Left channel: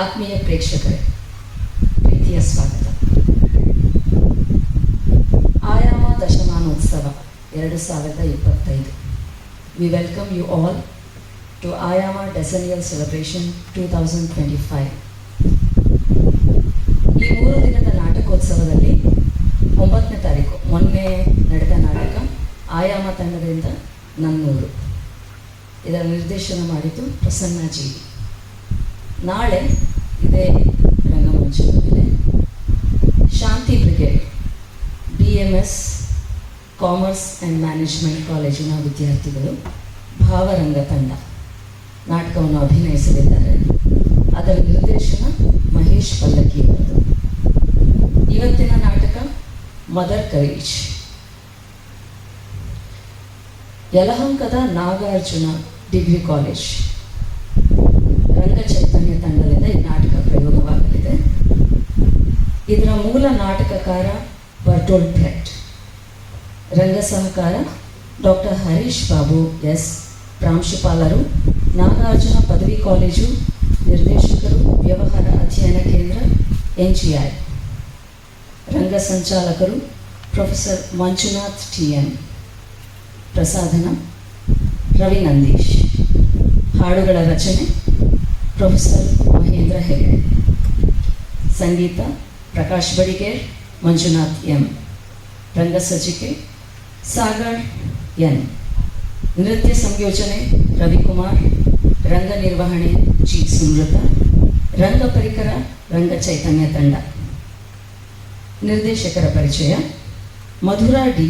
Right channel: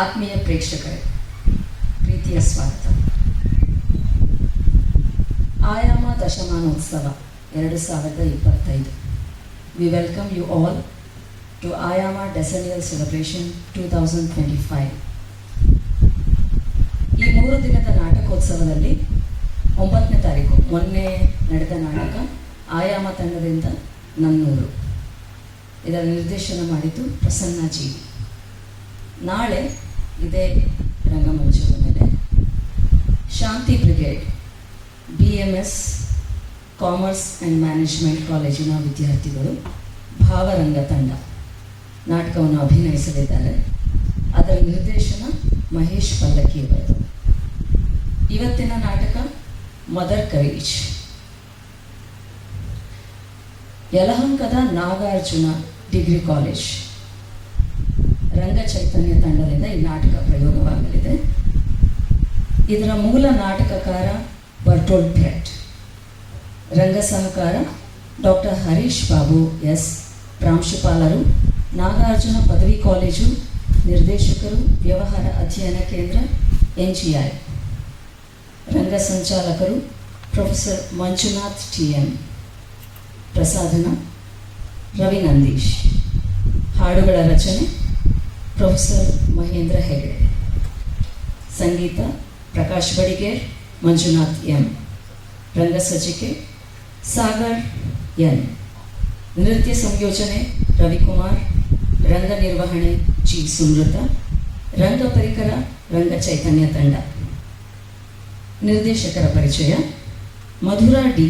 ಆತ್ಮೀಯ ಪ್ರೇಕ್ಷಕರೇ, ಪ್ರೀತಿಯ ಸ್ವಾಗತ. ಆಯಾಮ ದಶಮಾನೋತ್ಸವ 2025. We welcome you all to Ayama Decennial Celebration 2025. ಈ 3 ದಿನದ ನಾಟಕೋತ್ಸವದಲ್ಲಿ 9ನೇ ತಾರೀಕು ಮೊನ್ನೆ ನಡೆದ ನಾಟಕ ಆಯಾಮ ತಂಡದಿಂದ ನನ್ನೂರು. ಇದರ ನಿರ್ದೇಶನ ಮಾಡಿದ್ದು ಪ್ರಸನ್ನ ಜಿ. ನಾಳೆ ಇದೇ ರಂಗಮಂಚದ ಮೇಲೆ Shanti brigade BMS commerce and management ಕಾಲೇಜಿನ ವಿದ್ಯಾರ್ಥಿಗಳು ಭಾವರಂಗ ತಂಡ ನಾಟಕವನ್ನು ಅಭಿನಯಿಸಲಿದ್ದಾರೆ. ಅದರ ನಿರ್ದೇಶನ ಮಹೇಶ್ ಪಲ್ಲಕ್ಕಿ ಅವರದು. ಇವತ್ತಿನ ನಾಟಕ ಮದರ್ ಕರೇಜ್. ಯಲಹಂಕದ ನಾಗಾರ್ಜುನ ಡಿಗ್ರಿ ಕಾಲೇಜ್ ರಂಗ ಚೈತನ್ಯ ತಂಡದಿಂದ ಈ ನಾಟಕ ಪ್ರಯೋಗವಾಗಲಿದೆ. ಇದರ ಮೂಲ ನಾಟಕಕಾರ ಬರ್ಟೋಲ್ಡ್ ಬ್ರೆಟ್, ರಂಗ ಸಹಕಾರ ಡಾಕ್ಟರ್ ಹರೀಶ್ ಬಾಬು ಎಸ್, ಪ್ರಾಂಶುಪಾಲರು ನಾಗಾರ್ಜುನ ಪದವಿ ಕಾಲೇಜು, ನಿರ್ದೇಶಕರು ವ್ಯವಹಾರ ಅಧ್ಯಯನ ಕೇಂದ್ರ NGI, ರಂಗ ಸಂಚಾಲಕರು ಪ್ರೊಫೆಸರ್ ಮಂಜುನಾಥ್ TM, ಪ್ರಸಾಧನ ರವಿ ನಂದೀಶ್, ಹಾಡುಗಳ ರಚನೆ ಪ್ರೊಫೆಸರ್ ಮಹೇಂದ್ರ ಹೆಗಡೆ, ಸಂಗೀತ ಪ್ರಕಾಶ್ ಬಡಿಗೇರ್, ಮಂಜುನಾಥ್ M, ರಂಗಸಜ್ಜಿಕೆ ಸಾಗರ್ N, ನೃತ್ಯ ಸಂಯೋಜನೆ ರವಿಕುಮಾರ್, ರಂಗ ನಿರ್ವಹಣೆ ಜಿ ಸುಮೃತ, ರಂಗ ಪರಿಕರ ರಂಗ ಚೈತನ್ಯ ತಂಡ. ನಿರ್ದೇಶಕರ ಪರಿಚಯ: ಮಧುರಾ ಡಿ,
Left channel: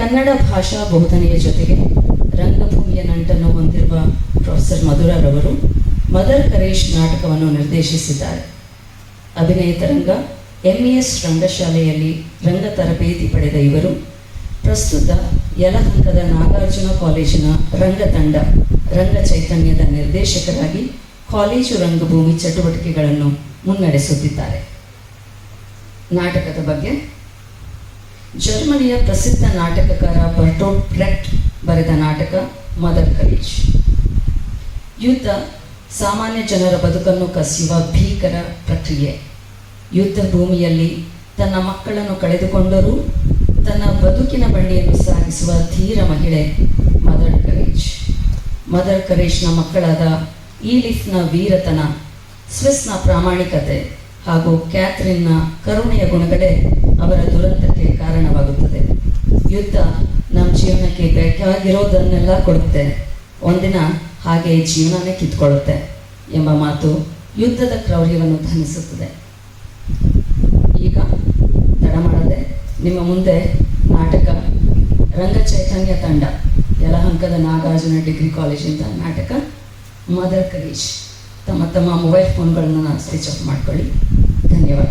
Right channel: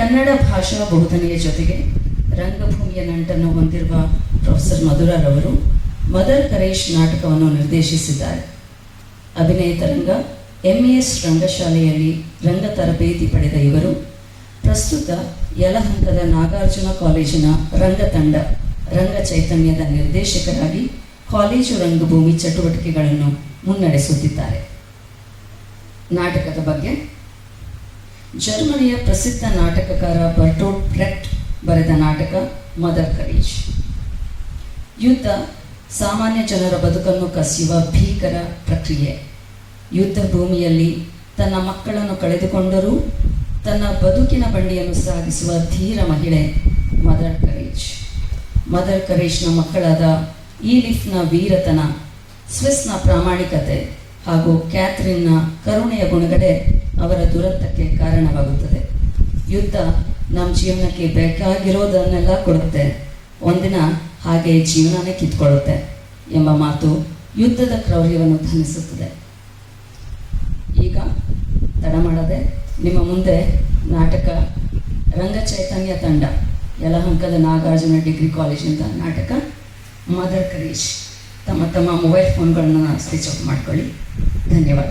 ಕನ್ನಡ ಭಾಷಾ ಬೋಧನೆಯ ಜೊತೆಗೆ ರಂಗಭೂಮಿಯ ನಂಟನ್ನು ಹೊಂದಿರುವ ಪ್ರೊಫೆಸರ್ ಮಧುರಾರವರು ಮದರ್ ಕರೇಜ್ ನಾಟಕವನ್ನು ನಿರ್ದೇಶಿಸಿದ್ದಾರೆ. ಅಭಿನಯತರಂಗ MES ರಂಗಶಾಲೆಯಲ್ಲಿ ರಂಗ ತರಬೇತಿ ಪಡೆದ ಇವರು ಪ್ರಸ್ತುತ ಯಲಹಂಕದ ನಾಗಾರ್ಜುನ ಕಾಲೇಜಿನ ರಂಗತಂಡ ರಂಗ ಚೈತನ್ಯದ ನಿರ್ದೇಶಕರಾಗಿ ಕಾಲೇಜು ರಂಗಭೂಮಿ ಚಟುವಟಿಕೆಗಳನ್ನು ಮುನ್ನಡೆಸುತ್ತಿದ್ದಾರೆ. ನಾಟಕದ ಬಗ್ಗೆ: ಜರ್ಮನಿಯ ಪ್ರಸಿದ್ಧ ನಾಟಕಕಾರ ಬರ್ಟೋಲ್ಡ್ ಬ್ರೆಟ್ ಬರೆದ ನಾಟಕ ಮದರ್ ಕರೇಜ್. ಯುದ್ಧ ಸಾಮಾನ್ಯ ಜನರ ಬದುಕನ್ನು ಕಸಿಯುವ ಭೀಕರ ಪ್ರಕ್ರಿಯೆ. ಯುದ್ಧ ಭೂಮಿಯಲ್ಲಿ ತನ್ನ ಮಕ್ಕಳನ್ನು ಕಳೆದುಕೊಂಡರೂ ತನ್ನ ಬದುಕಿನ ಬಂಡಿಯನ್ನು ಸಾಗಿಸುವ ಧೀರ ಮಹಿಳೆ ಮದರ್ ಕರೇಜ್. ಮದರ್ ಕರೇಜ್ನ ಮಕ್ಕಳಾದ ಈಲಿಫ್ನ ವೀರತನ, ಸ್ವಿಸ್ನ ಪ್ರಾಮಾಣಿಕತೆ ಹಾಗೂ ಕ್ಯಾಥರಿನ್ನ ಕರುಣೆಯ ಗುಣಗಳೇ ಅವರ ದುರಂತಕ್ಕೆ ಕಾರಣವಾಗುತ್ತದೆ. ಯುದ್ಧ ನಮ್ಮ ಜೀವನಕ್ಕೆ ಬೇಕಾಗಿರೋದನ್ನೆಲ್ಲ ಕೊಡುತ್ತೆ, ಒಂದಿನ ಹಾಗೆ ಜೀವನನೇ ಕಿತ್ಕೊಳ್ಳುತ್ತೆ ಎಂಬ ಮಾತು ಯುದ್ಧದ ಕ್ರೌರ್ಯವನ್ನು ಧ್ವನಿಸುತ್ತದೆ. ಈಗ ತಡ ಮಾಡದೆ ನಿಮ್ಮ ಮುಂದೆ ನಾಟಕ ರಂಗ ಚೈತನ್ಯ ತಂಡ ಯಲಹಂಕದ ನಾಗಾರ್ಜುನ ಡಿಗ್ರಿ ಕಾಲೇಜಿಂದ ನಾಟಕ ಮದರ್ ಕರೇಜ್. ತಮ್ಮ ಮೊಬೈಲ್ ಫೋನ್ಗಳನ್ನು ಸ್ವಿಚ್ ಆಫ್ ಮಾಡ್ಕೊಳ್ಳಿ. ಧನ್ಯವಾದ.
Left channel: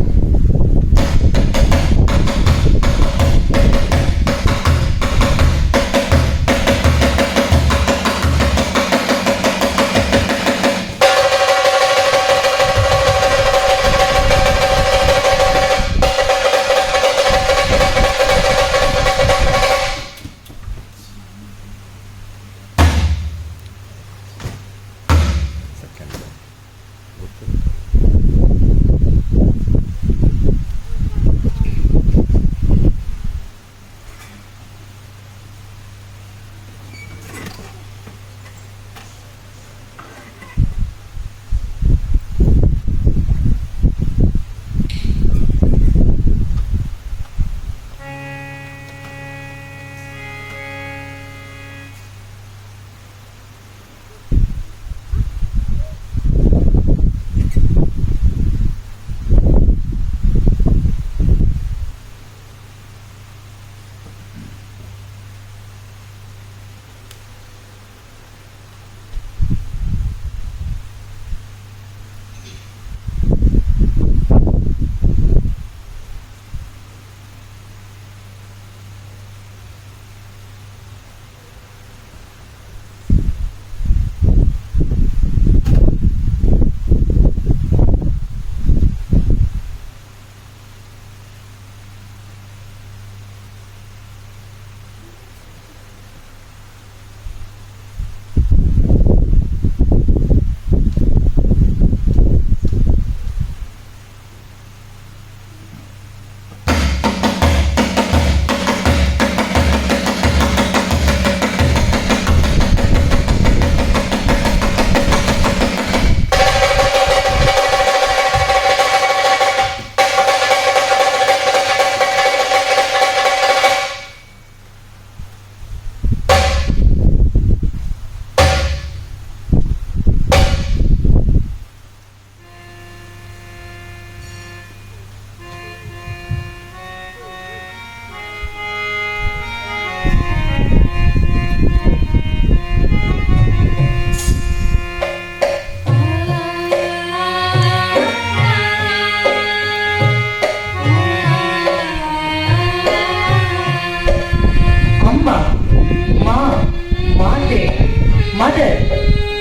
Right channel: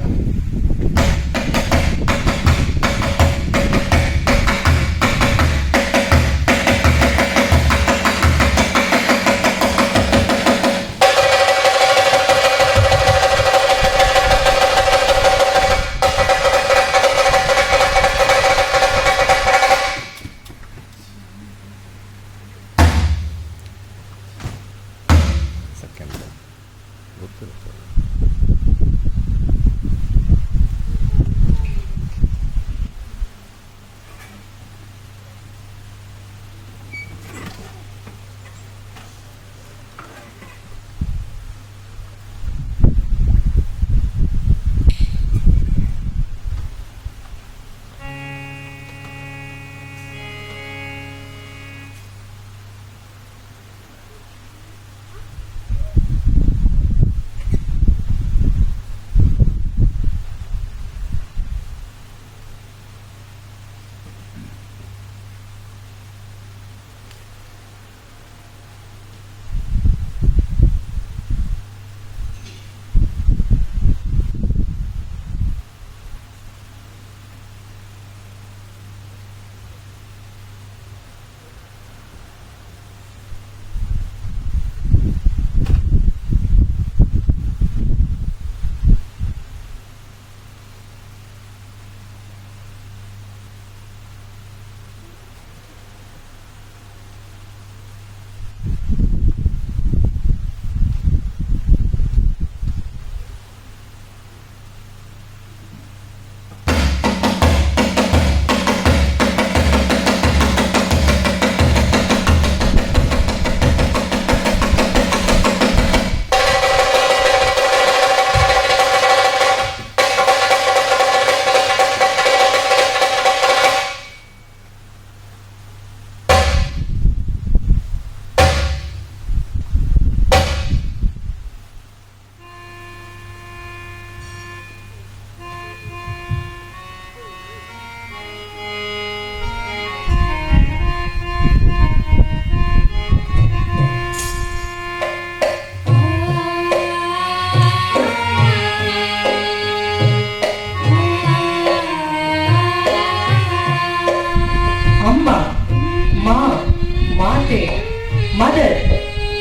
ಮದರ್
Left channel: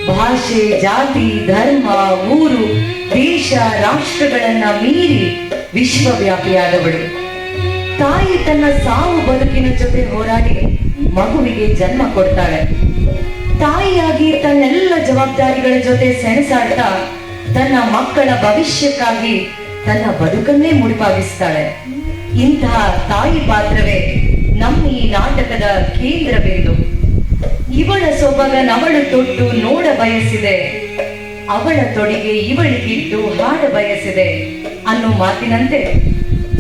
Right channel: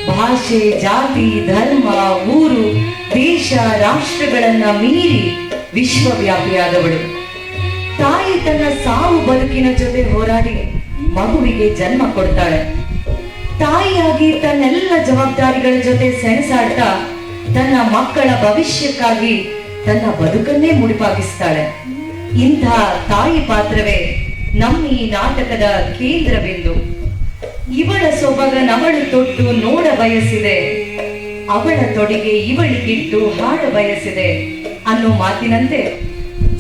ಭಾಷೆ, ಜಾತಿ, ಧರ್ಮ, ಊರು, ದೇಶ, ರಾಷ್ಟ್ರಗಳನ್ನ ಮೀರಿ ವಿಶ್ವವ್ಯಾಪಿಯಾದವಳು. ತಾಯಿ ತನ್ನ ಸಾವು ಬದುಕಿನ ಜೊತೆ ಹೋರಾಡಿ ಮಗುವಿಗೆ ಜನ್ಮ ಕೊಡ್ತಾಳೆ. ತಾಯಿಯಾಗಿ ತನ್ನೆಲ್ಲ ಜವಾಬ್ದಾರಿಗಳ ಜೊತೆ ಸೆಣಸಾಡ್ತಾ ತನ್ನ ಮಕ್ಕಳ ಭವಿಷ್ಯಕ್ಕಾಗಿ ತನ್ನ ಬದುಕನ್ನೇ ಮುಡಿಪಾಗಿಸ್ತಾಳೆ. ಇಂಥ ತಾಯಿ ಪಾತ್ರವೇ ನಮ್ಮ ಈ ನಾಟಕದ ಕೇಂದ್ರ ಬಿಂದು. ಇವಳ ಸೊಬಗ ನವಳು ತೊಟ್ಟು ನೋಡ ಬಯಸಿದೆ, ಅವಳ ತೊಡಿಗೆ ಇವಳಿಗಿಟ್ಟು ಹಾಡ ಬಯಸಿದೆ ಅನ್ನೋ ಮಾತಿನಂತೆ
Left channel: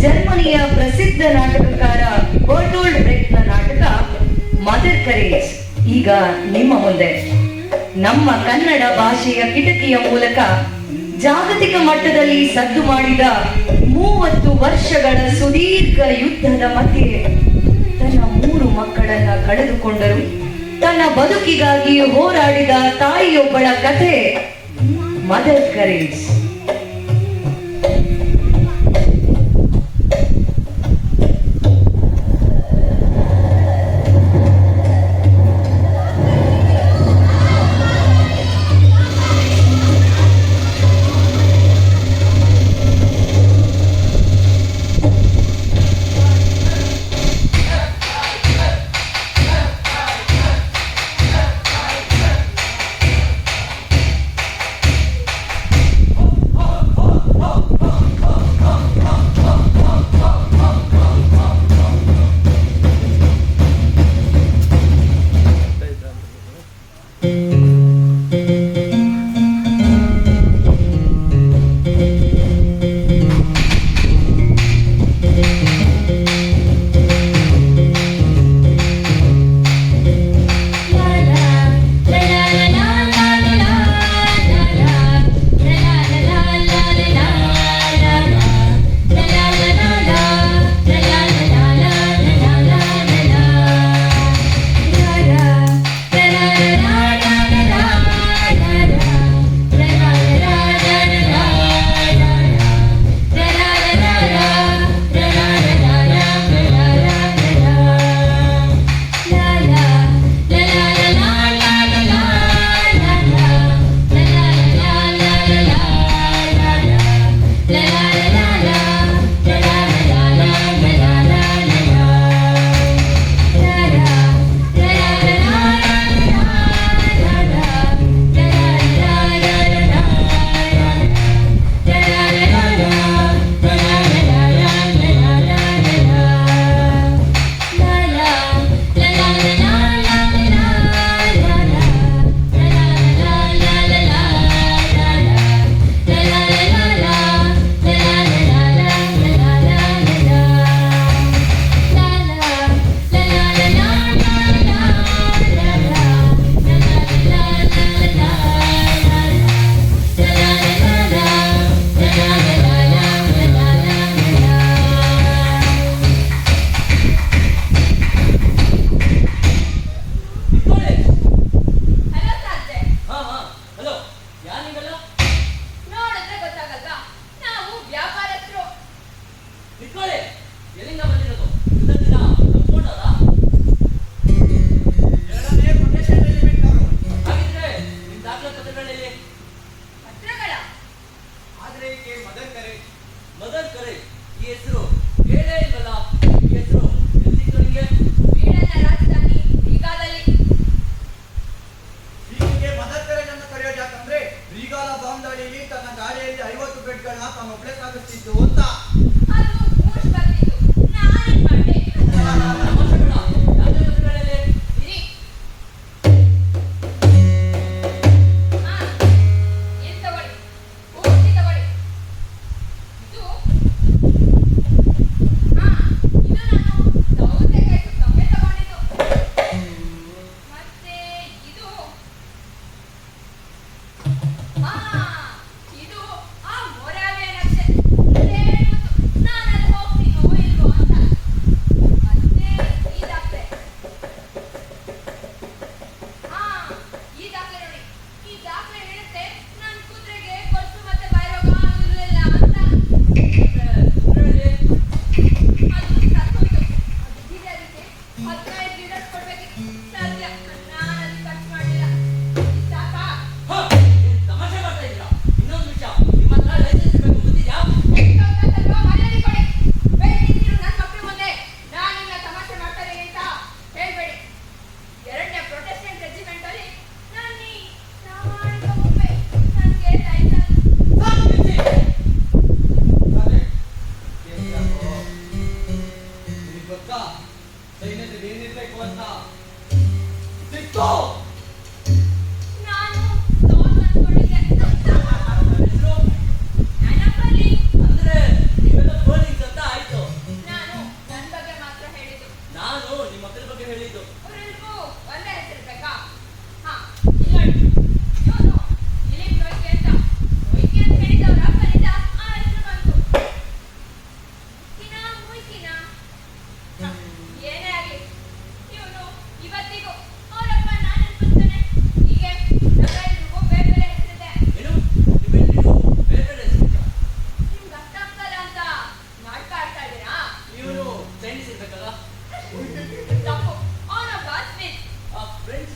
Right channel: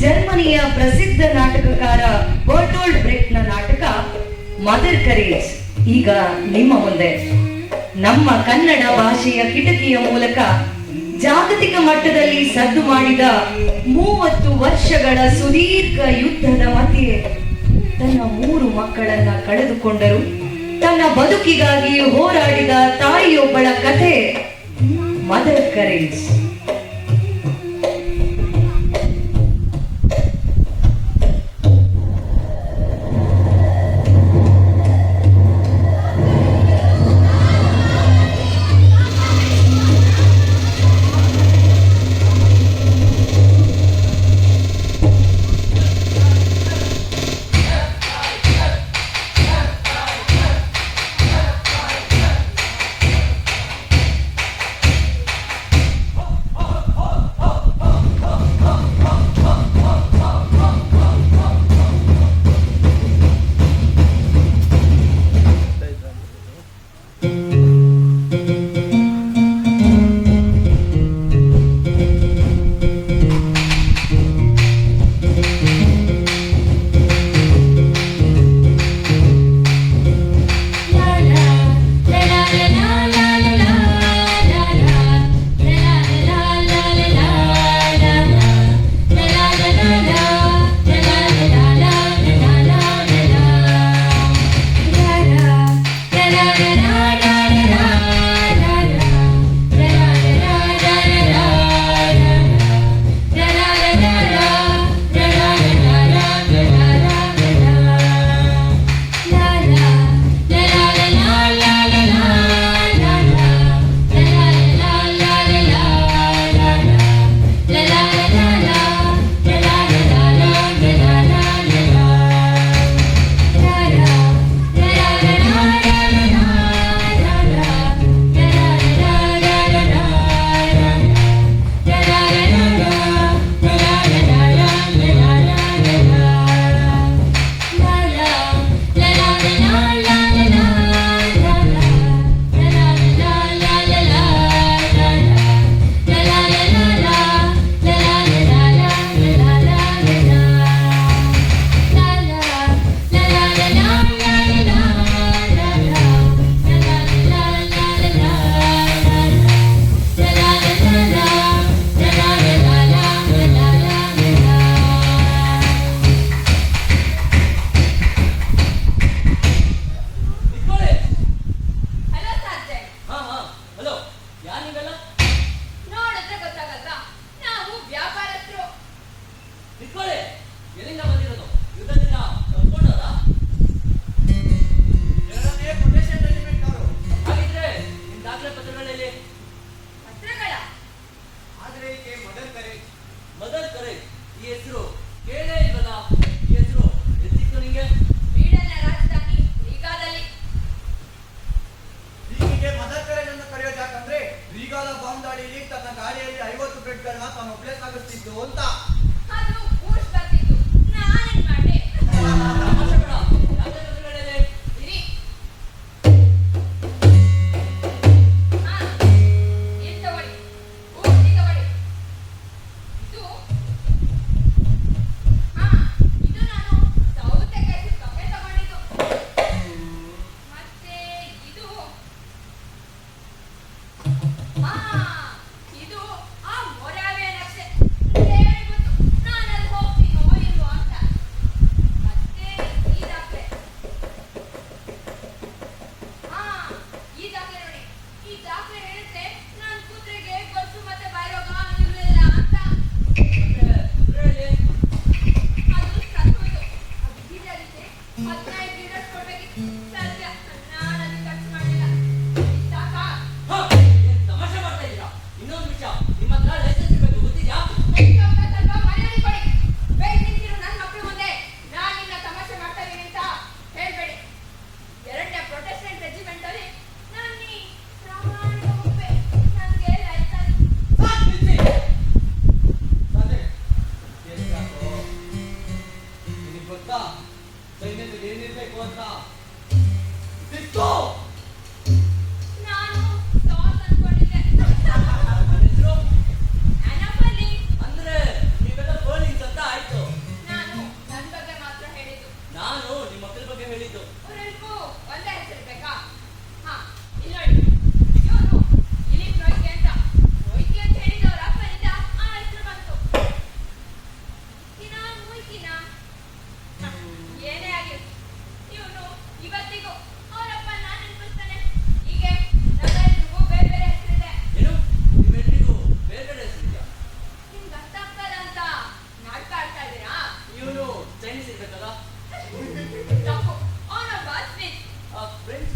ಜರ್ಮನಿಯ ಪ್ರಸಿದ್ಧ ನಾಟಕಕಾರ ಬರ್ಟೋಲ್ಡ್ ಬ್ರೆಕ್ಟ್ನ ನಾಟಕ ಮದರ್ ಕರೇಜ್ ಈಗ ನಿಮ್ಮ ಮುಂದೆ. ನಮ್ಮ ಕನ್ನಡ ಭಾಷೆಯ ಕಿಟಕಿಯ ಮೂಲಕ ಜಾಗತಿಕ ಮಟ್ಟದಲ್ಲಿ ಸದ್ದು ಮಾಡಿದ 30 ವರ್ಷಗಳ ಸುದೀರ್ಘ ಯುದ್ಧದ ಮಧ್ಯೆ ತನ್ನ 3 ಮಕ್ಕಳನ್ನ ಕಳೆದುಕೊಂಡರು ತನ್ನ ಬದುಕಿಗಾಗಿ ಹೋರಾಡಿದ ತಾಯಿಯೊಬ್ಬಳ ಕಥೆ ಮದರ್ ಕರೇಜ್.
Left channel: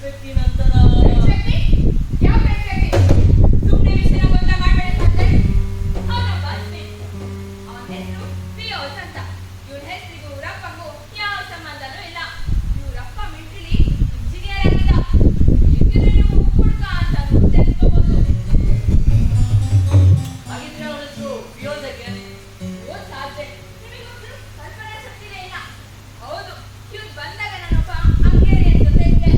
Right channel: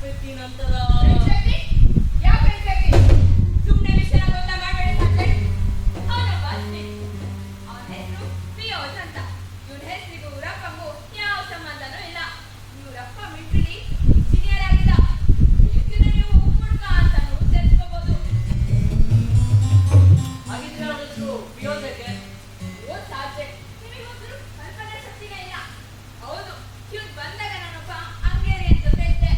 ಶೆಟ್ಟಿ ನಂತರ ಶೆಟ್ಟಿ? ಯಾವ ಶೆಟ್ಟಿ? ಸುಮ್ನೆ ವಿಷಯ ಗೊತ್ತ ಮಾಡ್ಬೇಡಿ ಸಾಕ್ರೆ. ಅವನೊಬ್ಬ ಸ್ನೇಹಿತ. ಅವನ ಹೆಸರು ಪಿಯೋಸ್ ಅಂತ. ಇವನ ಹೆಸರಿಗೂ ಊರಪ್ಪಂಗೂ ಯಾವ ಸಂಬಂಧನೂ ಇಲ್ಲ. ಇವರಪ್ಪ ಮಿಲಿಟರಿಲಿ ಇಂಜಿನಿಯರ್ ಆಗಿದ್ದ. ಬೇಕಿದ್ರೆ ನೀವು ಹುಡುಗ ಅಂತಾನು ತೆಗೆದುಕೋಬಹುದು. ಹಾಗಿದ್ರೆ ಅವನ ಹೆಸರು ಪಿಯೋಜಕ್ಕೆ. ಓದ್ ಸಾಬ್ಜೆಕ್ಟ್. ನಿಮಗೊಂದು ಕಲ್ಪನಾ ಶಕ್ತಿನೇ ಇಲ್ಲ. ಹೌದು, ಇವ್ನು ಬಂದಾಗ ನಾನೊಬ್ಬ ಹಂಗೇರಿಯನ್ ಜೊತೆ ಇದ್ದೆ.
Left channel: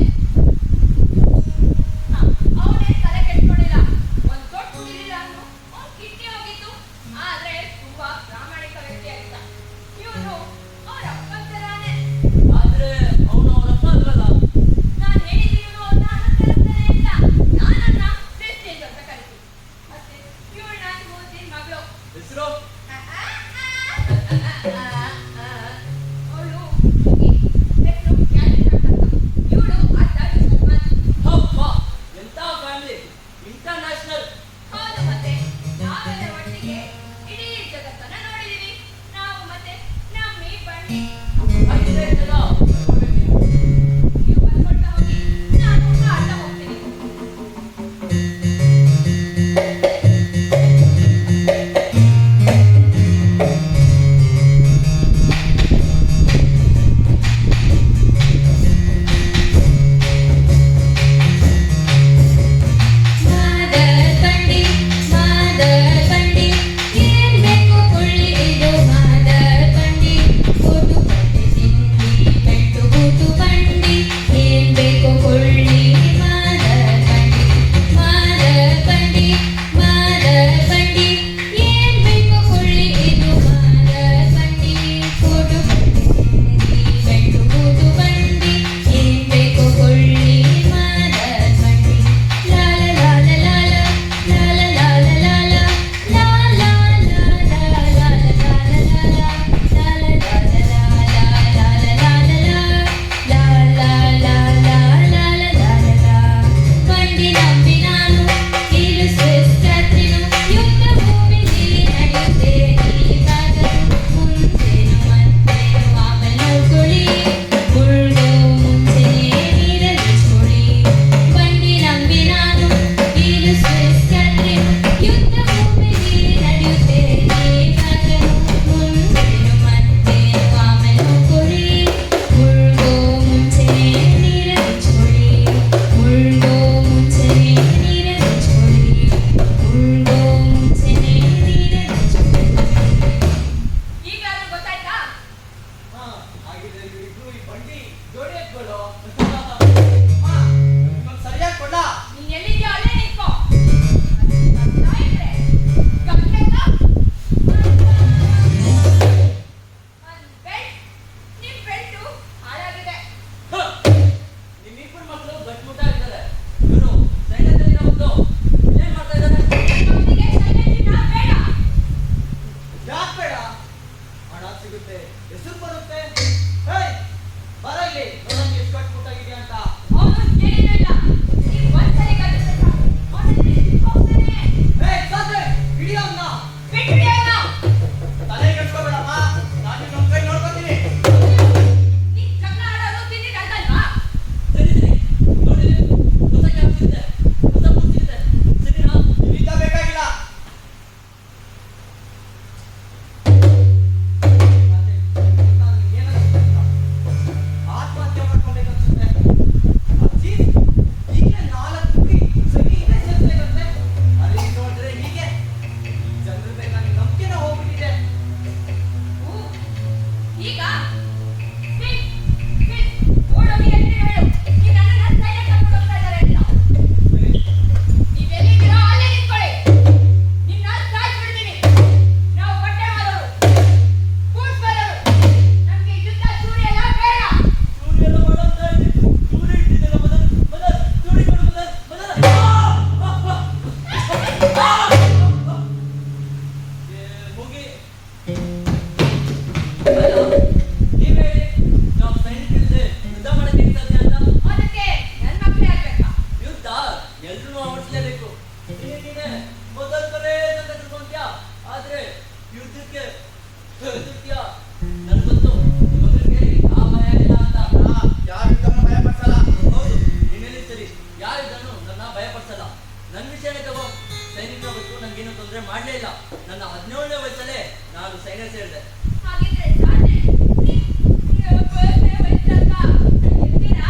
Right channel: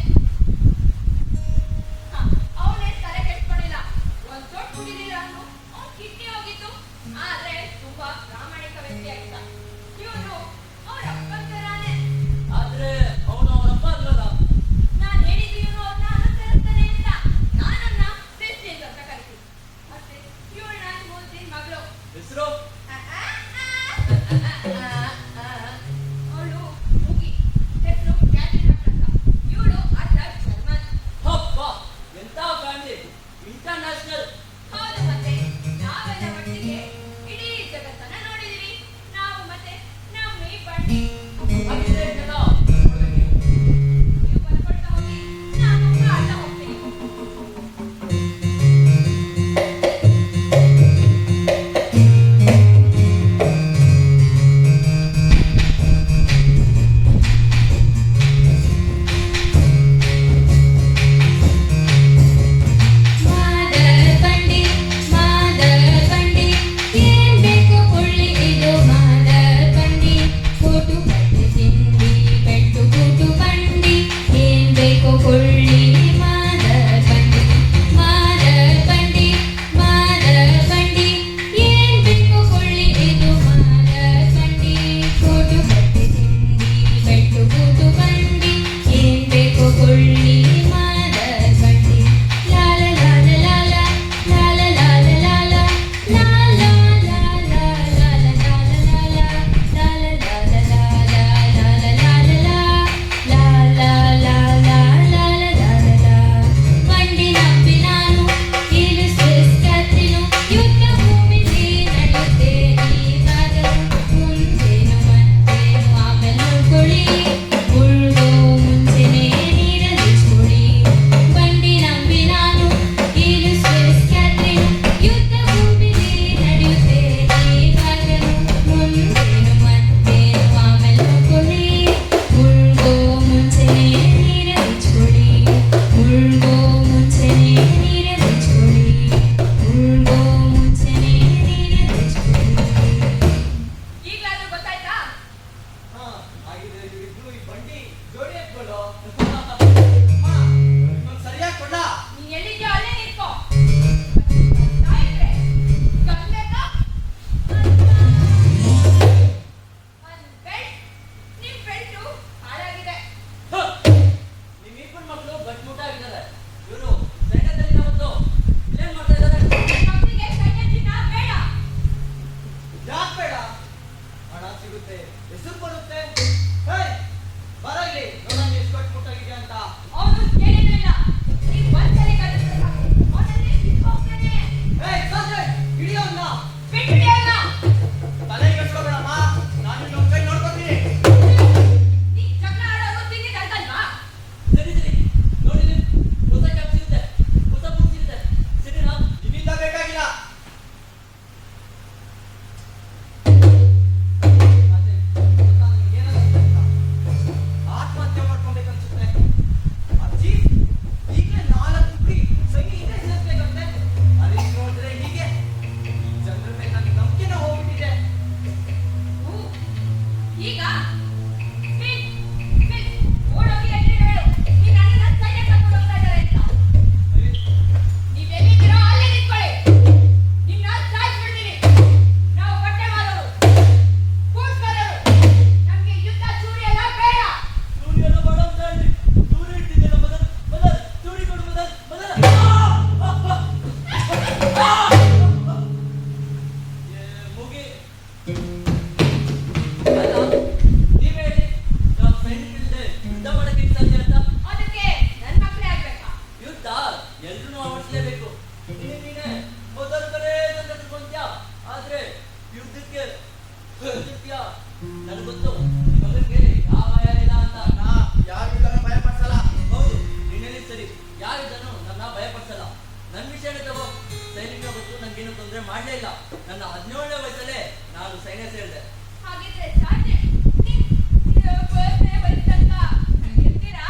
ನನ್ನ ವಿಷಯನೇ ತಗೋ. ಸೈನಿಕ ಗೊತ್ತು, ನಂಗೇನು ತೊಂದರೆ ಮಾಡಲೇ ಇಲ್ಲ. ನನ್ನ 17ನೇ ವಯಸ್ಸಲ್ಲೇ ನಾನು ಸೈನ್ಯ ಸೇರಿದೆ. ಹಾಗಿದ್ರೆ ಸಾಧ್ಯ ವಯಸ್ಸಲ್ವಾ ಇರ್ತೀರಾ?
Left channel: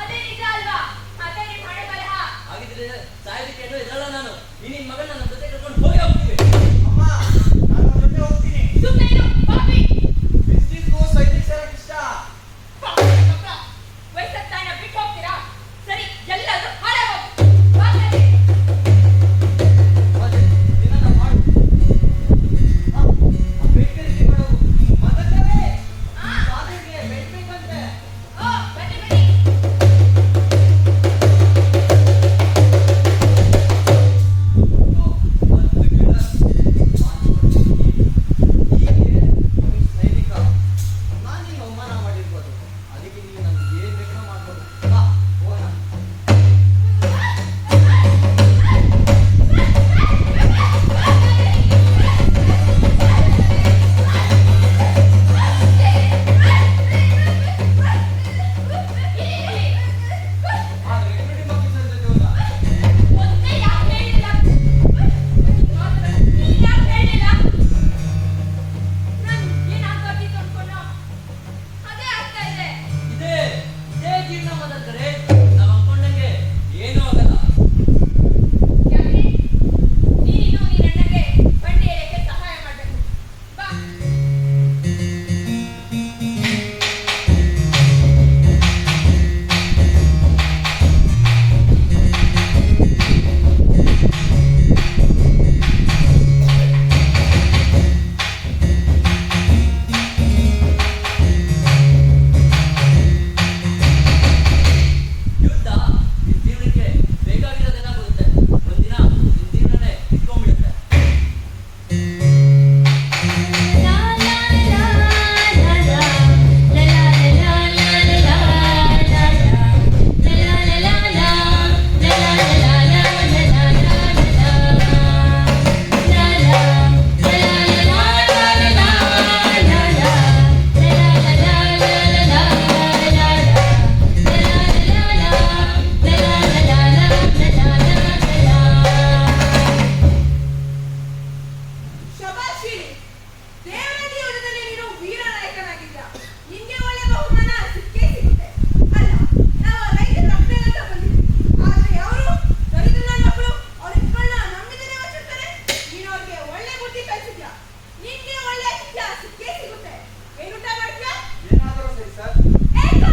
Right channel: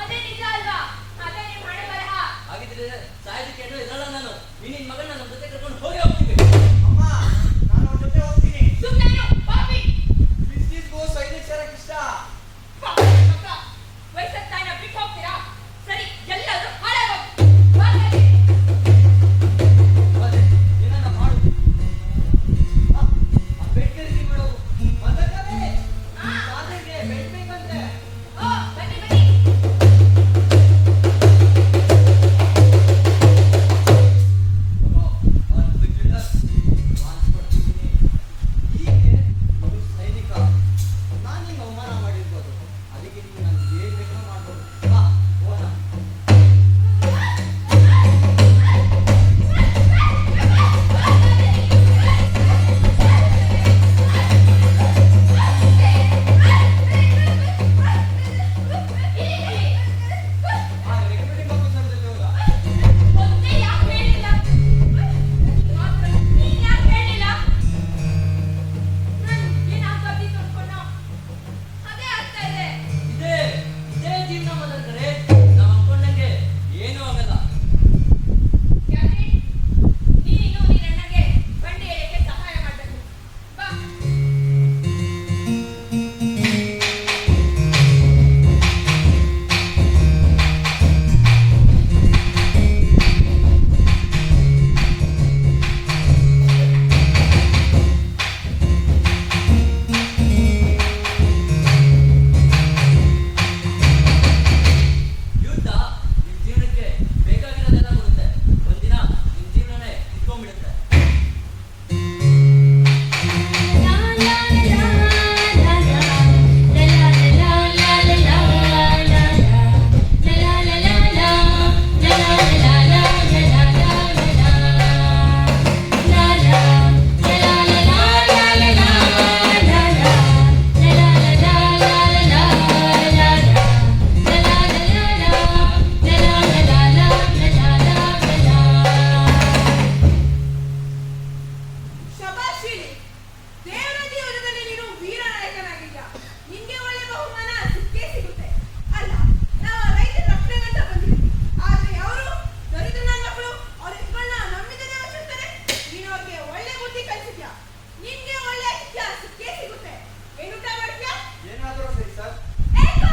ಅದೇ ನಿಜ ಅಲ್ವಾ? ಅದೇ ನಿನ್ ಹಣೆ ಬರಹ. ಹಾಗಿದ್ರೆ ಸಾಯೋದಕ್ಕೇನು ಇರಲ್ಲ ನಾನು. ನಿನ್ನ ಮಗನ ನನ್ನ ಜೊತೆ ಕರ್ಕೊಂಡು ಹೋಗಿ ಹೋಗ್ತೀವಿ. ಅಮ್ಮ, ನಾನು ಅವ್ರ ಜೊತೆ ಹೋಗ್ತೀನಿ. ಸುಮ್ಮನೆ ಇರು ಪಾಪಿ. ಸೈನಿಕ ಸೇರಕ್ಕೆ ಇಷ್ಟ. ವಯಸ್ಸತ್ತ ಬಿಟ್ಟು ಹೋಗ್ತೀರಾ? ಸರಿ, ಎಲ್ಲರೂ ಹಾಳಾಗೋಗಿ ಏನನ್ನ ಮಾಡು. ಬೆಡ್ ಖರೀದಿ ಮಾಡೋದು ಮದಕವೇ. ಸಾಧನೆಗೆ ಬೆಡ್ ಬೇಕಂತೆ. ಬನ್ನಿ ಬನ್ನಿ. ಒಂದು ಗಿಡ ಮಾಡ್ಕೊಡ್ತೀನಿ. ಹೀಗೆ ನೀನು ಸೈನಿಕ. ನಾನು ನಿಂಗೆ ಅವಮಾನ ಮಾಡಿರ್ಬೋದು. ಅದಕ್ಕೆ ನೀನು ನನಗೆ ಏನು ಬೇಕಾದ್ರೂ ಮಾಡ್ಬೋದು. ಬಾ ಹೋಗೋಣ. ಆ ರೆಗ್ಯುಲೇಟಿಂಗ್ ಆಫೀಸರ್ ಜೊತೆ ಹೋದ. ಒಂದೇ ಯಾಕೆ ಹೇಳಿಲ್ಲ? ಮಾತ್ರ ನೀನ್ ಯಾಕೆ ಹೇಳಿಲ್ಲ? ನಾನು ಏನಾಗ್ಬಾರ್ದಿತ್ತು ಅನ್ಕೊಂಡ ಅದೇ ಆಗ್ತಾ ಇದೆ. ಇದೇ ಜೀವನ ಮದಕರೆ. ನಾವು ಅನ್ಕೊಂಡಂಗೆ ಏನೂ ಆಗಲ್ಲ. ಯಾಕೆ ನೀನು ನೀನಣ್ಣಗೆ ಬಂಡಿ ಎಳೆಯಕ್ಕೆ ಸಹಾಯ ಮಾಡಬೇಕು. ಬಾ. ಯುದ್ಧ ನಿನ್ ಜೀವನಕ್ಕೆ ಬೇಕಾಗಿರೋದೆಲ್ಲ ಬರುತ್ತೆ. ಒಂದಿನ ನಿನ್ ಜೀವನನೇ ಇಟ್ಕೊಂಡ್ಬಿಡುತ್ತೆ. ಶಬಾಷಿ, ದೇವನದಿ ಯುದ್ಧದಲ್ಲಿ ನೀನು ವೀರ ನಾಯಕನಾಗಿದ್ಯಾ. ನಿನ್ಗೆ ಒಳ್ಳೆ ಬಹುಮಾನ ಸಿಕ್ಕೇ ಸಿಗುತ್ತೆ. ಅಲ್ಲ, ನಾವು ರೈತರ ರಕ್ಷಣೆಗಂತ ಬಂದಿದ್ವಿ. ಆದ್ರೆ ಅವರು ದರಿದ್ರ ಮಕ್ಕಳು ಅವ್ರ ಇಟ್ಗಳನ್ನ ನಮ್ಮಿಂದನೇ ವಚಿರ್ತಾರೆ. ನೀನು ಅವ್ರಿಗೆ ಒಳ್ಳೆ ಬುದ್ಧಿ ಕಲಿಸಿದ್ಯಾ. ನಿನ್ಗೆ ಒಳ್ಳೆ ಶಿಕ್ಷೆ ಸಿಕ್ಕೇ ಸಿಗುತ್ತೆ. ಏನು ಊಟ ಮಾಡ್ತೀಯಾ? ಏನಾದರೂ ಸರಿ ಸರ್. ಏಕೋ!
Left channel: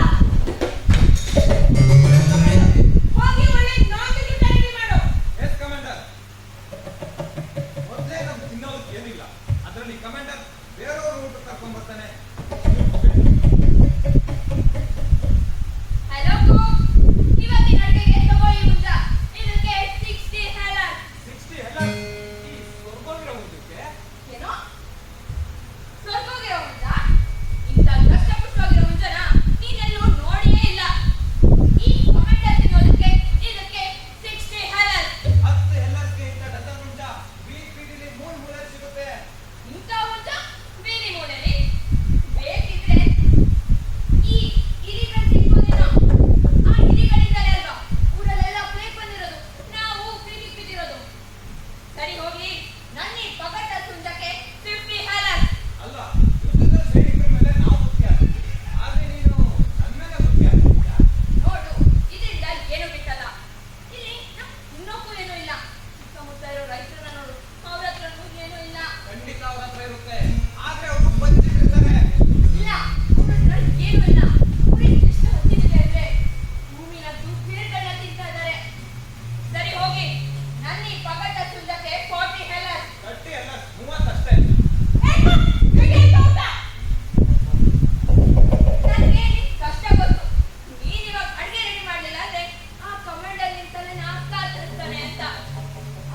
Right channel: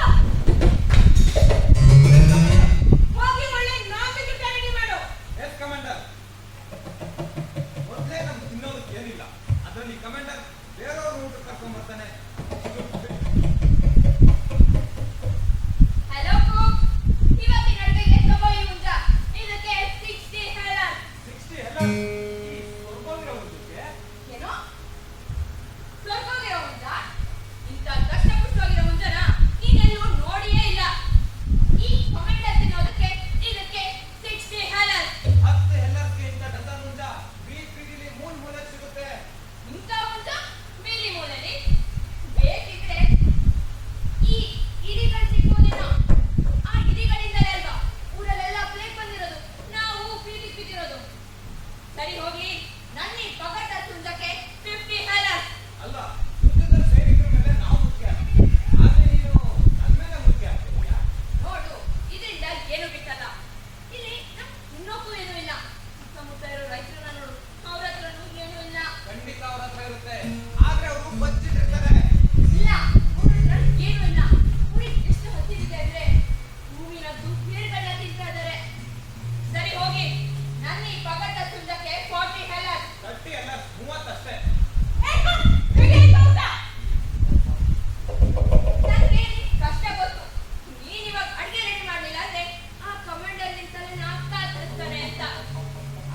ಹೋಗಿ ಒಳ್ಳೆ ನಾನ್-ವೆಜ್ ಊಟ ರೆಡಿ ಮಾಡು. Yes commander. ಮೊದಲೇ ನಮ್ಗೆ ತಿನ್ನೋದಕ್ಕೆ ಏನಿಲ್ಲ. ಅದರಲ್ಲಿ ಕಮಾಂಡರ್ ಬೇರೆಯವ್ರ ಊಟ ಕರ್ಕೊಂಡ್ ಬರ್ತಾನೆ. ಹಲೋ ಕುಕ್, ಇವತ್ತಿನ ಅಡುಗೆಗೆ ತಗೊಳ್ಳಿ ಊಟ. ಇದಕ್ಕೆ 60 ಹೆಲರ್. 60 ಎಲ್ಲ ಈ ಸ್ವರ್ಗೋಗಿರೋ ಒಂದಕ್ಕೆ ಏನೋ? ಸ್ವರ್ಗೋಗಿರೋ ಊಟ? ಇಂಥ ಕಷ್ಟಪುಷ್ಟವಾಗಿರೋ ಊಟನ ನೀನೆಲ್ಲೂ ನೋಡಿಯೇ ಇಲ್ಲ. ಈ ಕಮಾಂಡರ್ ತಿನ್ನೋದಕ್ಕೆ ಇದಕ್ಕೆ 60 ಹೆಲರ್. 10 ಎಲ್ಲಕ್ಕೆ ಇಂಥ ಡಜನ್ ಉಂಟ BPD-ಲಿ 3 ಮೂಲೆ ಸಿಗುತ್ತೆ. ಇಂಥ ಊಟ ಬೇರೆ ಮೂಲೆಯಲ್ಲಿ ಬೇಕಿದ್ರೆ ಈ ಇಲಿಗಳು ಸಿಕ್ಕೋದೇನೋ. ಆ ಇಲಿಗಳಿಂದಲೇ ಅಲ್ವಾ ಊರಲ್ಲೆಲ್ಲ ಪ್ಲೇಗ್ ಬಂದಿರೋದು, ನಾವು ಬೀದಿಗೆ ಬಿದ್ದಿರೋದು. ಸರಿ ಹೋಗ್ಲಿ, ನನ್ನ ಈ ಪಗಟ ಸುಂದಕ್ಕೆ 50 ಹೆಲರ್. ಅಲ್ಲ, ಯುದ್ಧದ ಸೈನಿಕರ ಮೇಲೆ ನಾವು ಮುಖ್ಯ. ಆದ್ರೆ ನೀನು ನನ್ನ ಮೇಲೆ ಮುಖ್ಯ ಆಗ್ತೀಯಾ? ನೋಡು, ಇದರಿಂದ ಏನು ಬಿಟ್ಟಲ್ಲ. ಇಲ್ಲಿ ಇನ್ನೊಬ್ಬರು ಏನೂ ಇಲ್ಲ. ಸುತ್ತಮುತ್ತ ಇರೋ ರೈತರನ್ನ ನೋಡು, ಅವ್ರ ಹತ್ರನೂ ಏನೂ ಇಲ್ಲ. ಖಂಡಿತ ಅವ್ರ ಹತ್ರ ಇರುತ್ತೆ. ಆದ್ರೆ ಅವರು ಬಂದಿಟ್ಟಿರ್ತಾರೆ. ಇಲ್ಲ, ಅವ್ರ ಹತ್ರ ಏನೂ ಇಲ್ಲ. ಅವ್ರಿಗೆ ಎಷ್ಟು ಹಸಿದಿದೆ ಅಂದ್ರೆ ಭೂಮಿನ ಬೇರ್ಗಡೆ ತಿಂತಾ ಇದ್ದಾರೆ. ಸರಿ ಹೋಗಿ, ನನ್ನ ಈ ಪಗಟ ಸುಂದಕ್ಕೆ 40 ಹೆಲರ್. 30 ಎಲ್ಲ 30 ಅಷ್ಟೇ. ಏಕೋ! ಹೇಗೆ ಆಯ್ತು ಊಟ? ನನಗೆ ಕಷ್ಟ ಗೊತ್ತು. ನೀನ್ ಇವಾಗ ಅಡಿಗೆ ರೆಡಿ ಮಾಡ್ಲಿಲ್ಲ ಅಂದ್ರೆ ಆ ಕಮಾಂಡರ್ ನಿಂತಲ್ಲೇ ನಾಕ ತರಿಸ್ತಾನೆ ಅಂತ.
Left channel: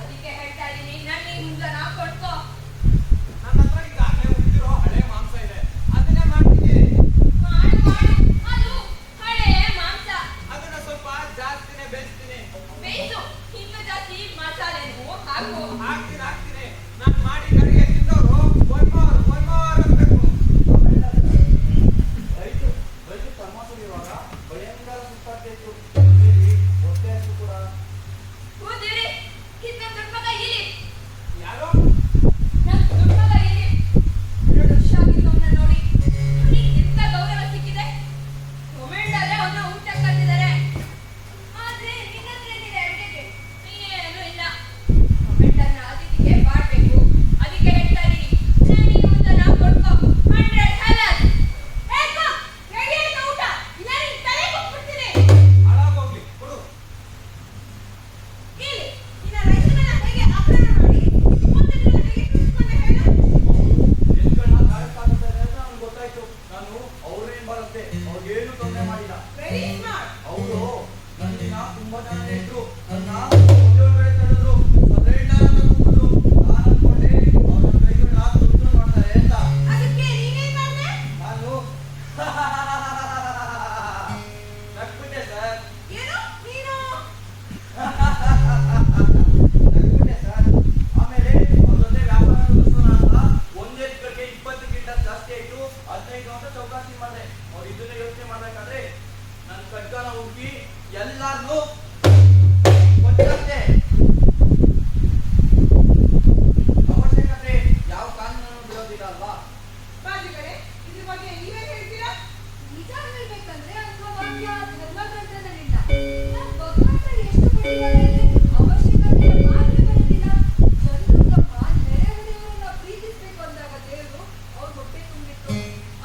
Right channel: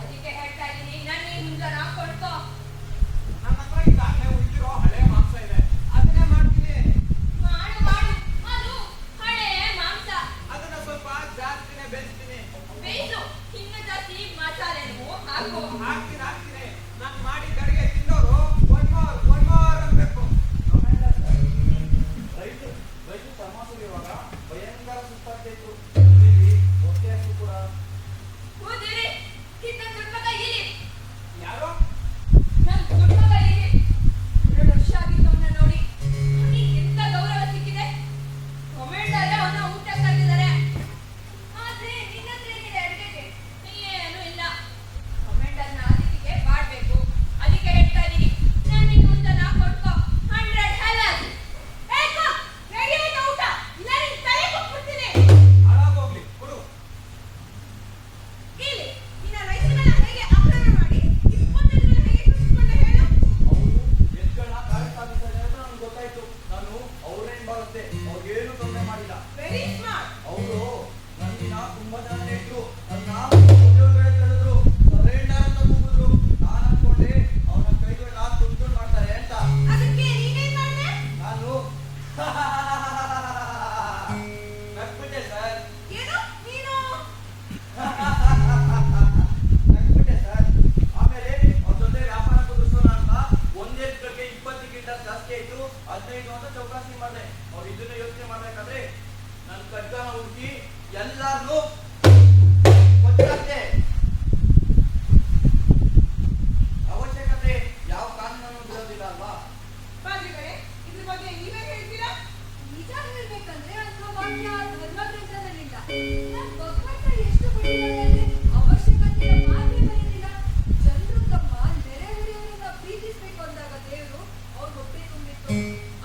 ಅದಕ್ಕೆ ಹೇಳ್ತಾ ಇದ್ದೀನಿ, ನನ್ನ ಈ ಹುಂಗನ ಕೊಟ್ಕೋ. ನನ್ನ ಹತ್ರ ಈಗಾಗಲೇ ಉಳಿದಿರೋ ಹಳೆ ಮಾಂಸ ಇದೆ. ಅದನ್ನೇ ಮಾಡ್ತೀನಿ. ಮಾಡು ಮಾಡು, ಅದು ಹಳೆ ಮಾಂಸ. ಅದನ್ನ ಸ್ವಲ್ಪ ಜಾಸ್ತಿನೇ ಬೇಯಿಸ್ತೀನಿ. ಬೇಯಿಸು, ಇನ್ನು ಜಾಸ್ತಿ ಮಸಾಲೆನೂ ಹಾಕು. ಹಾಕ್ತೀನಿ. ನಾನು ಮಾಡಿ ಅಡುಗೆ ತಿಂದವರು ಒಯ್ಮಾರ್ ಅನ್ಬೇಕು. ರೈತ ತಮಾಸೆ ಇರುವಾಗ ಭಯಂಕರ ಸುಸ್ತಾಗ್ತಾ ಇತ್ತು. ಕೂಡ ಕೂದಿರಿ ಕಿತ್ತ ದುಡ್ಮಗ ಇಲ್ಲಿ ಯಾರೋ ನಮ್ ದುಡ್ಮಗ ಇಲ್ಲಿ 2 ವರ್ಷ ಆಗಿತ್ತು ಅವನ್ನ ನೋಡಿ ಅವನಿಗೆ ಎಂತ ಗೌರವ ಸಿಕ್ಕಿದೆ ಕಮೆಂಡಲ್ಲೇ ಅವನ್ನ ಊಟ ಕರೆದಿದ್ದಾರೆ ಆದ್ರೆ ನಿನ್ನ ಹತ್ರ ಏನಿದೆ ಅಡಿಗೆಗೆ ಏನೂ ಇಲ್ಲ ಕಮೆಂಡನ್ನ ಅತಿಥಿಗೆ ಮಾಡ್ಬೇಕು ಅದಕ್ಕೆ ಹೇಳ್ತಾ ಇದೀನಿ ನನಗೆ ಊಟ ನಾ ಕೊಡ್ಕೊ 100 ಹಲಾಲ್ ರೆಡಿ ಆಯ್ತಾ ಊಟ ಇಲ್ಲ ನಿನ್ ತಲೆ ಕೊಟ್ಬಿಡ್ತೀನಿ ಹಾಳಾಗೋಗ್ಲಿ ಕೊಡು. ಇಲ್ಲಿ ನಿನ್ನ ರೈತರನ್ನ ಹೇಗೆ ಅಪರಾಧ ಮಾಡಿ ಇಸ್ಕೊಂಡಿದ್ದನ್ನ ಹೇಗೆ ತುಳಿಸ್ಕೊಂಡೆ ಹೇಳು ಎಲ್ಗಳನ್ನ ಕಾರ್ಯಕ್ಕಾಗಿದ್ದಾರೆ ಅಂತ ನನ್ಗೆ ಗೊತ್ತಾಯ್ತು. ನಾನು ಅವ್ರೇನ್ ಬರುತ್ತೆ ಅವ್ರಿಗೇನು ತೊಂದರೆ ಮಾಡಿಲ್ಲ. ವೆರಿ ಸ್ಮಾರ್ಟ್ ಅವರು ನನ್ನಿನ ತುಂಬಾ ಜನ ನೆಟ್ರು ನನ್ನ ಮದುವೆ ತಡೆದ್ರು ಸದರೇಂಡ ಅಂತ ಕೂಗಿದ್ರು. ನಾನು ಅನ್ಕೊಂಡೆ ಅವ್ರ ನನ್ನ ಕೈಗಳನ್ನ ತುಂಡು ಮಾಡ್ತಾರೆ ಅಂತ. ಅದಕ್ಕೆ ನೀನೇನ್ ಮಾಡ್ದೆ ನಾನು ನಗ್ಬಿಟ್ಟೆ ಸರ್. ಏನು ನೀನು ನಗ್ಬಿಟ್ಟೆ ಸರ್. ಆಮೇಲೆ ಅವ್ರ ಜೊತೆ ವ್ಯಾಪಾರ ಮುಗಿಸೋಣ ಅಂತ ಒಂದೇ ಬಗ್ಗೆ 20ಕ್ಕಿಂತ ಜಾಸ್ತಿ ಆಯ್ತು 15 ಅಂತ ಚೌಕಾಸಿ ಮಾಡಿದೆ. ಅವ್ರು ಇದನ್ನ ಯೋಚನೆ ಮಾಡ್ಬೇಕಾದ್ರೆ ನನ್ನ ಕಡ್ಗಾನ ಹುಡುಕಿ ಎಲ್ಲಾರ್ನು ಕೊಟ್ಟಂತೆ. ಅವಶ್ಯಕತೆ ಯಾವ ಕಾನೂನನ್ನು ಬಿಡೋದಿಲ್ಲ ಅಲ್ವಾ? ಬಾಜಿಗಳೇ ಇದ್ರ ಬಗ್ಗೆ ನೀವೇ ಹೇಳ್ತೀರಾ ನಿಜ ಹೇಳ್ಬೇಕಂದ್ರೆ ಅಂಗವಾಕ್ಯ ಧರ್ಮಗ್ರಂಥದಲ್ಲಿಲ್ಲ ನಾನು ಭಗವಂತ ಎಷ್ಟು ಪಡೆಯಲಾಗಿದೆ ಅವಶ್ಯಕತೆ ಮಾತ್ರ ಬರೋದಿಲ್ಲ ಜನರು ತಮ್ಮ ನೆರೆಹೊರೆಯವರನ್ನ ಪ್ರೀತಿಸ್ಬೇಕು ಅಂದಾಗ ದೇವರು ಅವ್ರ ಹೊಟ್ಟೆ ತುಂಬಿತ್ತು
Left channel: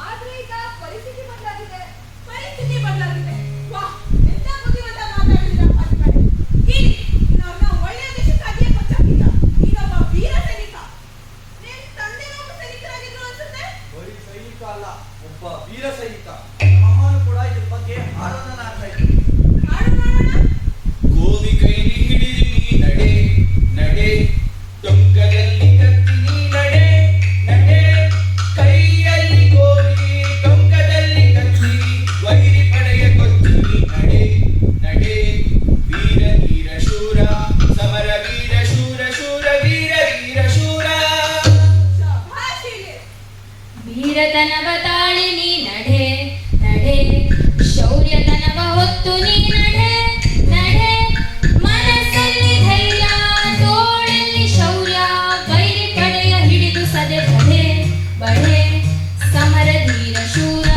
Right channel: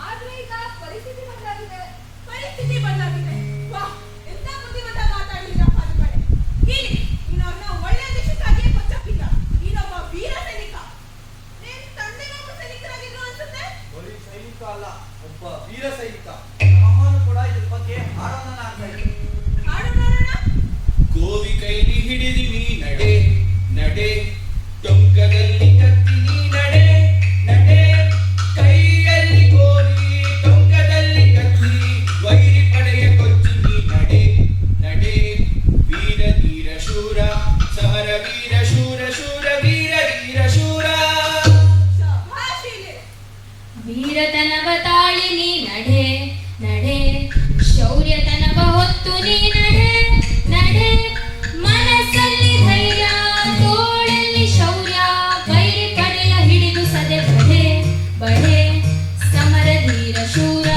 ಆದ್ರೆ ಈಗ ಪರಿಸ್ಥಿತಿ ಬದಲಾಗಿದೆ ಪರಿಸ್ಥಿತಿ ಬದಲಾಗಿದೆ ವಾಹ್ ಎಂತ ಬುದ್ಧಿವಂತ ಮಾತಾಡಿಲ್ಲ ಬಾಜಿಗಳೇ ಇಲ್ಲಿ ನೀನವ್ರನ್ನ ಒಳ್ಳೆ ದೇಶಕ್ಕಾಗಿಯೇ ಕೊಚ್ಚಾಕಿದ್ದ ನೀನೊಬ್ಬ ವೀರ ಸೈನಿಕ ನಿನ್ ತಂದೆ ಒಬ್ಬ ಸೈನಿಕರಾಗಿದ್ರು ಅನ್ಸುತ್ತೆ ಬರೀ ಸೈನಿಕ ಅಲ್ಲ, ಒಬ್ಬ ವೀರ ಸೈನಿಕ. ನಮ್ಮಮ್ಮನು ಕೂಡ ಇದ್ರ ಬಗ್ಗೆ ಹಾಡೋದನ್ನ ಆಡ್ತಾ ಇದ್ರು. ಹಾಡು ನೋಡೋಣ ಗೋವಿ ಕೈಲಿ ಹಿಡಿದು ನೀ ನಡೆ ನಡೆ ಟೊಂಕದಲ್ಲಿ ಕತ್ತಿ ನೀ ನಡೆ ನಡೆ ಕೈಯಲ್ಲಿ ಗೋವಿ ಟೊಂಕದಲ್ಲಿ ಕತ್ತಿ ವೈರಿ ಪಡೆಯ ಗೊತ್ತಿ ನೀ ನಡೆ ನಡೆ ವೀರ ವೀರ ಶೂರ ಸಮರ ವೀರ ಶೂರ ಶೂರ ವೀರ ವೀರ ಶೂರ ಶಭಾಷ್ ಇಲ್ಲಿ ವೀರತನವ ತಾಳಿ ನೀ ನಡೆ ನಡೆ ಶೌರ್ಯತನವ ಹೊತ್ತು ನೀ ನಡೆ ನಡೆ ಮನಸ್ಸಲ್ಲಿ ಧೈರ್ಯ ತೋಳಲ್ಲಿ ಶೌರ್ಯ ವೈರಿ ಪಡೆಯ ಹಿಡಿದು ಸದೆ ಬಡೆ ಬಡೆ ಸಮರ ಧೀರ ಶೂರ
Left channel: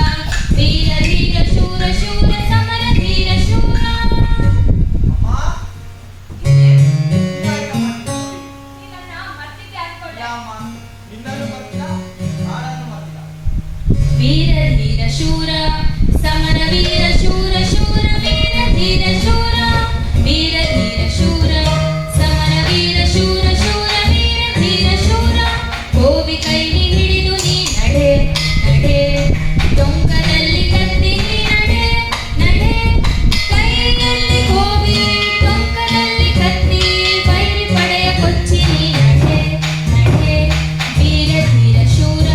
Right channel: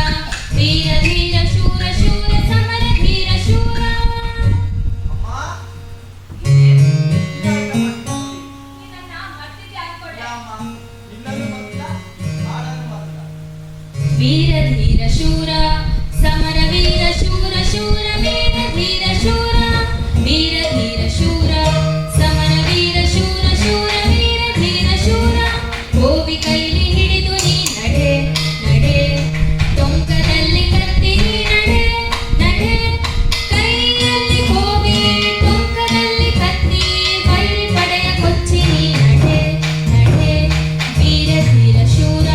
ವೀರ ಧೀರ ಶೂರ ಶೂರ ಸಮರ ಧೀರ ಶೂರ ಅಮ್ಮ ಇದನ್ನ ಮರ್ತಿದ್ದೆ ಅನ್ಕೊಂಡೆ ಅಮ್ಮ ನಿನ್ನಲ್ಲೂ ಬರ್ತಿಲ್ಲ ನಾನೂ ಬರ್ತಿಲ್ಲ. ವೀರ ಧೀರ ಶೂರ ಸಮರ ವೀರ ಶೂರ ಶೂರ ವೀರ ಧೀರ ಶೂರ ವೀರ ಧೀರ ಶೂರ ಸಮರ ವೀರ ಶೂರ ಶೂರ ವೀರ ಧೀರ ಶೂರ ಗೋವಿ ಕೈಲಿ ಹಿಡಿದು ನೀ ನಡೆ ನಡೆ ಟೊಂಕದಲ್ಲಿ ಕತ್ತಿ ನೀ ನಡೆ ನಡೆ ಕೈಯಲ್ಲಿ ಗೋವಿ ಟೊಂಕದಲ್ಲಿ ಕತ್ತಿ ವೈರಿ ಪಡೆಯ ಕೊಚ್ಚಿ ನೀ ನಡೆ ನಡೆ ವೀರ ಧೀರ ಶೂರ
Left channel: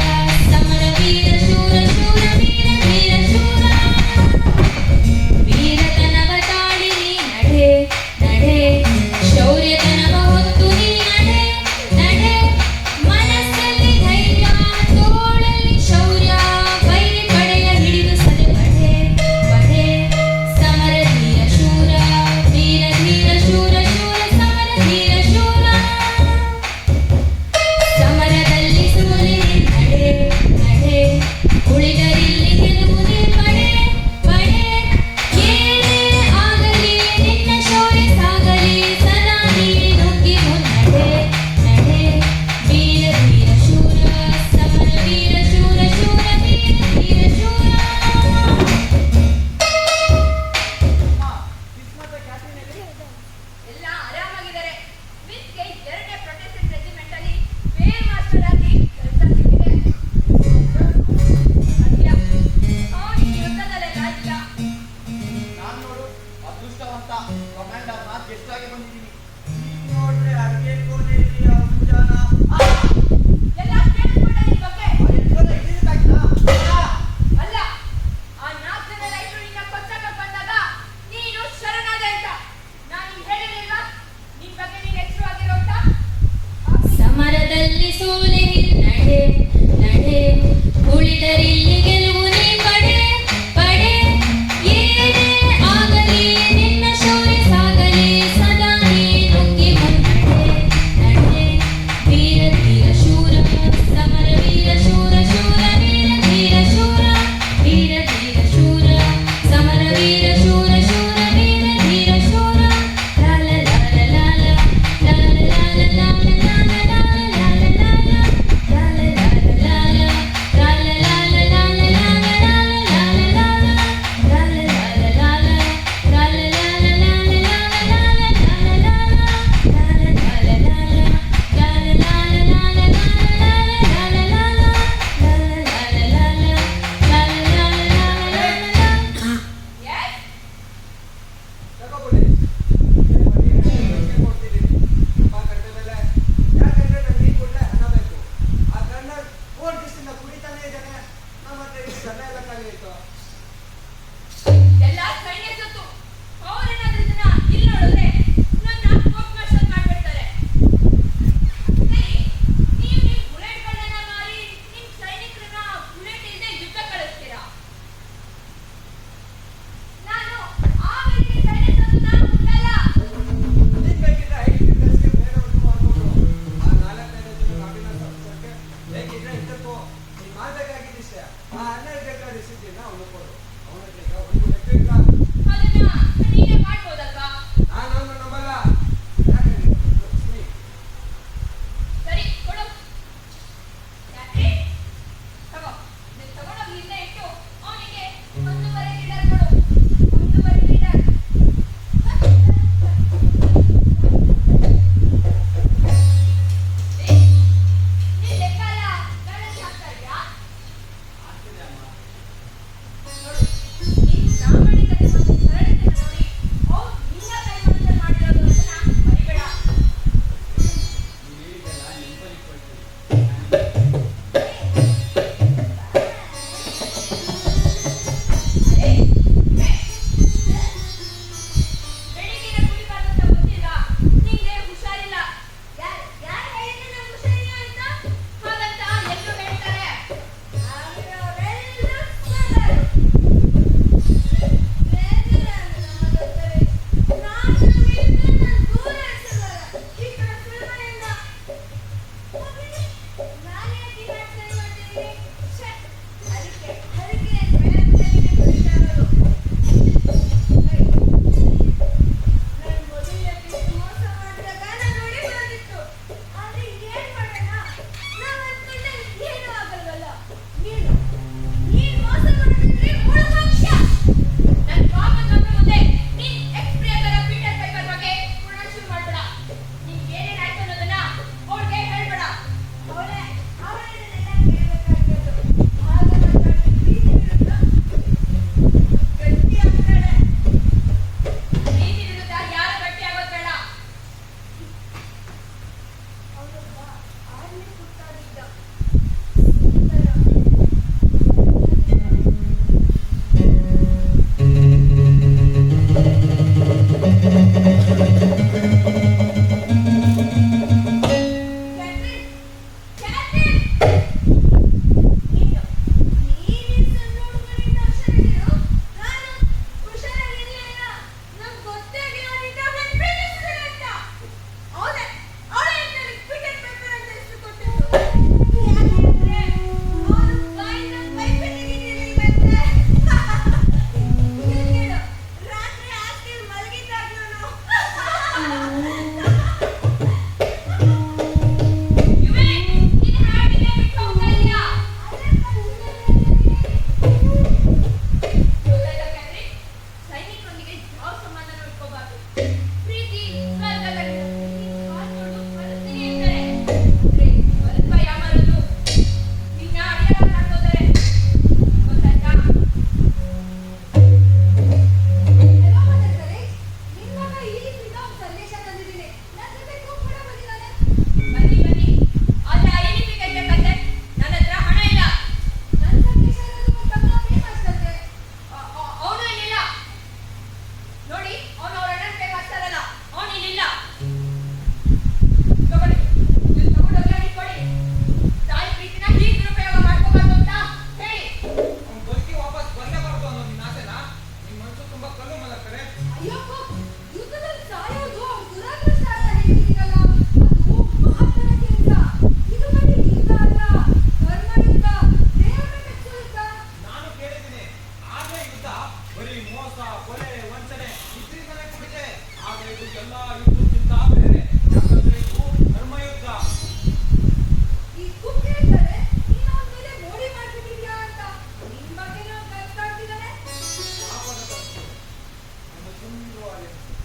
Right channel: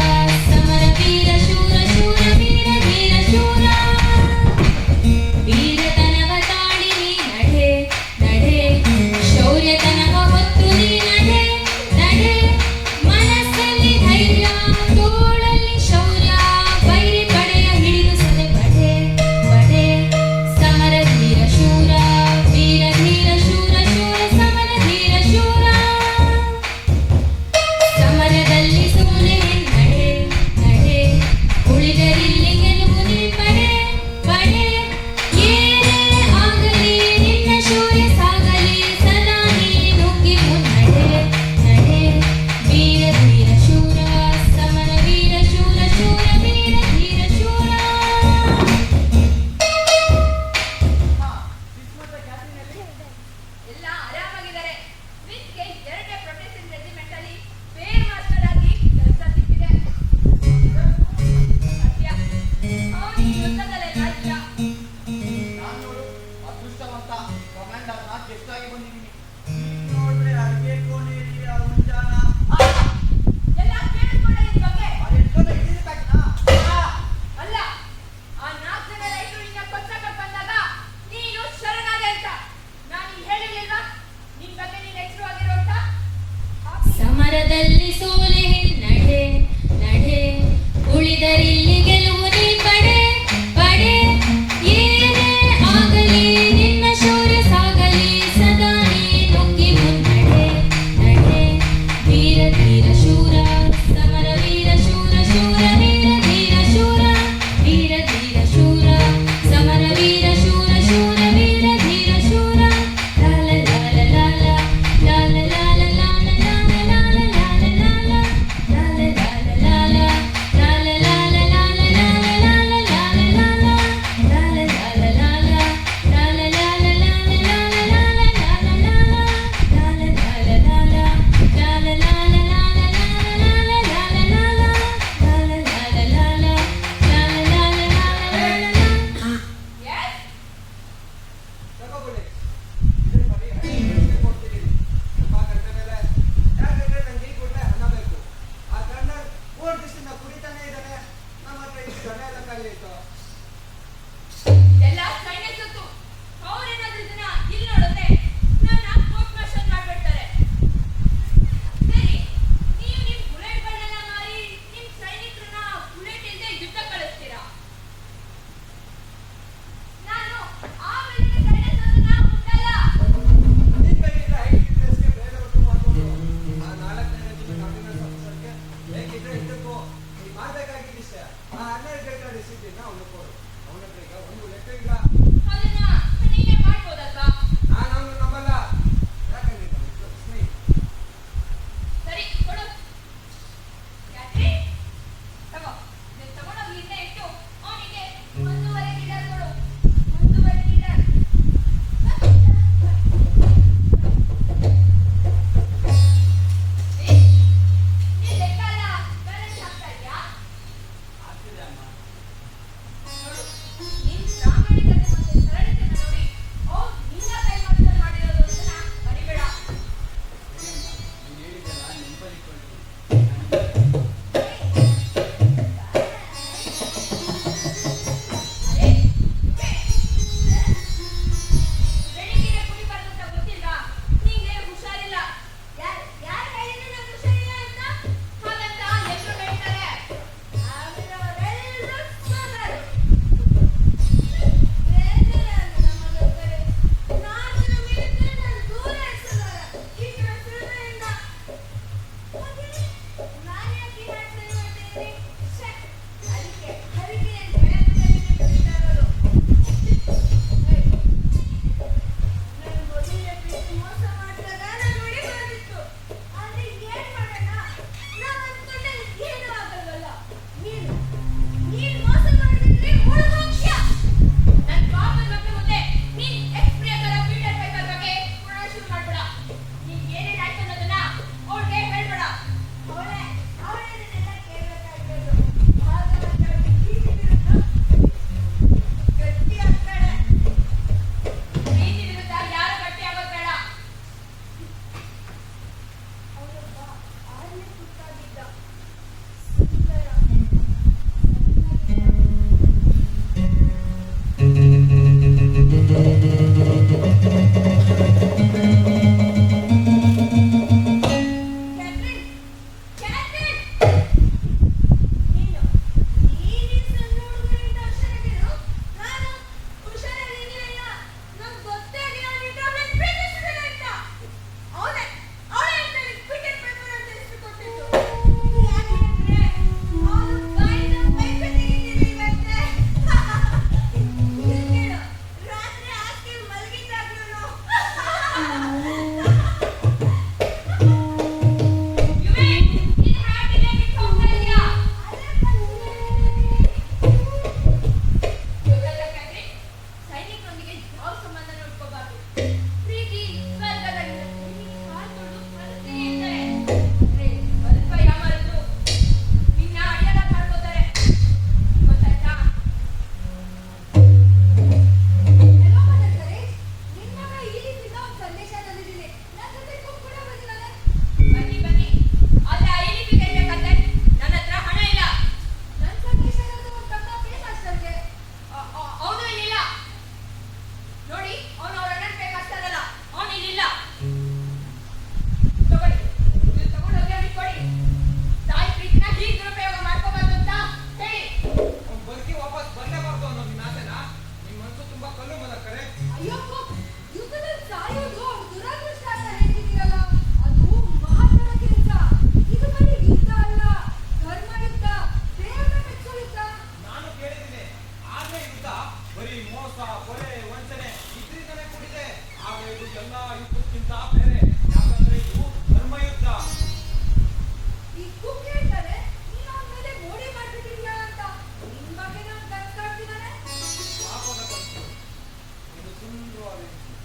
ಸಮರ ವೀರ ಶೂರ ಶೂರ ವೀರ ಧೀರ ಶೂರ ವೀರತನವ ತಾಳಿ ನೀ ನಡೆ ನಡೆ ಶೌರ್ಯತನವ ಹೊತ್ತು ನೀ ನಡೆ ನಡೆ ಮನಸ್ಸಲ್ಲಿ ಧೈರ್ಯ ತೋಳಲ್ಲಿ ಶೌರ್ಯ ವೈರಿ ಪಡೆಯ ಹಿಡಿದು ಸದೆ ಬಡೆ ಬಡೆ ಸಮರ ಧೀರ ಶೂರ ವೀರ ಧೀರ ಶೂರ ಶೂರ ಸಮರ ಧೀರ ಶೂರ ಸಮರದಲ್ಲಿ ಸೋಲೆ ನಡೆ ನಡೆ ಉಳಿದರಿಲ್ಲಿ ಗೆಲುವುದೇ ಪಡೆ ಪಡೆ ಏನೇ ಆಗಲಿ ನಿನ್ನ ಶೌರ್ಯ ಸಾಗಲಿ ಸದಾ ನೀಡಿ ನುಗ್ಗಿ ಮುನ್ನಡೆ ನಡೆ ವೀರ ಧೀರ ಶೂರ ಸಮರ ವೀರ ಶೂರ ಶೂರ ವೀರ ಧೀರ ಶೂರ ಅಮ್ಮ ಕಿಸ್ಮತ್ತ ಕ್ಯಾಟರಿನಲ್ಲಿ ಎಲ್ಲ ಆರಾಮಾಗಿದ್ದಾರೆ ಮಿಸ್ಗೆ 2ನೇ ಪ್ರೊಟೆಸ್ಟೆಂಟ್ ರೆಜಿಮೆಂಟ್ ಅಲ್ಲಿ ಬೇರ್ ಮಾಸ್ಟರ್ ಆಗಿ ಕೆಲಸ ಸಿಕ್ಕಿದೆ ಸತ್ಯ ಅವನಿಗೆ ಯುದ್ಧದಲ್ಲೆಲ್ಲ ಇಲ್ಲ ನಾನ್ ನೋಡು ಅದೃಷ್ಟವಂತ ಕಮಾಂಡರ್ ನಾ ಗೆಸ್ಟ್ ಆಗಿ ಬಂದಿದ್ದೀನಿ. ನೀನ್ ನೋಡ್ರೆ ಅಡ್ಗೆ ಕೋಣೆಯಲ್ಲಿ ಆ ಮುಂಜಾನ ಎಲ್ಲ ಕೇಳಿಸ್ಕೊಂಡೆ ನಿನ್ ಬಗ್ಗೆ ಎಷ್ಟೊಂದು ಇದ್ದಿದ್ದಕ್ಕಾಗಿಲ್ಲ. ಅಲ್ಲ ಆ 4 ಜನ ರೈತರು ನಿನ್ನ ಕೊಚ್ಚಕ್ಕೆ ಬಂದಾಗ ನೀನು ಶರಣಾದೆ ಅಂತ ನಾನು ಹೇಳಿರ್ಲಿಲ್ವಾ ನಿನ್ ಬಗ್ಗೆ ನೀನ್ ಎಚ್ಚರ ಆಗಿರೋ ಅಂತ ಸಮರದಲ್ಲಿ ಸೋಲೆ ನಡೆ ನಡೆ ಉಳಿದರಿಲ್ಲಿ ಗೆಲುವು ನೀ ಪಡೆ ಪಡೆ ಏನೇ ಆಗಲಿ ನಿನ್ನ ಶೌರ್ಯ ಸಾಗಲಿ ಕಲ್ಲು ಮಲಕ್ಕರೆ ಅಯ್ಯಪ್ಪ, ಯುದ್ಧದಲ್ಲಿ ಸಾಯೋದು ಅವ್ರ ದುರಾದೃಷ್ಟ ಅಂತ ಹೇಳ್ತಿದ್ದೀರಲ್ಲ, ಅದು ಮಹಾತ್ಮರ ಕೆಲಸ. ಇದು ಬರೀ ಯುದ್ಧ ಅಲ್ಲ, ಧರ್ಮ ಯುದ್ಧ, ದೇವರ ಮೆಚ್ಚೋ ಯುದ್ಧ. ನಾನು ಕೇಳಿದ್ದೀನಿ ಆದ್ರೆ ಯುದ್ಧ ಬರೀ ಮೋಸ ಕೊಲೆ ವಂಚನೆ ಇದ್ರಿಂದಲೇ ಕೂಡಿದೆ. ಆದ್ರೆ ಇದು ಎಲ್ಲ ಯುದ್ಧಕ್ಕಿಂತ ಬೇರೆ. ಯಾಕಂದ್ರೆ ಇದು ಧರ್ಮಯುದ್ಧ. ಈ ಕುಕ್ ಹೇಳ್ತಾರೆ ನೀನು ಅವನ ಮೇಲೆ ಮೋಡಿ ಮಾಡ್ಬಿಟ್ಟಿದ್ಯಾ ಅಂತ. ನಿನ್ ಬಗ್ಗೆ ನಾನು ಕನ್ಸ್ ಕಾಡ್ತಿದ್ದಾನೆ. ಪಾಪದ ಕನಸು ಒಂದು ಸುಂದರವಾದ ಹೆಂಗಸು.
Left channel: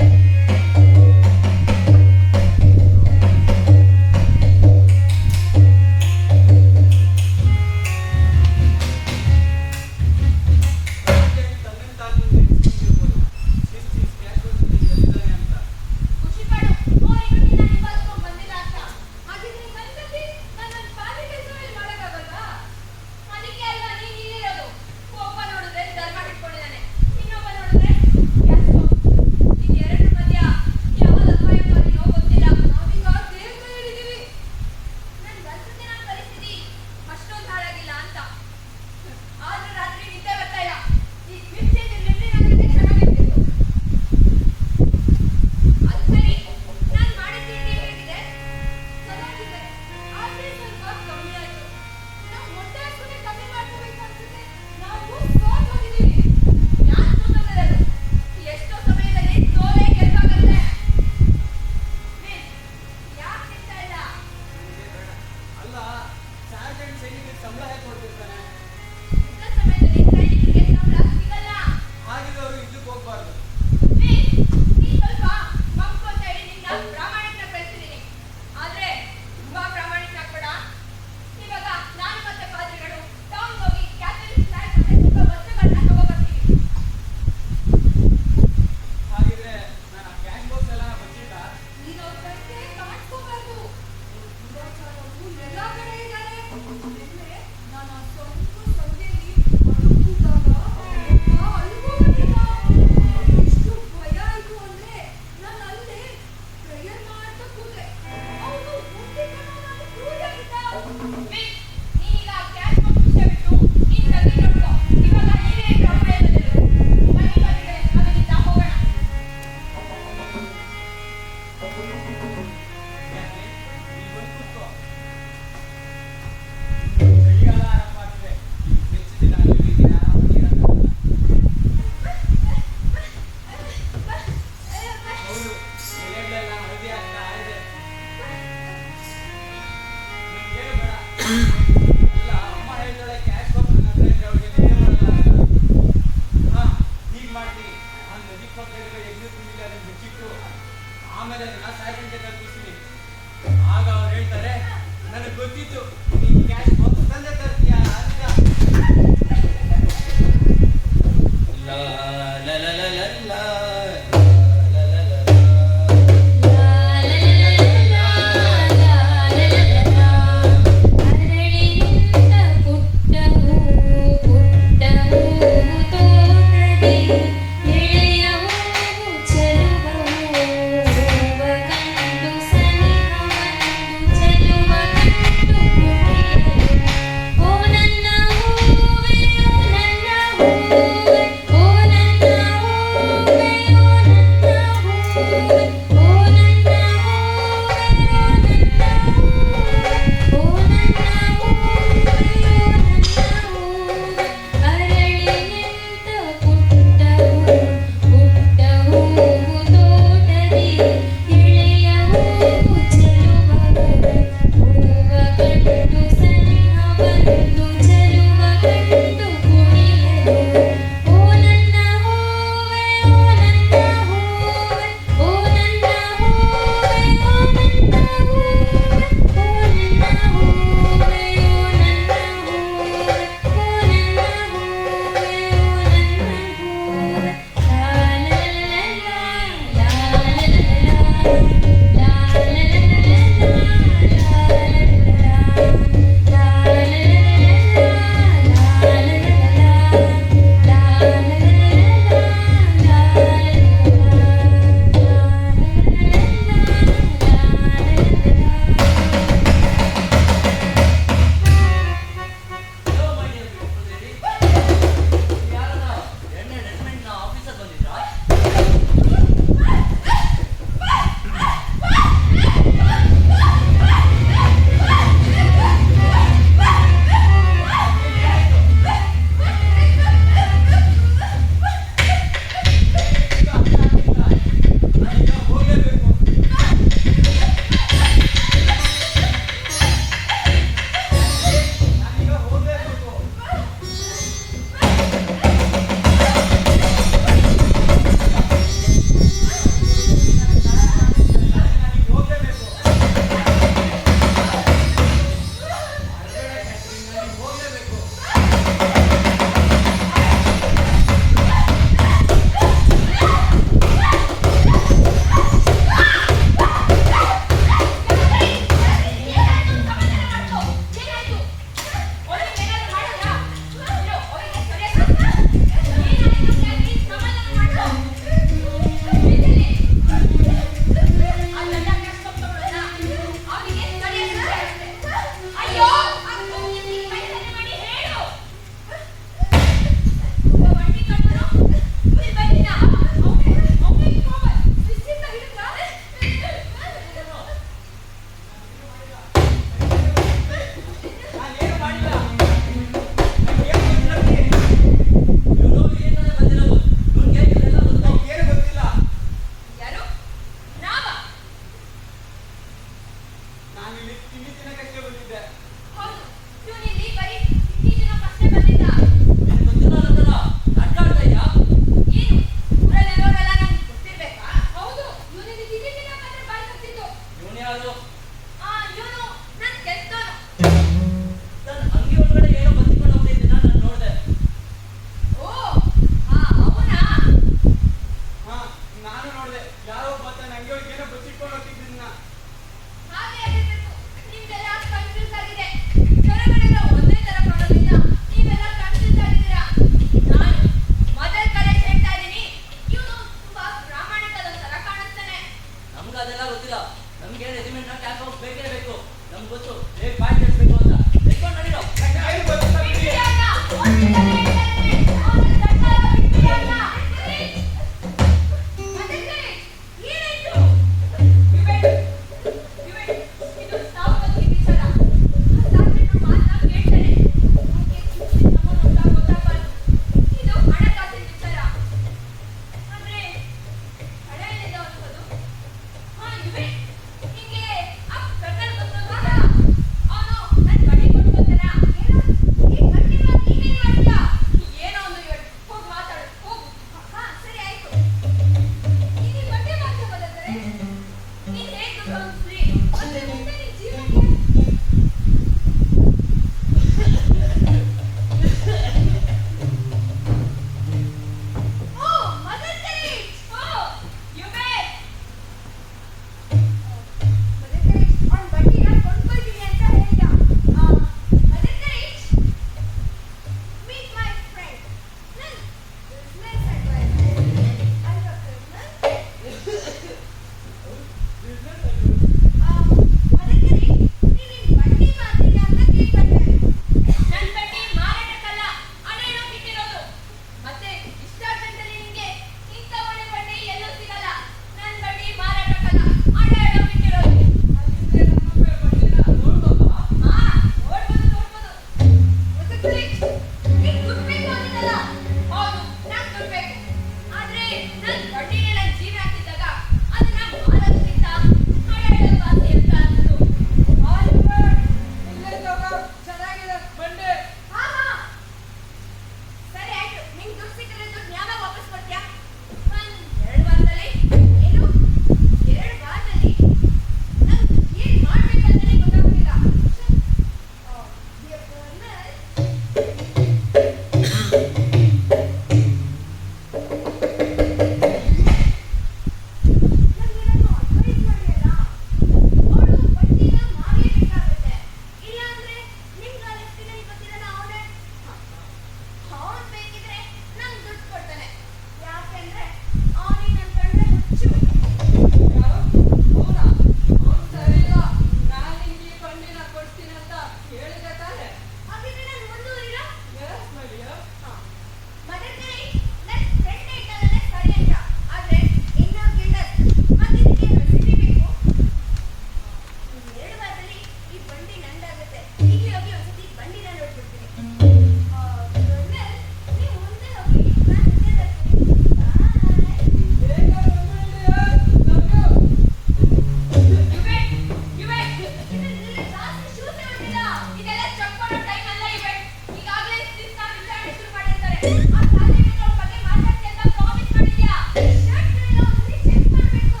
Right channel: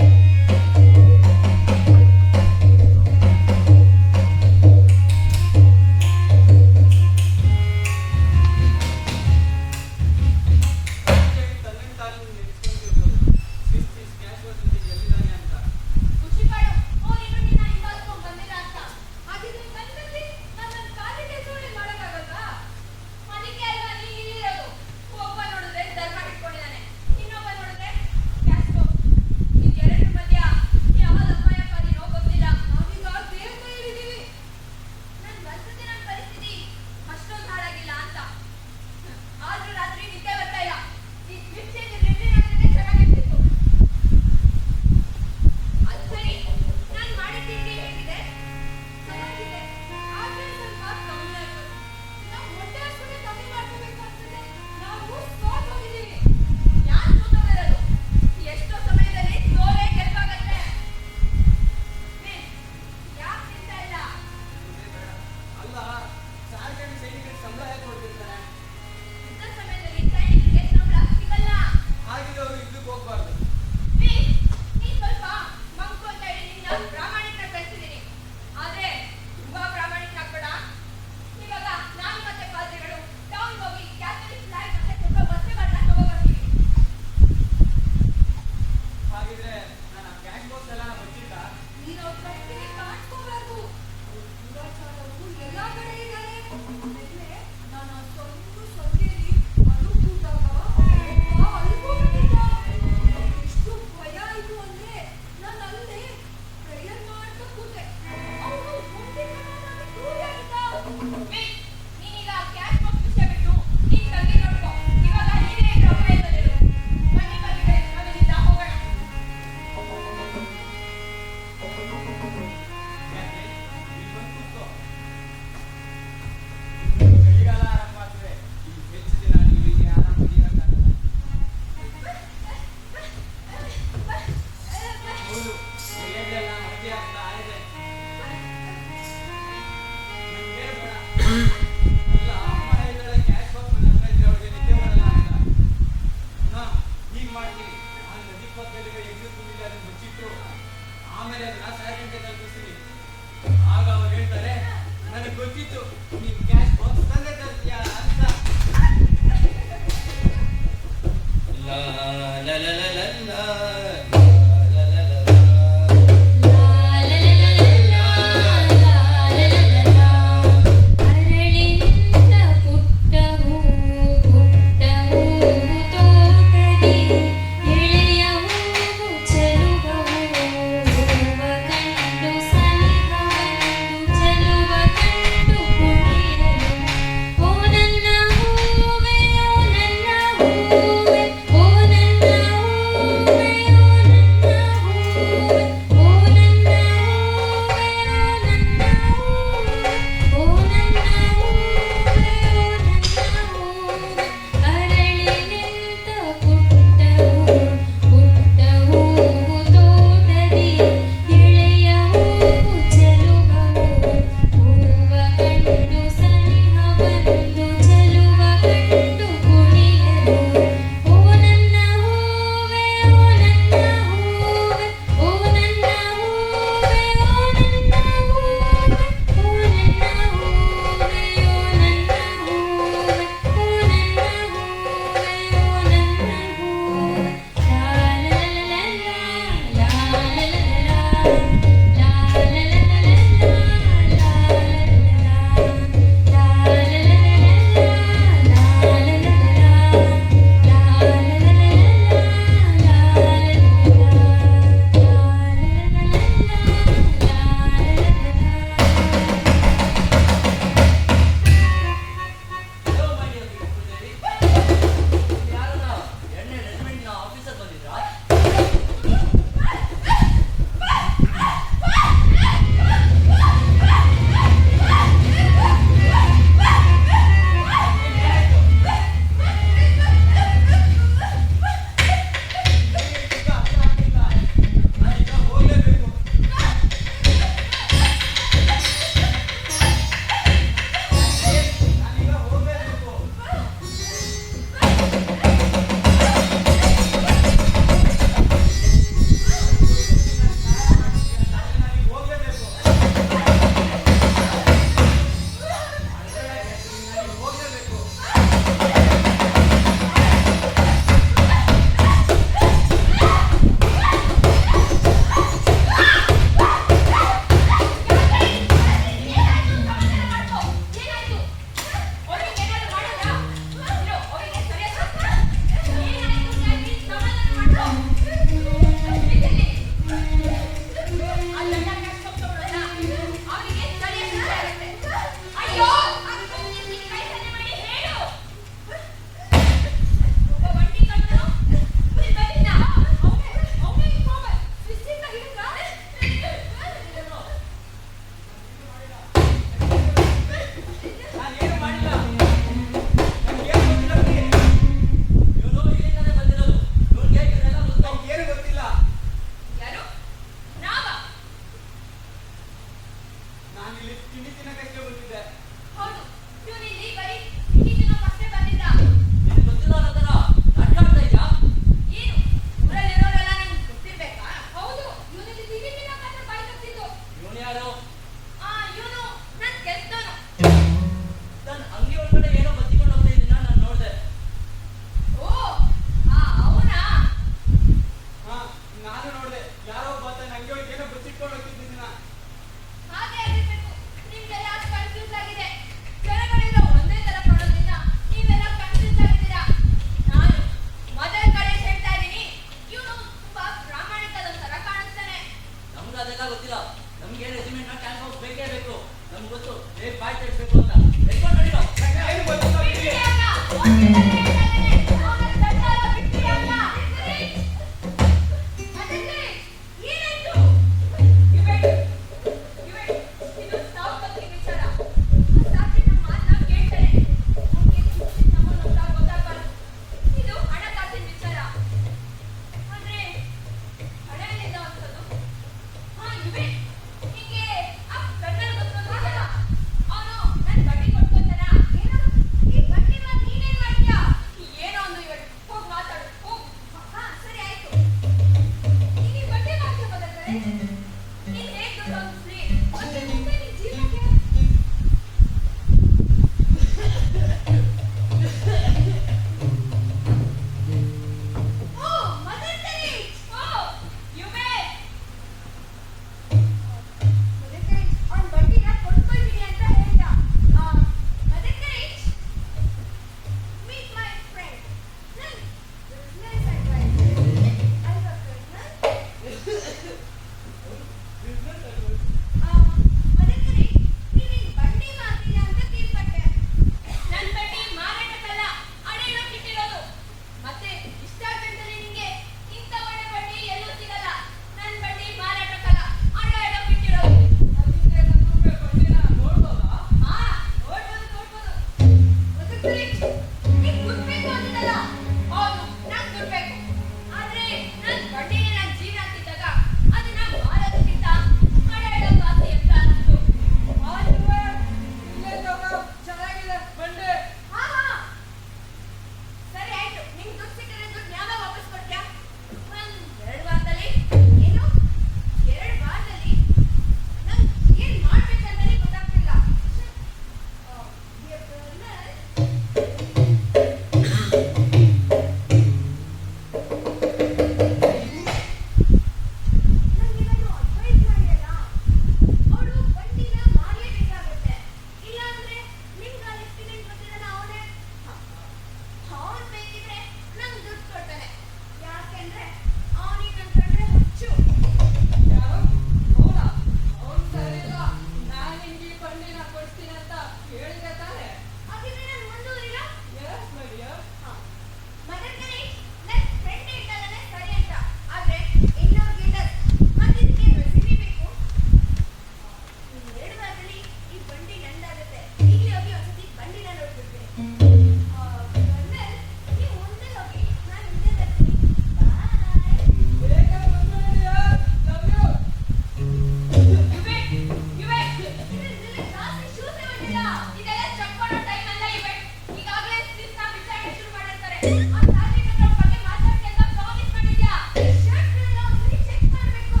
ಆ ಸಾಲಿಗಳ ಬಗ್ಗೆ ಮಾತಾಡ್ತಿ ಅಂತ ಪ್ರಾಮಿಸ್ ಮಾಡಿದ್ಯಾ ಶರ್ಟ್ ಎಲ್ಲ ಒಂದ್ಸರಿ ಚೆಕ್ ಮಾಡ್ಬೇಕು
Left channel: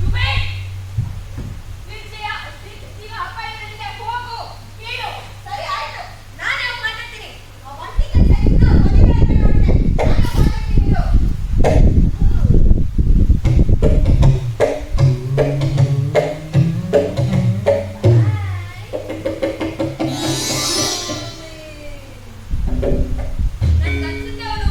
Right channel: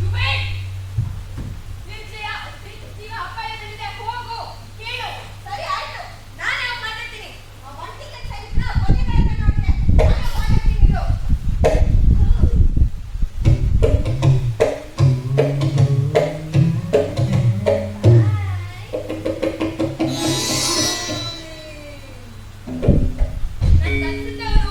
ಯು ವೇಟ್ ಜೀವ ಅಪಾಯದಲ್ಲಿದೆ ಹೋಗು ಕೇಳು ಸರಿ ಆಯ್ತು ನಾನೇ ಹೋಗಿ ಮಾತಾಡ್ತೀನಿ ಆ ಒಂಟಿಗೆ ಸರಿನ ಕೊನೆಗೆ ನೋಡಿದೆ ನಾನೇ ಮಾತಾಡ್ತೀನಿ ಇರು ನನ್ಗನ್ಸುತ್ತೆ ಅವರು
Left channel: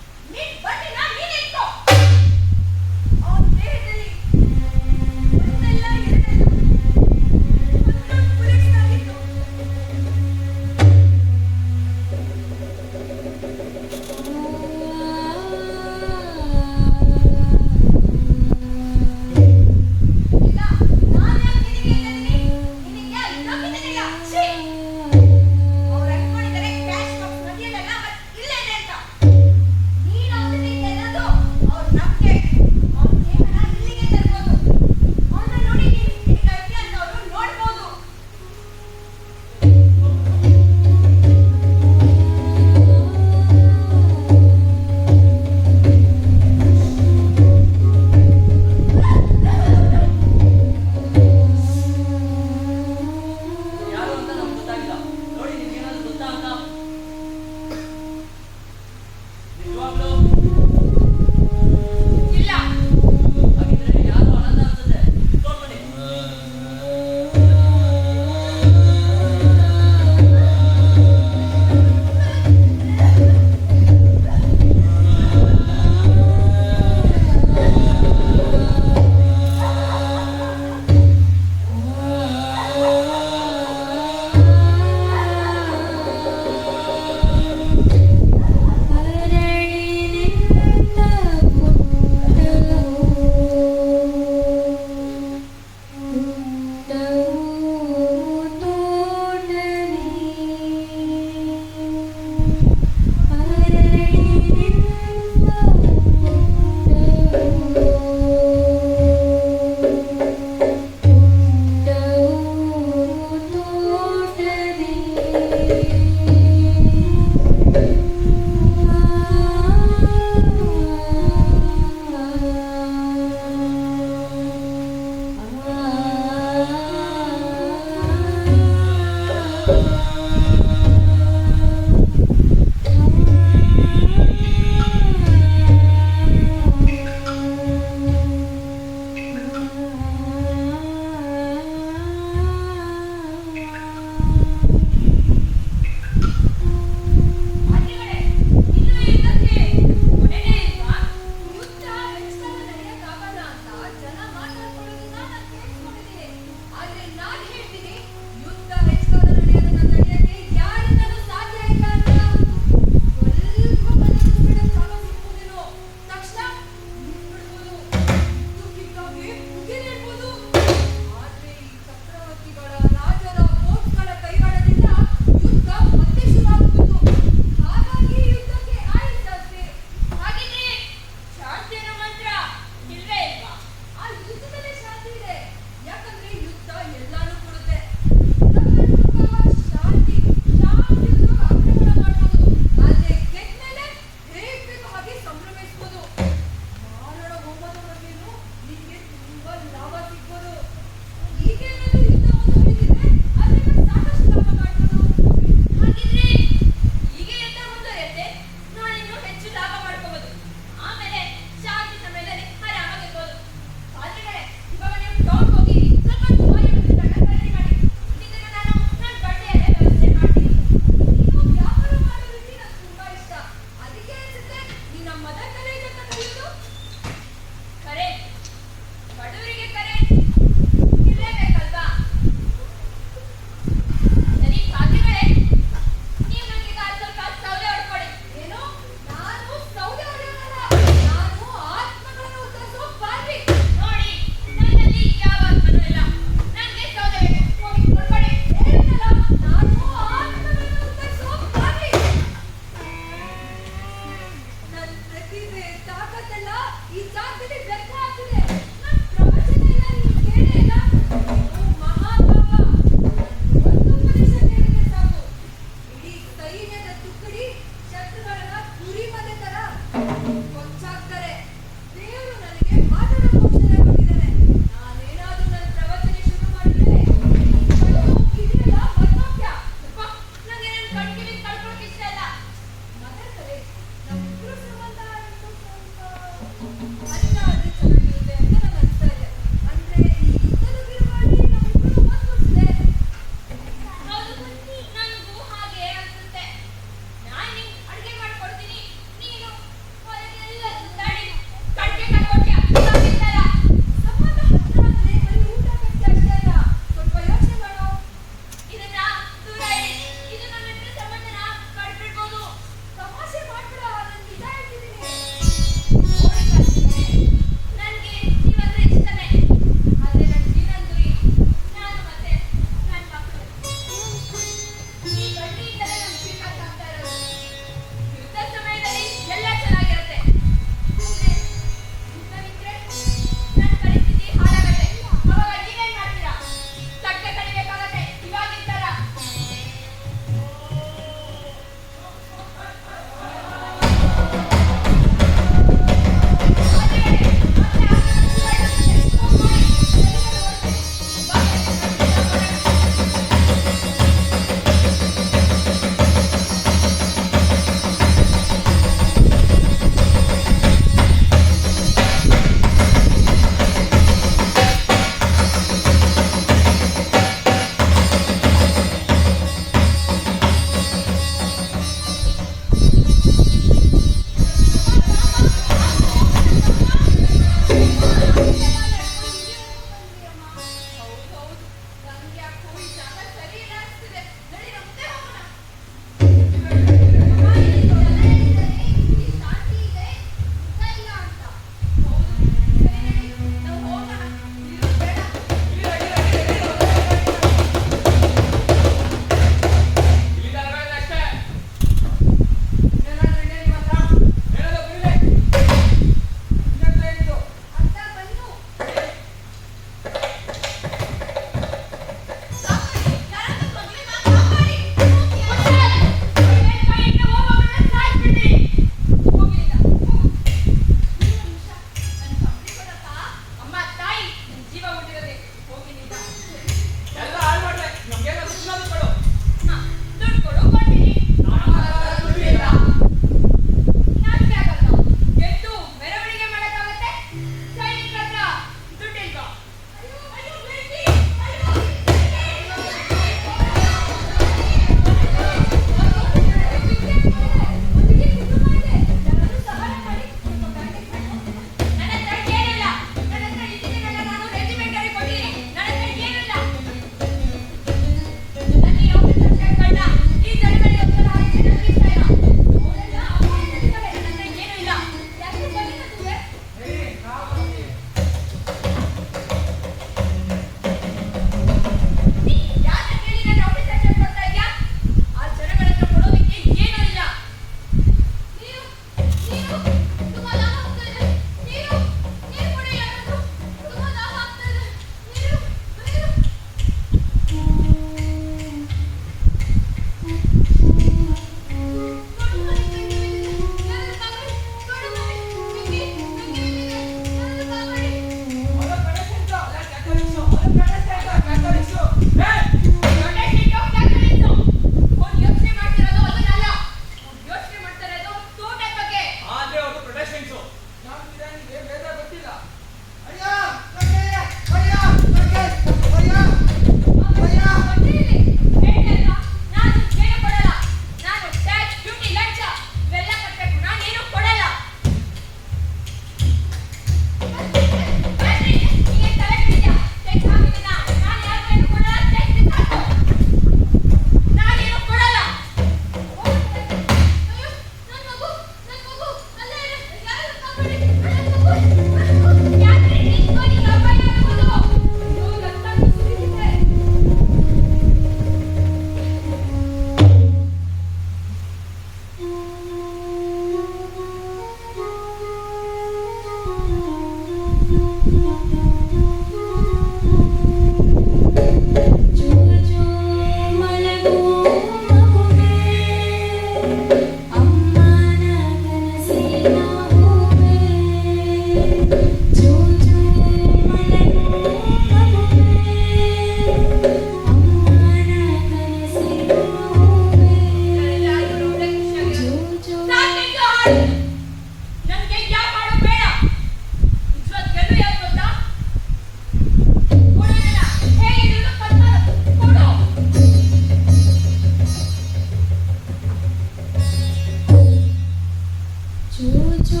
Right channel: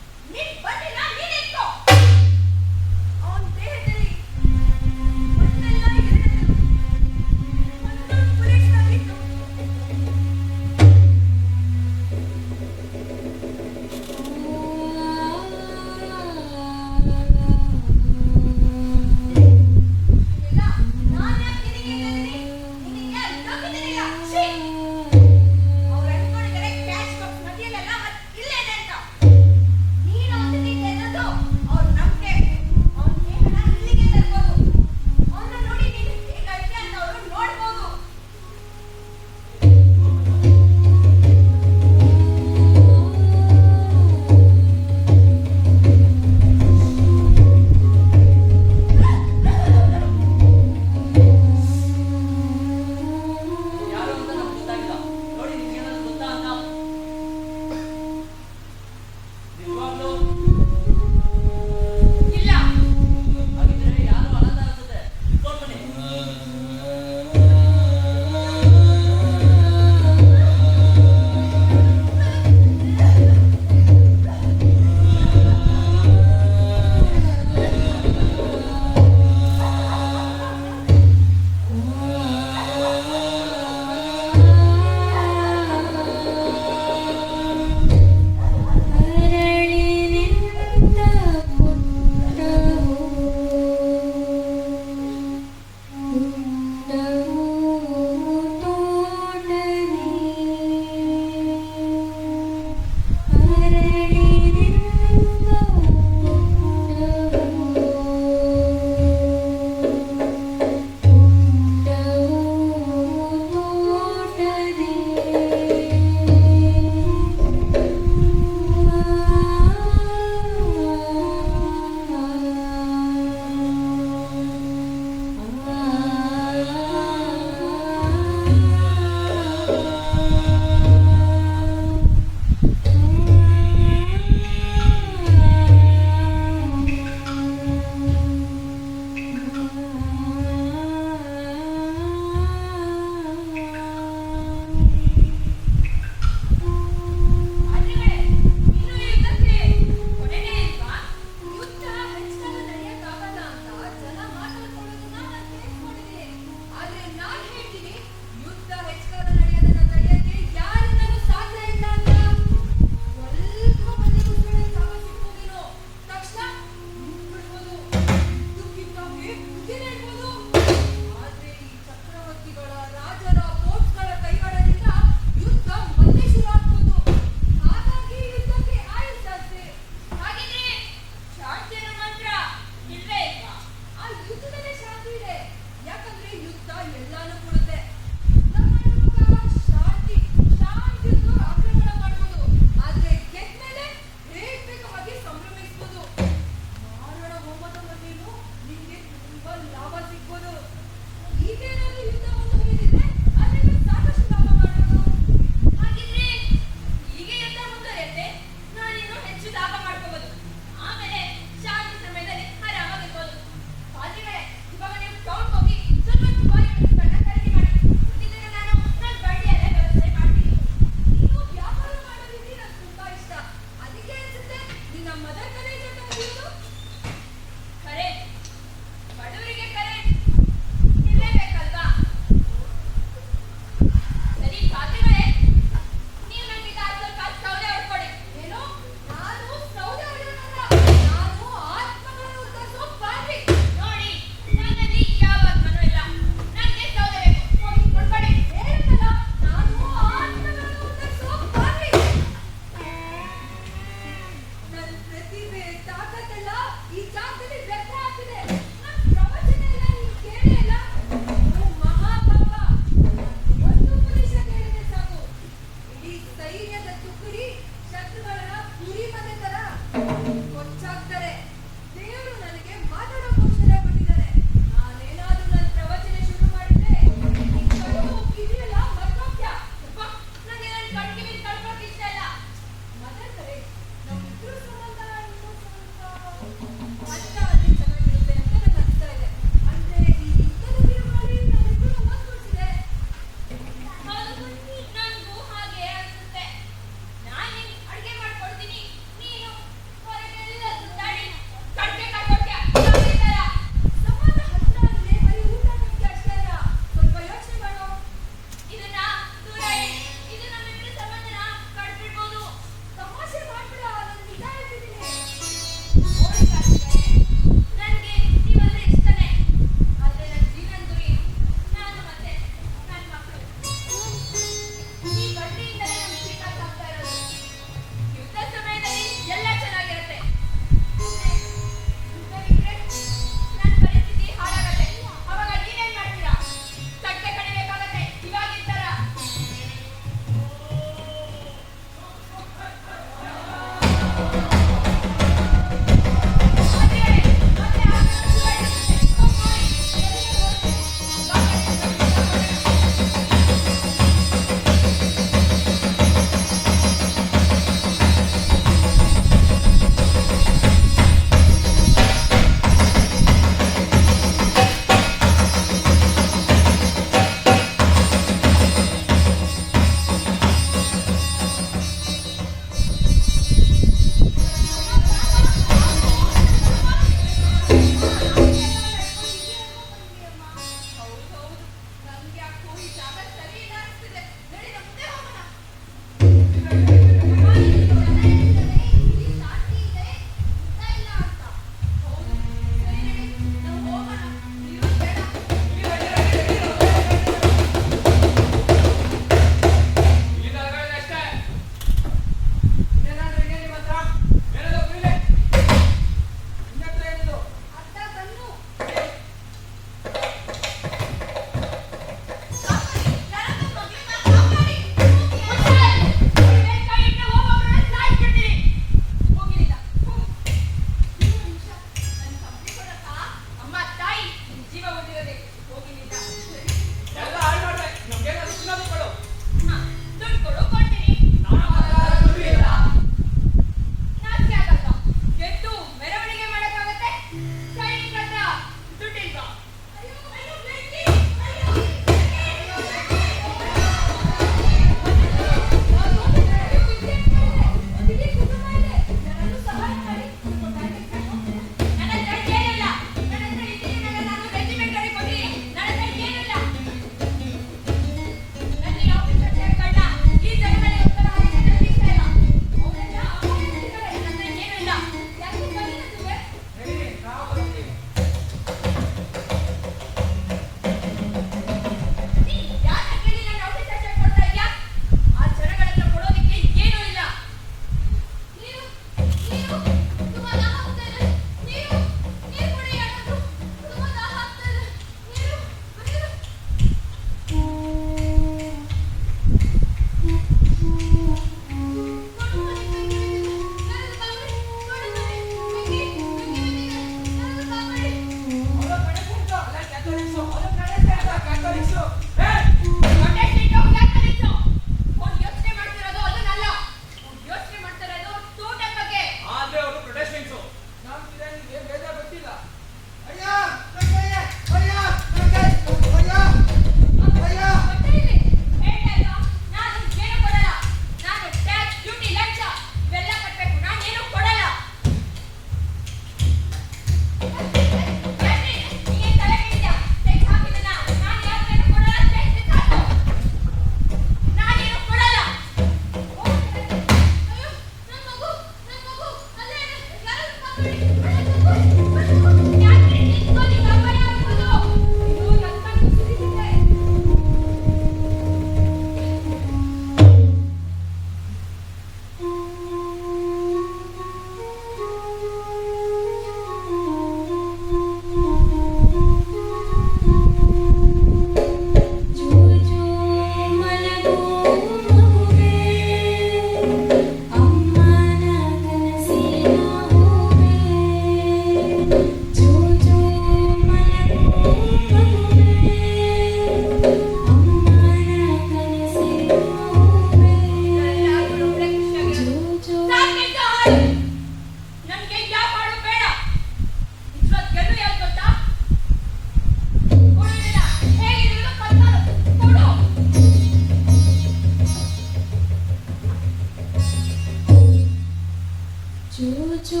ಚೂಚೂ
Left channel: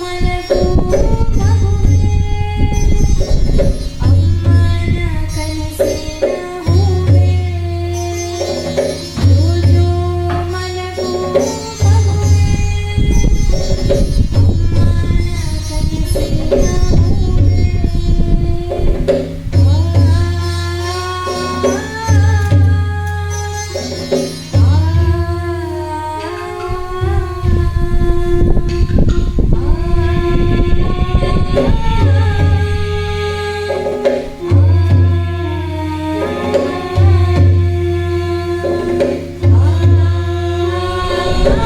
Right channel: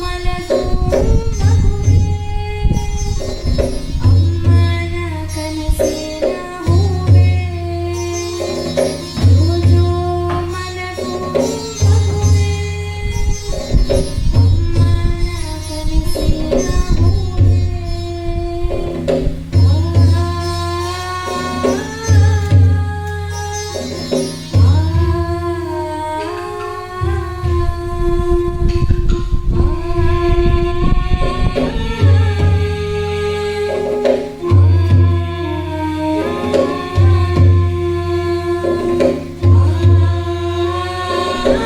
ಮಲಗು ಮಗುವೇ, ಅಮ್ಮನ ಕನಸಿನ ಹೂವೇ. ಚೂಚೂ ಮಲಗು ಮಗುವೇ, ಅಮ್ಮನ ಕನಸಿನ ಹೂವೇ. ಆ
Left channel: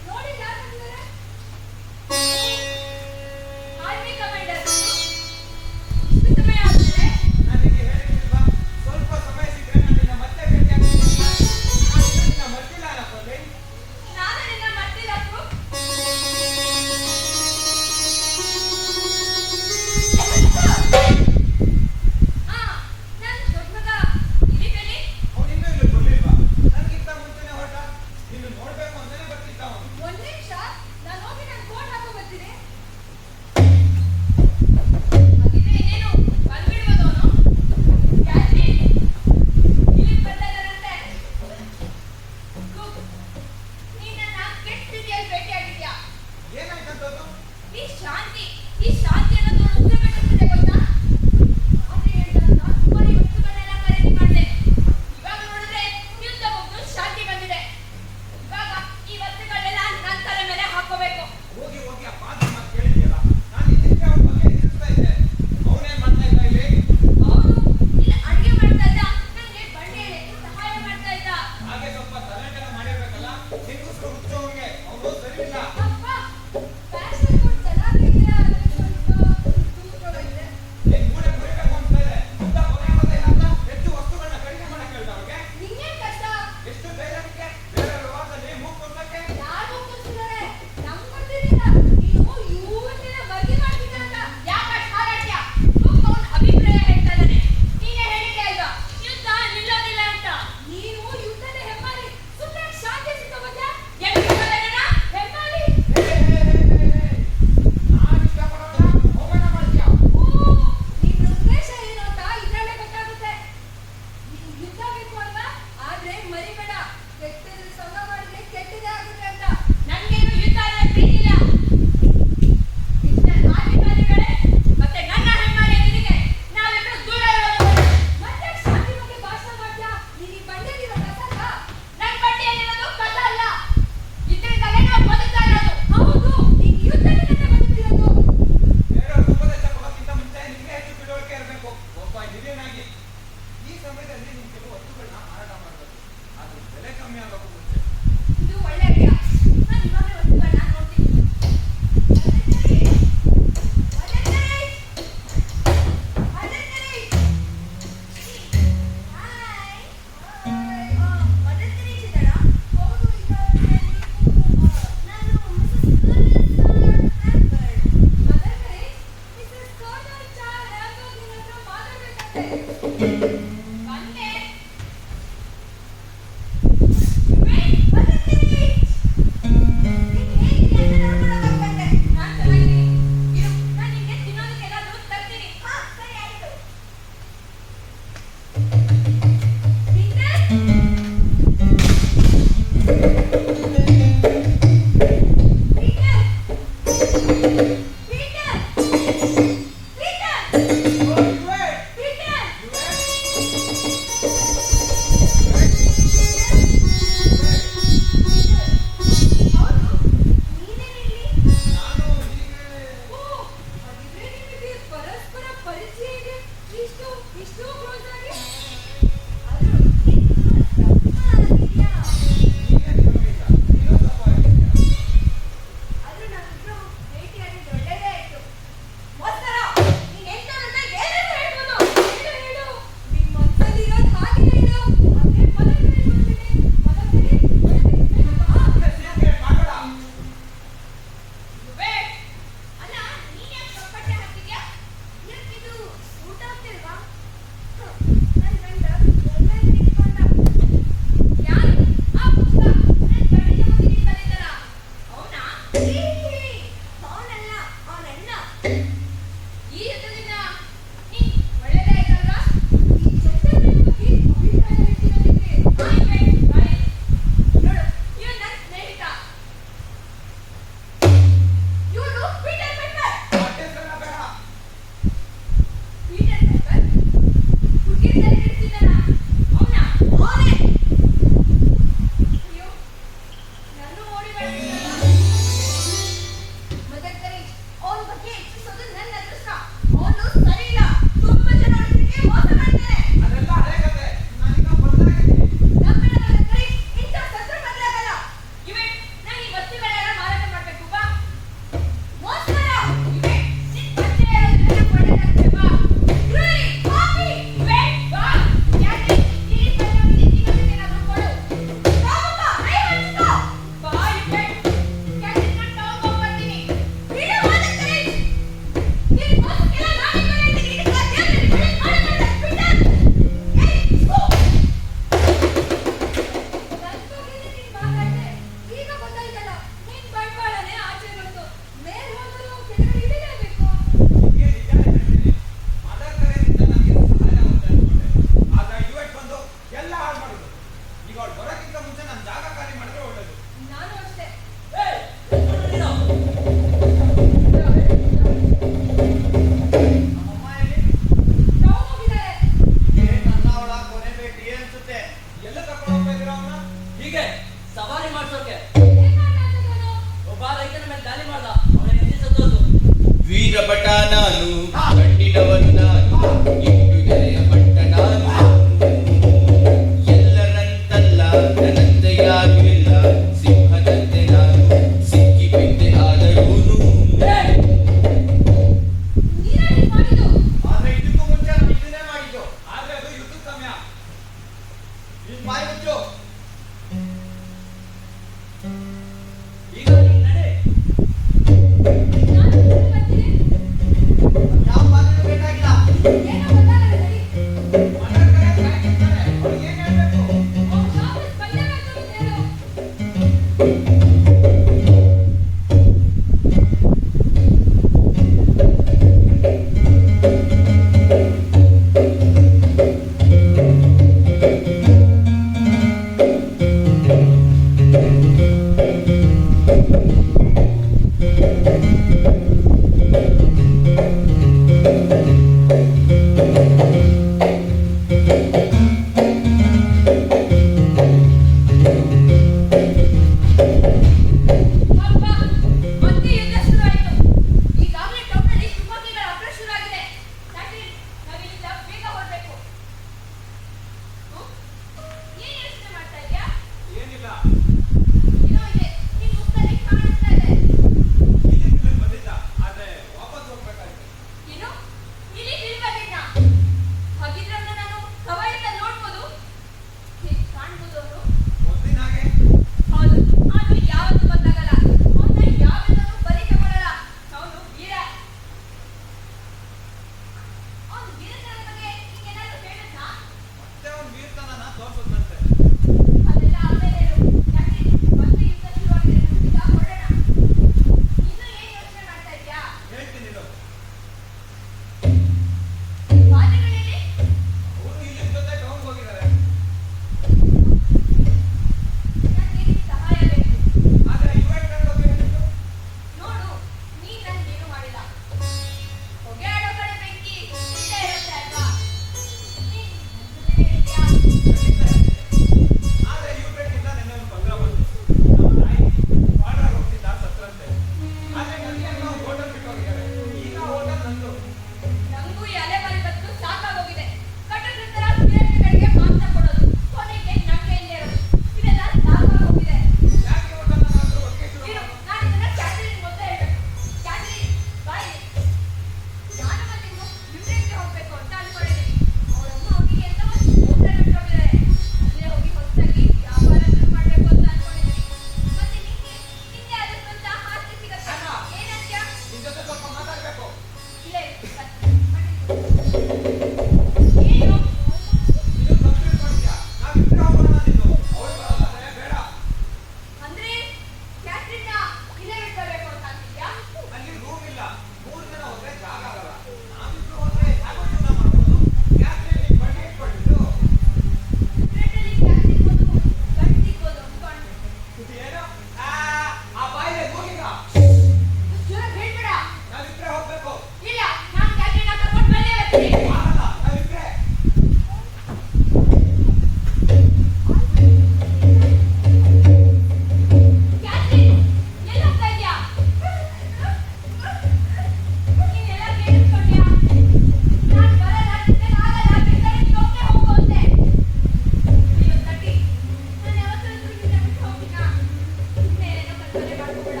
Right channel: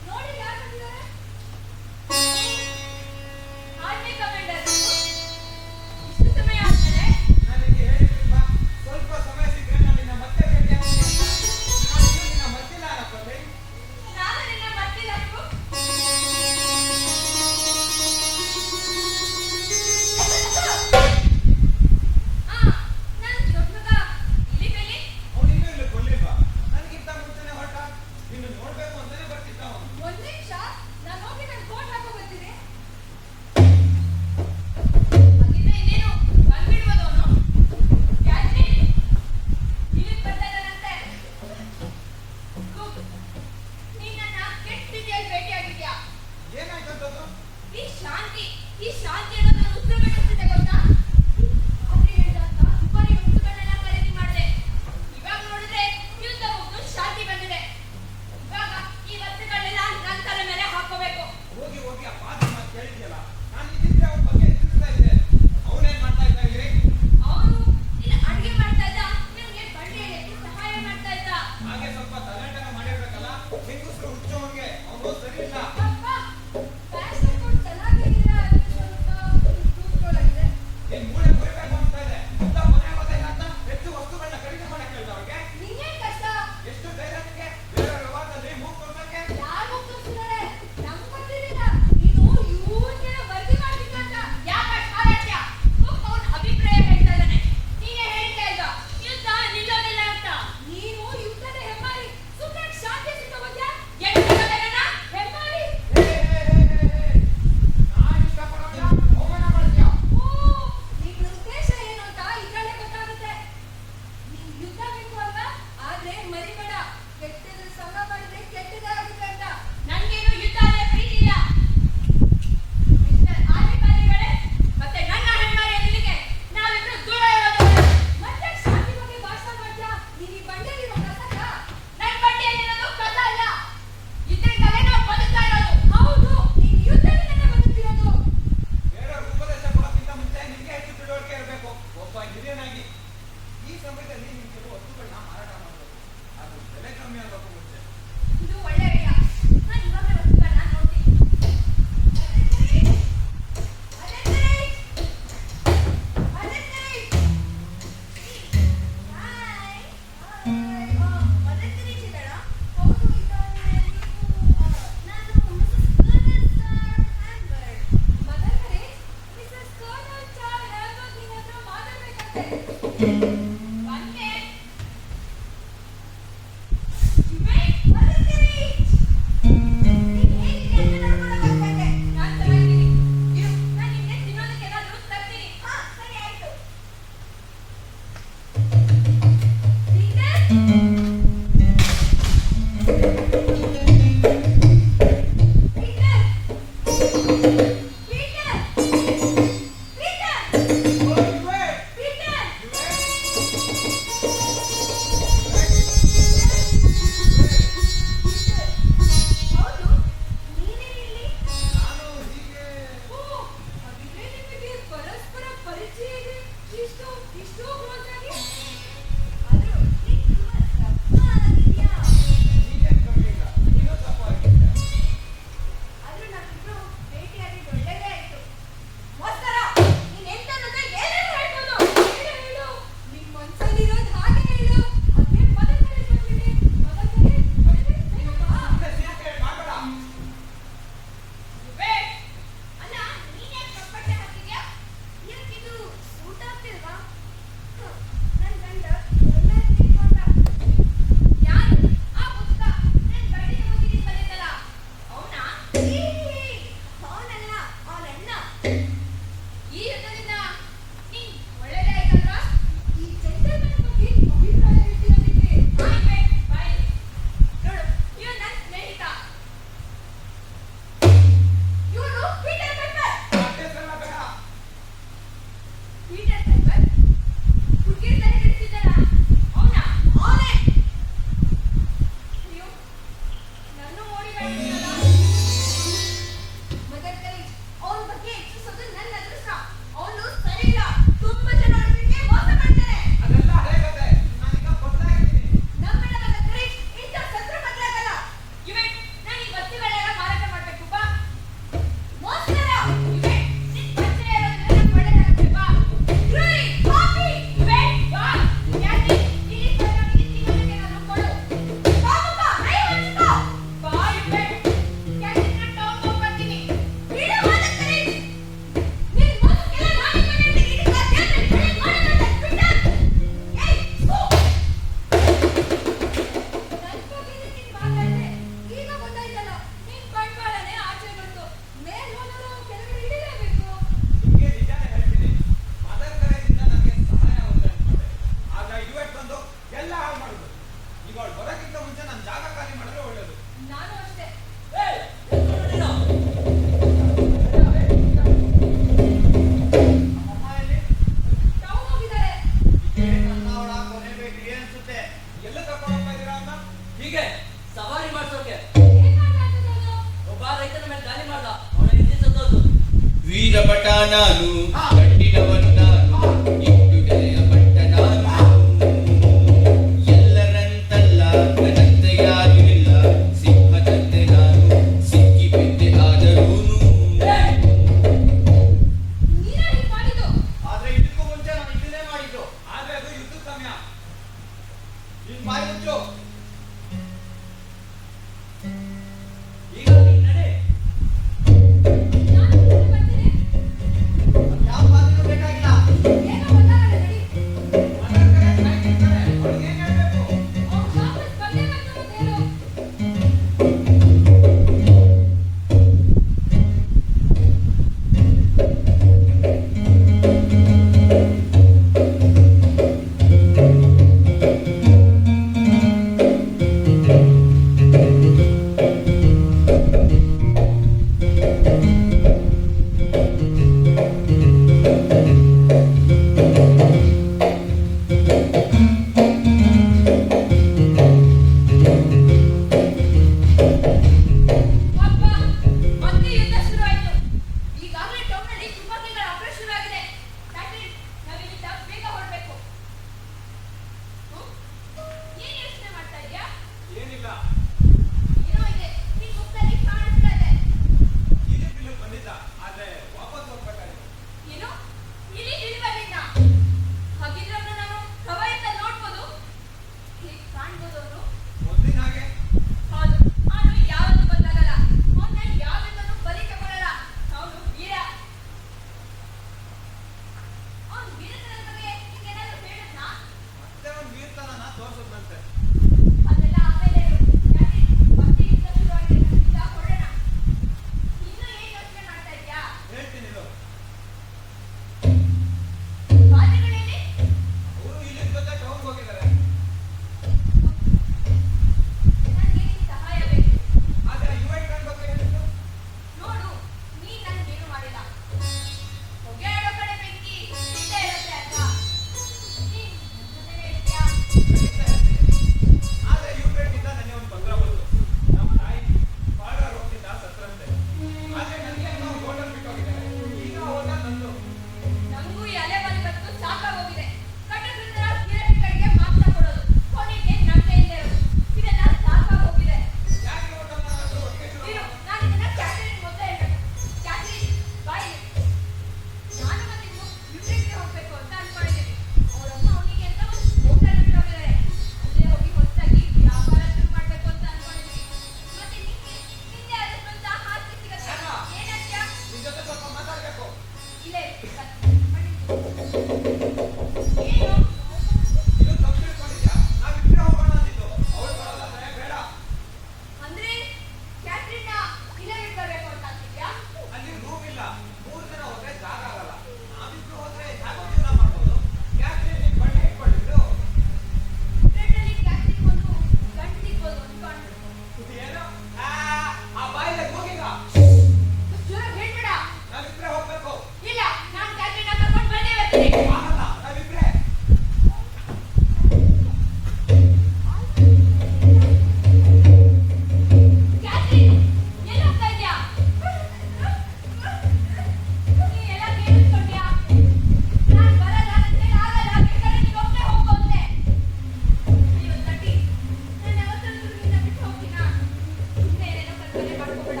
ಮಾಡ್ಕೋಬೇಡ.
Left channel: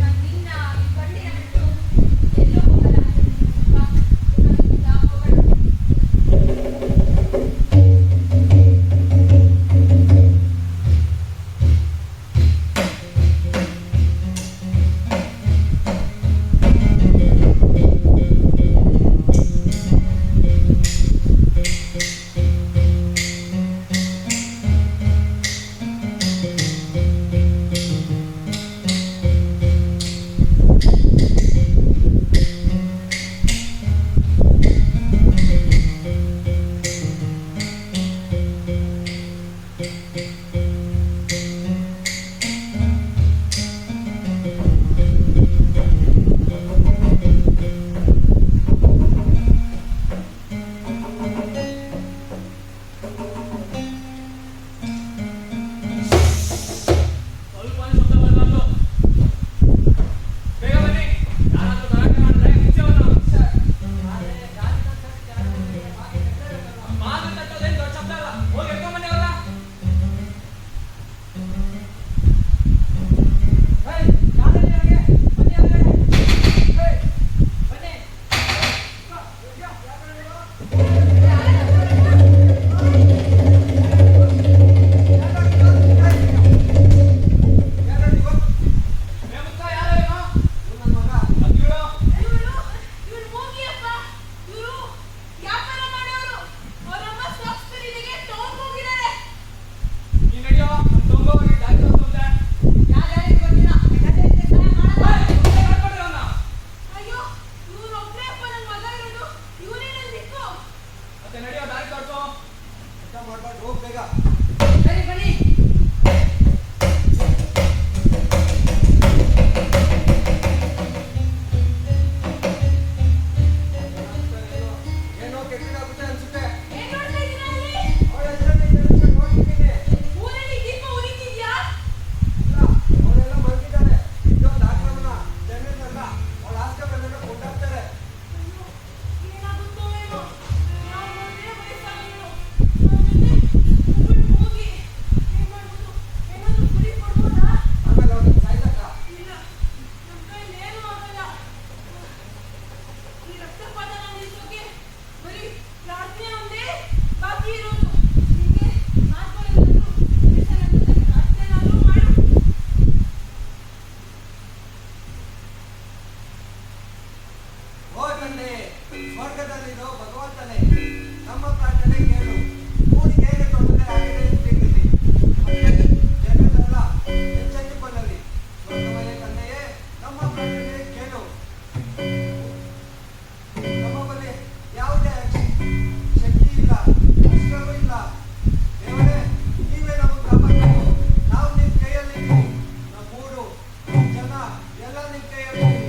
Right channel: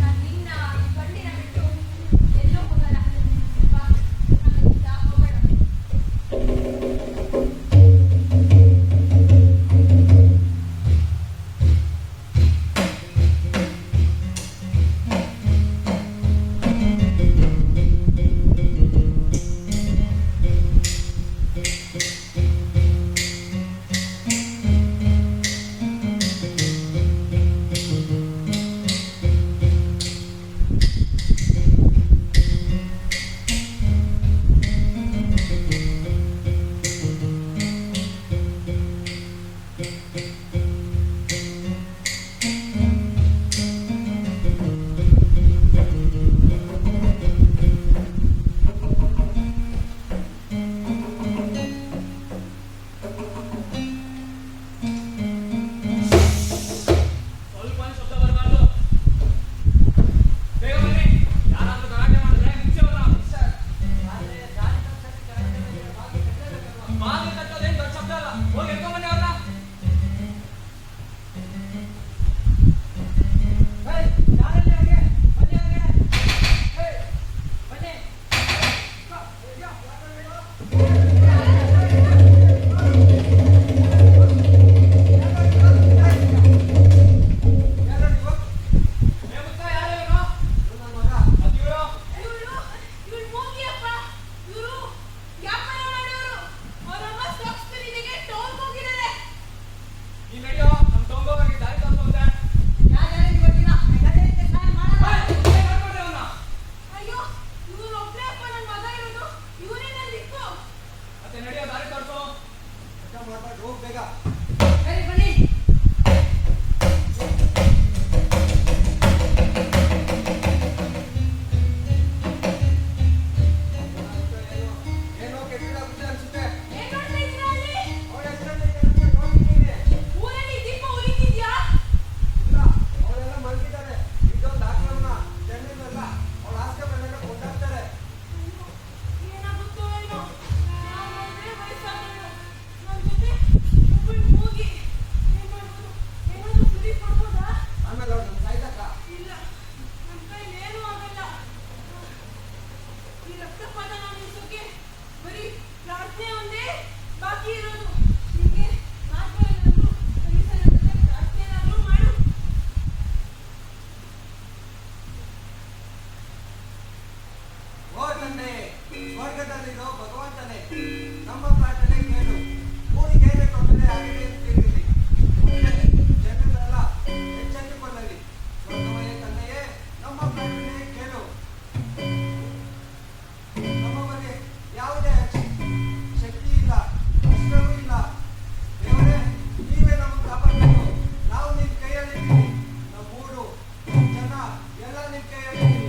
ನಾನ್ ನಿನ್ನ ಈ ಗಂಡಿನ ಬಿಟ್ಟು ಎಲ್ಲೋ ಹೋಗಲ್ಲ. ಬಾ, ನಾವಿಲ್ಲಿಂದ ಹೋಗೋಣ. ಸ್ವಲ್ಪ ಶಬ್ದ ಬರಬಾರ್ದು. ಬೇಗ ಬನ್ನಿ. ಯಾರಾದ್ರೂ ಗಲಾಟೆ ಮಾಡಿದ್ರೆ ಮುಂಚೆ ಬರೋಣ. ಬಾಗಿಲು ತಟ್ಟೋದೇನು ದೊಡ್ಡ ಶಬ್ದ ಅಲ್ಲ. ಹೋಗಿ ಎತ್ಕೊಂಡ್ ಬನ್ನಿ ಅವ್ರನ್ನ. ಇವ್ರು ಹೋಗಿಯಪ್ಪ. ಇವ್ರು ವ್ಯಾಪಾರ ಮಾಡೋರು. ಅವರಮ್ಮ ಸ್ಟಾಕ್ಸ್ ಖರೀದಿಗೆ ಟೌನ್ ಹೋಗಿದ್ದಾರೆ. ನೀನ್ ನಡಿಯೋ. ನಮ್ ತಗೊಂಬೋಗಿ ದಾರಿ ತೋರಿಸುತ್ತೆ. ಅಯ್ಯೋ, ಇವ್ರೊಬ್ರೇ ಅಪ್ಪ ನನ್ ಮಗ ಇರೋದು. ಇವರೇ ನನ್ ದಿಕ್ಕು. ಮತ್ತೆ ನಡಿಯೋ, ದಾರಿ ತೋರಿಸು. ಮಾಡ್ಬಾರ್ದು, ಹೋಗ್ ಬೇಗ. ಸರಿ ಬನ್ನಿ. ಏನೋ ಕೆಟ್ಟದಾಗುತ್ತೆ ಅನ್ಸುತ್ತೆ. ಏನ್ ನೋಡ್ತಾ ಇದ್ದೀರಾ ಅಲ್ಲಿ? ಅವ್ರ ಹೆಸರನ್ನ ಜನಕ್ಕೆ ನೋಡ್ತಿದ್ದೀನಿ. ಊರಲ್ಲಿ ದೀಪ ಉರಿತಿದ್ಯಾ? ಇಲ್ಲ, ಅವರೆಲ್ಲ ಮಲ್ತಿದ್ದಾರೆ. ಇದೊಂದು ಆಕ್ರಮಣ. ಜನರಲ್ಲ ಅವಳ ಆಸ್ತಿ ಕೊಂಡಾಡ್ತಾರೆ. ಅಯ್ಯೋ, ಏನಾಗುತ್ತೋ ಏನೋ. ನಾವು ನೋಡಿದ್ರೆ ವಯಸ್ಸಾದವಳು. ನನ್ ಜೊತೆ ಒಬ್ಬಳು ಹೋಗಿ ಏನ್ ಮಾಡ್ಬೋದು? ಏನಾದ್ರೂ ಸುಳಿ ಕೊಡ್ಬೋದಾ? ಆಮೇಲೆ ಅವ್ರನ್ನ ಸಾಯ್ತಕ್ಕ. ಇಲ್ಲ, ನನ್ ಕೈಲಿ ಏನೂ ಆಗಲ್ಲ. ಈ ರಕ್ತಪಾತನ ನಿಲ್ಸೋಕೆ ಬರೀ ಪ್ರಾರ್ಥನೆ ಒಂದೇ ಬಾಕಿ ಇರೋದು. ನಿಮ್ಗೆ ಮಾತು ಬರೋದು ಕನಿಷ್ಠ ನನ್ನ ಜೊತೆ ಪ್ರಾರ್ಥನೆನಾದ್ರೂ ಮಾಡು. ಓ ತಂದೆ, ಸ್ವರ್ಗದಲ್ಲಿರೋ ಭಗವಂತನೇ, ನಮ್ಮ ಪ್ರಾರ್ಥನೆ ಕೇಳು. ಊರಿಗೆ ಏನೇ ತೊಂದರೆ ಆಗಿದೆ ತಿಳಿರಲಿ. ಮತ್ತೆ ಜನರೆಲ್ಲ ಎಚ್ಚೆತ್ತುಕೊಳ್ಳಲಿ. ಸ್ವರ್ಗವೇ ತಂದೆಯೇ, ನಮ್ಮ ಪ್ರಾರ್ಥನೆ ಕೇಳು. ನಮ್ಮ ಬಳಿ ಯಾವುದೇ ಶಕ್ತಿ ಇಲ್ಲ, ಅಸ್ತ್ರವೂ ಇಲ್ಲ. ದೇವರೇ, ನೀವೇ ನಮಗೆ ಕಾಪಾಡಬೇಕು. ನಾವು ನಿಮ್ಮ ಕೈಯಲ್ಲಿದ್ದೀವಿ. ನಮ್ಮ ಊರು, ನಮ್ಮ ಜನ ಎಲ್ಲ ನಿಮ್ಮ ಕೈಯಲ್ಲಿದ್ದೀವಿ.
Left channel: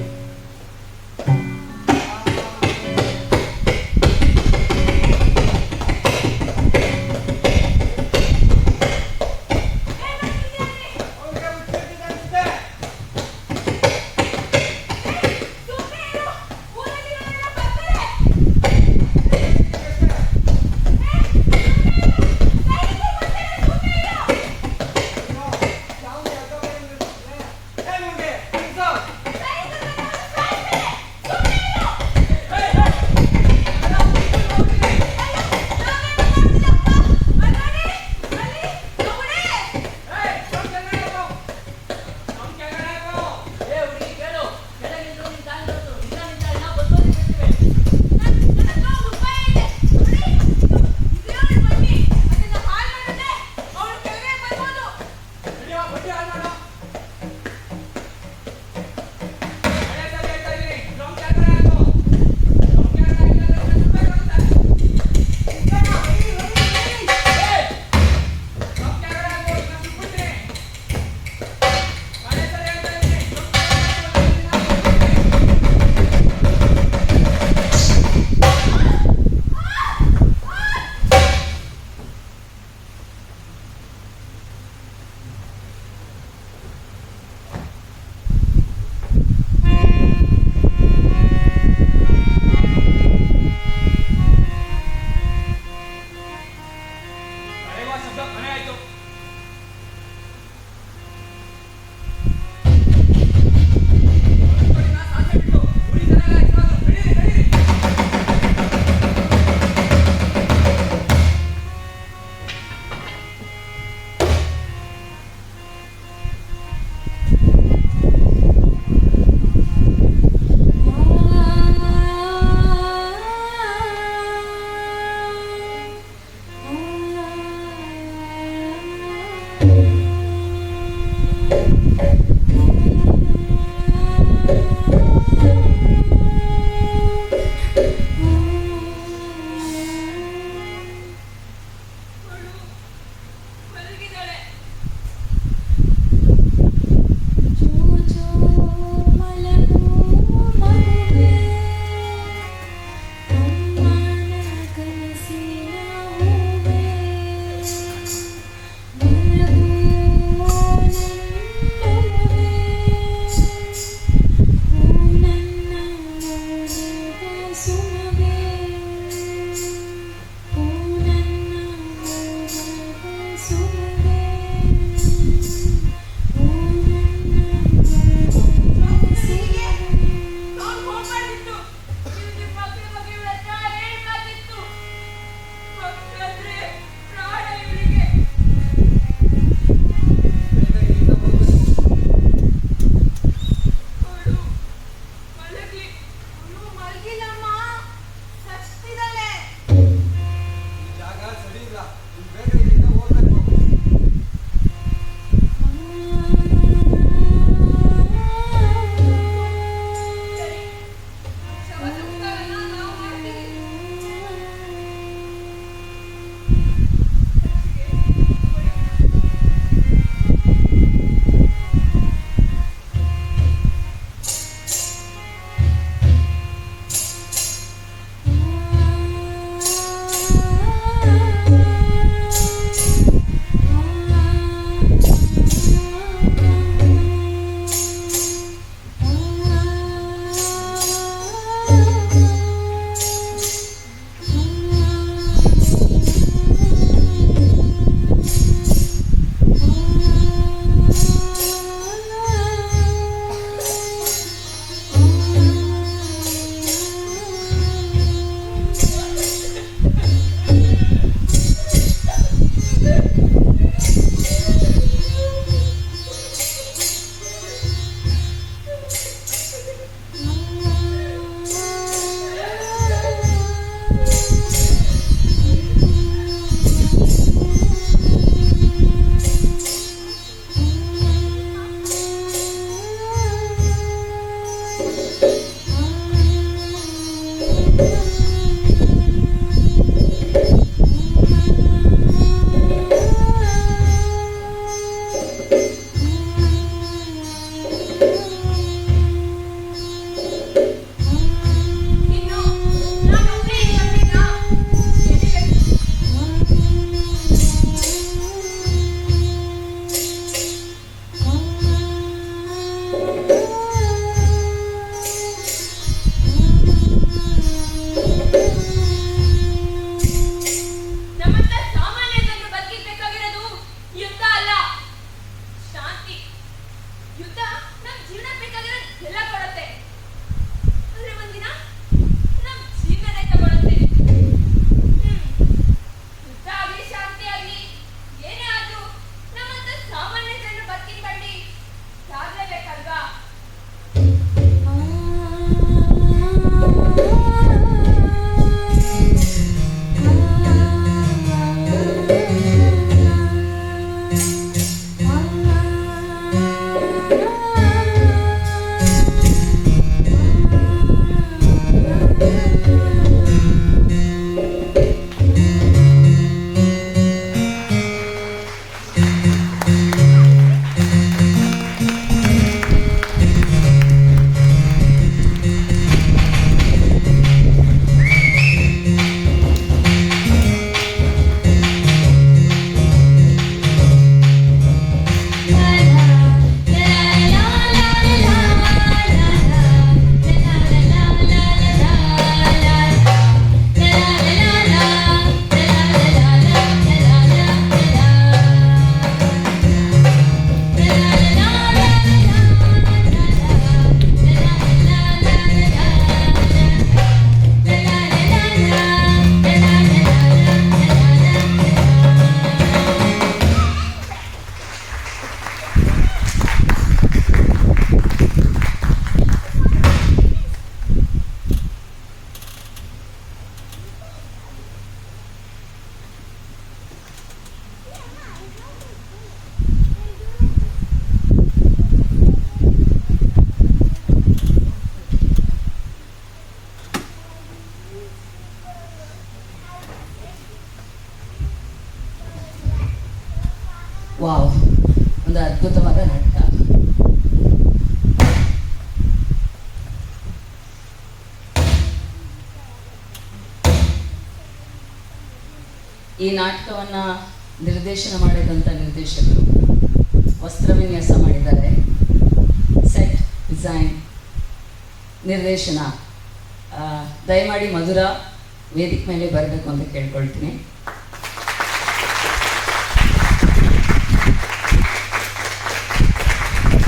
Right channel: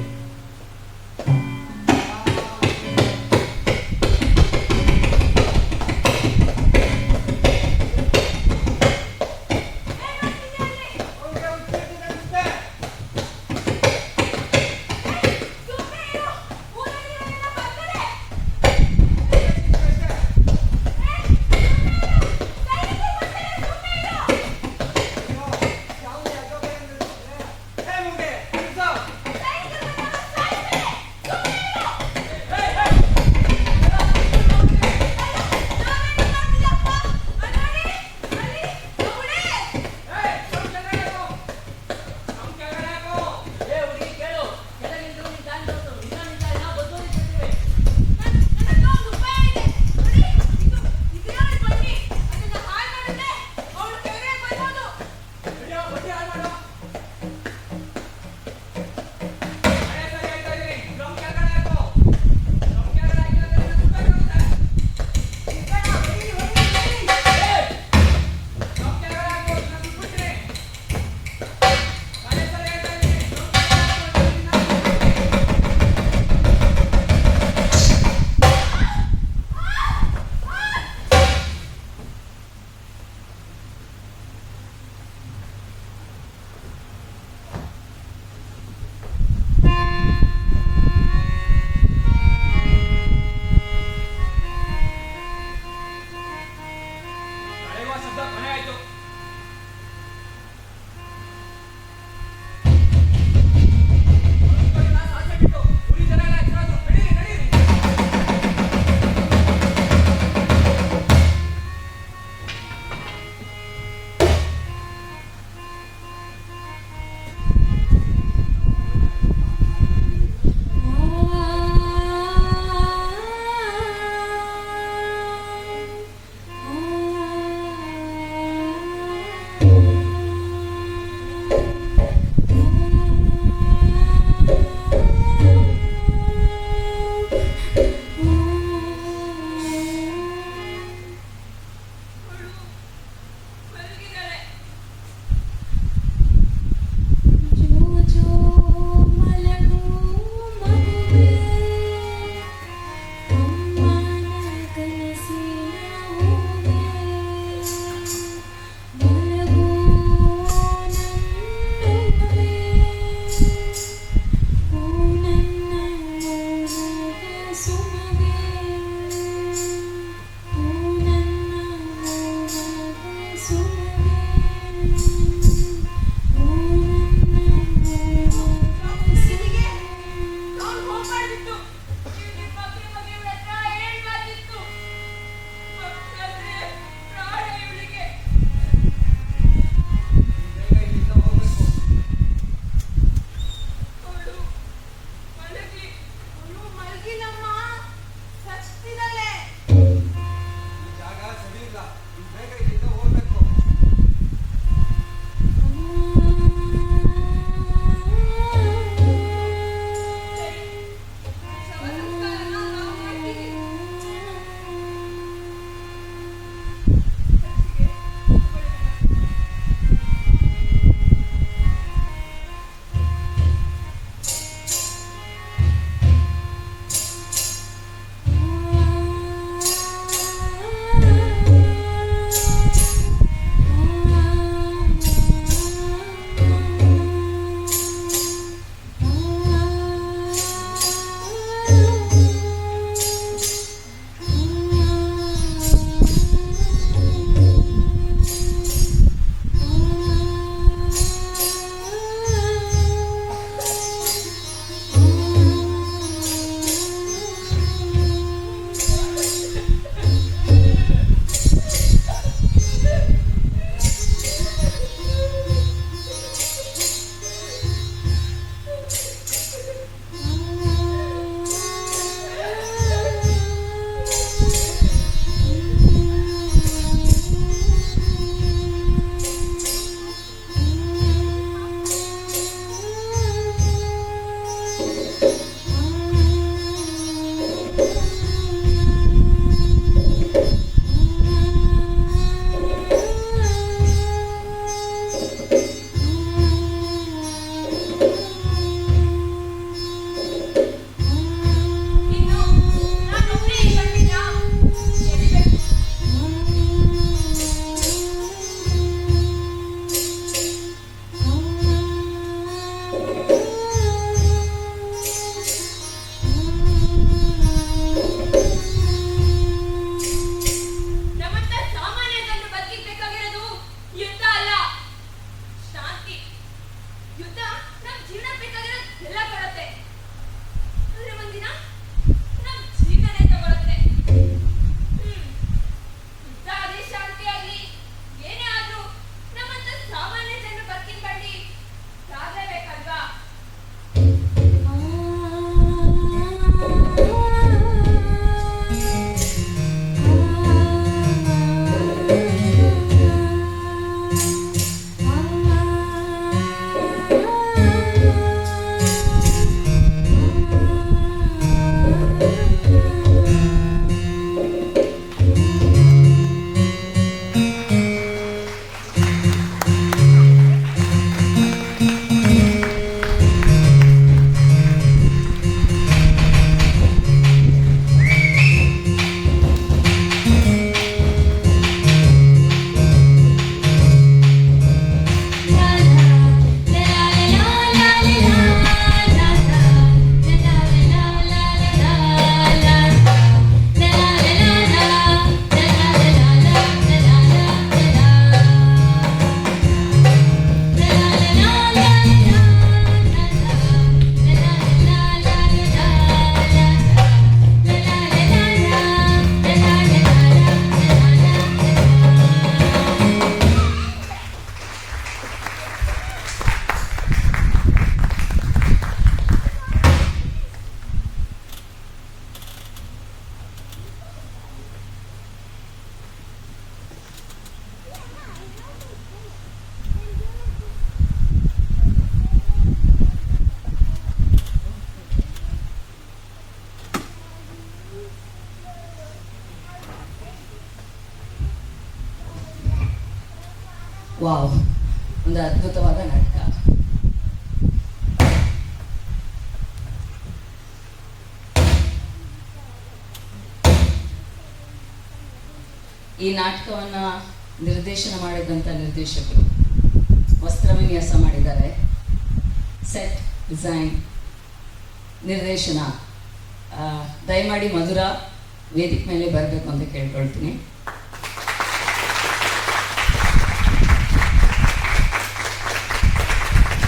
ಜೀವನಕ್ಕೆ ಬೇಕಾಗಿರೋದು ಎಲ್ಲ ಕೊಡುತ್ತೆ. ಆದ್ರೆ ಒಂದಿನ ನಮ್ ಜೀವನನೇ ತಗೊಳುತ್ತೆ. ಯುದ್ಧ ಆಗ್ಲಿ ಶಾಂತಿ ಆಗ್ಲಿ ಏನೇ ಆದ್ರೂ ನಮ್ಮಂತ ಸಾಮಾನ್ಯ ಜನರು ಬದುಕಿನ ಬಂಡಿ ಸಾಗಲೇಬೇಕಲ್ವಾ? ವಾವ್, ಒಂದು ಅದ್ಭುತವಾದ ನಾಟಕ. ಈ ನಾಟಕವನ್ನ ನಿರ್ದೇಶನ ಮಾಡಿದಂಥ ನಿರ್ದೇಶಕರು ವಸ್ತ್ರ ವಿನ್ಯಾಸ ಮಾಡಿದ್ದಾರೆ. ಸೆಟ್ ಡಿಸೈನ್, ನಿರ್ದೇಶನ. ದಯಮಾಡಿ ಮಧುರ ವೇದಿಕೆ ಮೇಲೆ ಬರಬೇಕು ಅಂತ ಕೇಳ್ಕೊಳ್ತೀನಿ.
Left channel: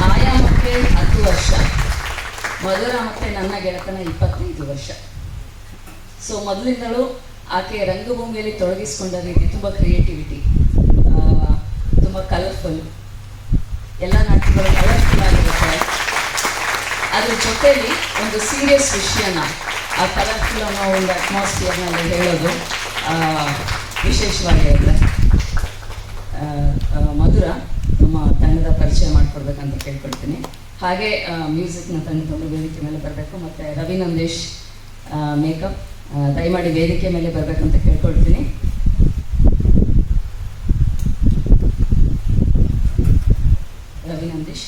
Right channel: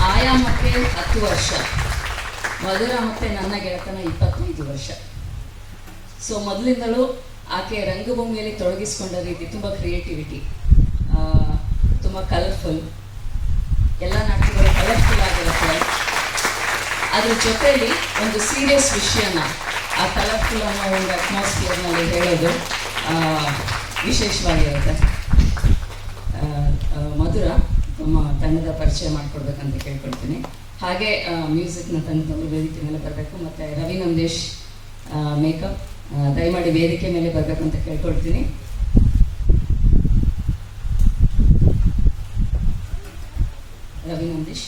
ಆಯಾಮಕ್ಕೆ 10 ವರ್ಷ, ಮಧುರ ಮತ್ತು ನನ್ನ ಗೆಳತನ 25 ವರ್ಷ. ಸೊ ಮೊದಲಿಂದಲೂ ಆಕೆ ರಂಗಭೂಮಿಯಲ್ಲಿ ತೊಡಗಿಸ್ಕೊಂಡ ರೀತಿ ತುಂಬ ಕ್ರಿಯೇಟಿವಿಟಿ, ತುಂಬ ಕಲರ್ಫುಲ್, ಎಲ್ಲ ನಾಟಕಗಳು ಕಲರ್ಫುಲ್ ಆಗಿರುತ್ತೆ. ಅದ್ರ ಜೊತೆಯಲ್ಲಿ ಒಂದು ಸೀರಿಯಸ್ ವಿಷಯನ ಆ ಕಲರ್ಫುಲ್ ಅನ್ನೋ ಒಂದು ಅಟ್ಮಾಸ್ಫಿಯರ್ನಲ್ಲಿ ಹೇಳೋದು ವಿಶೇಷವಾಗಿರುತ್ತೆ. ಮಧುರ ನಮ್ಮ ತಂಡದ ಪರಿಚಯ ಮಾಡಿಕೊಡ್ಬೇಕಂತ ಕೇಳ್ಕೊಳ್ತೀನಿ. ಹಾಗೆ ಮ್ಯೂಸಿಕ್ನ ತಂಡದಲ್ಲಿ ವೇದಿಕೆ ಮೇಲೆ ಬರಬೇಕು. ಮತ್ತು ರವಿ ನಂದೇಶ್ ಮೇಕಪ್ ದಯಮಾಡಿ ವೇದಿಕೆ ಮೇಲೆ ಬರಬೇಕಂತ ಕೇಳ್ಕೊಳ್ತೀನಿ. ರವಿ ನಂದೇಶ್.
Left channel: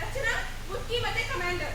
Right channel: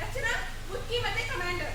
ರಚನಾ ಮುಟ್ಕಿ ಮತ್ತೆ ಕಮಾಂಡರ್.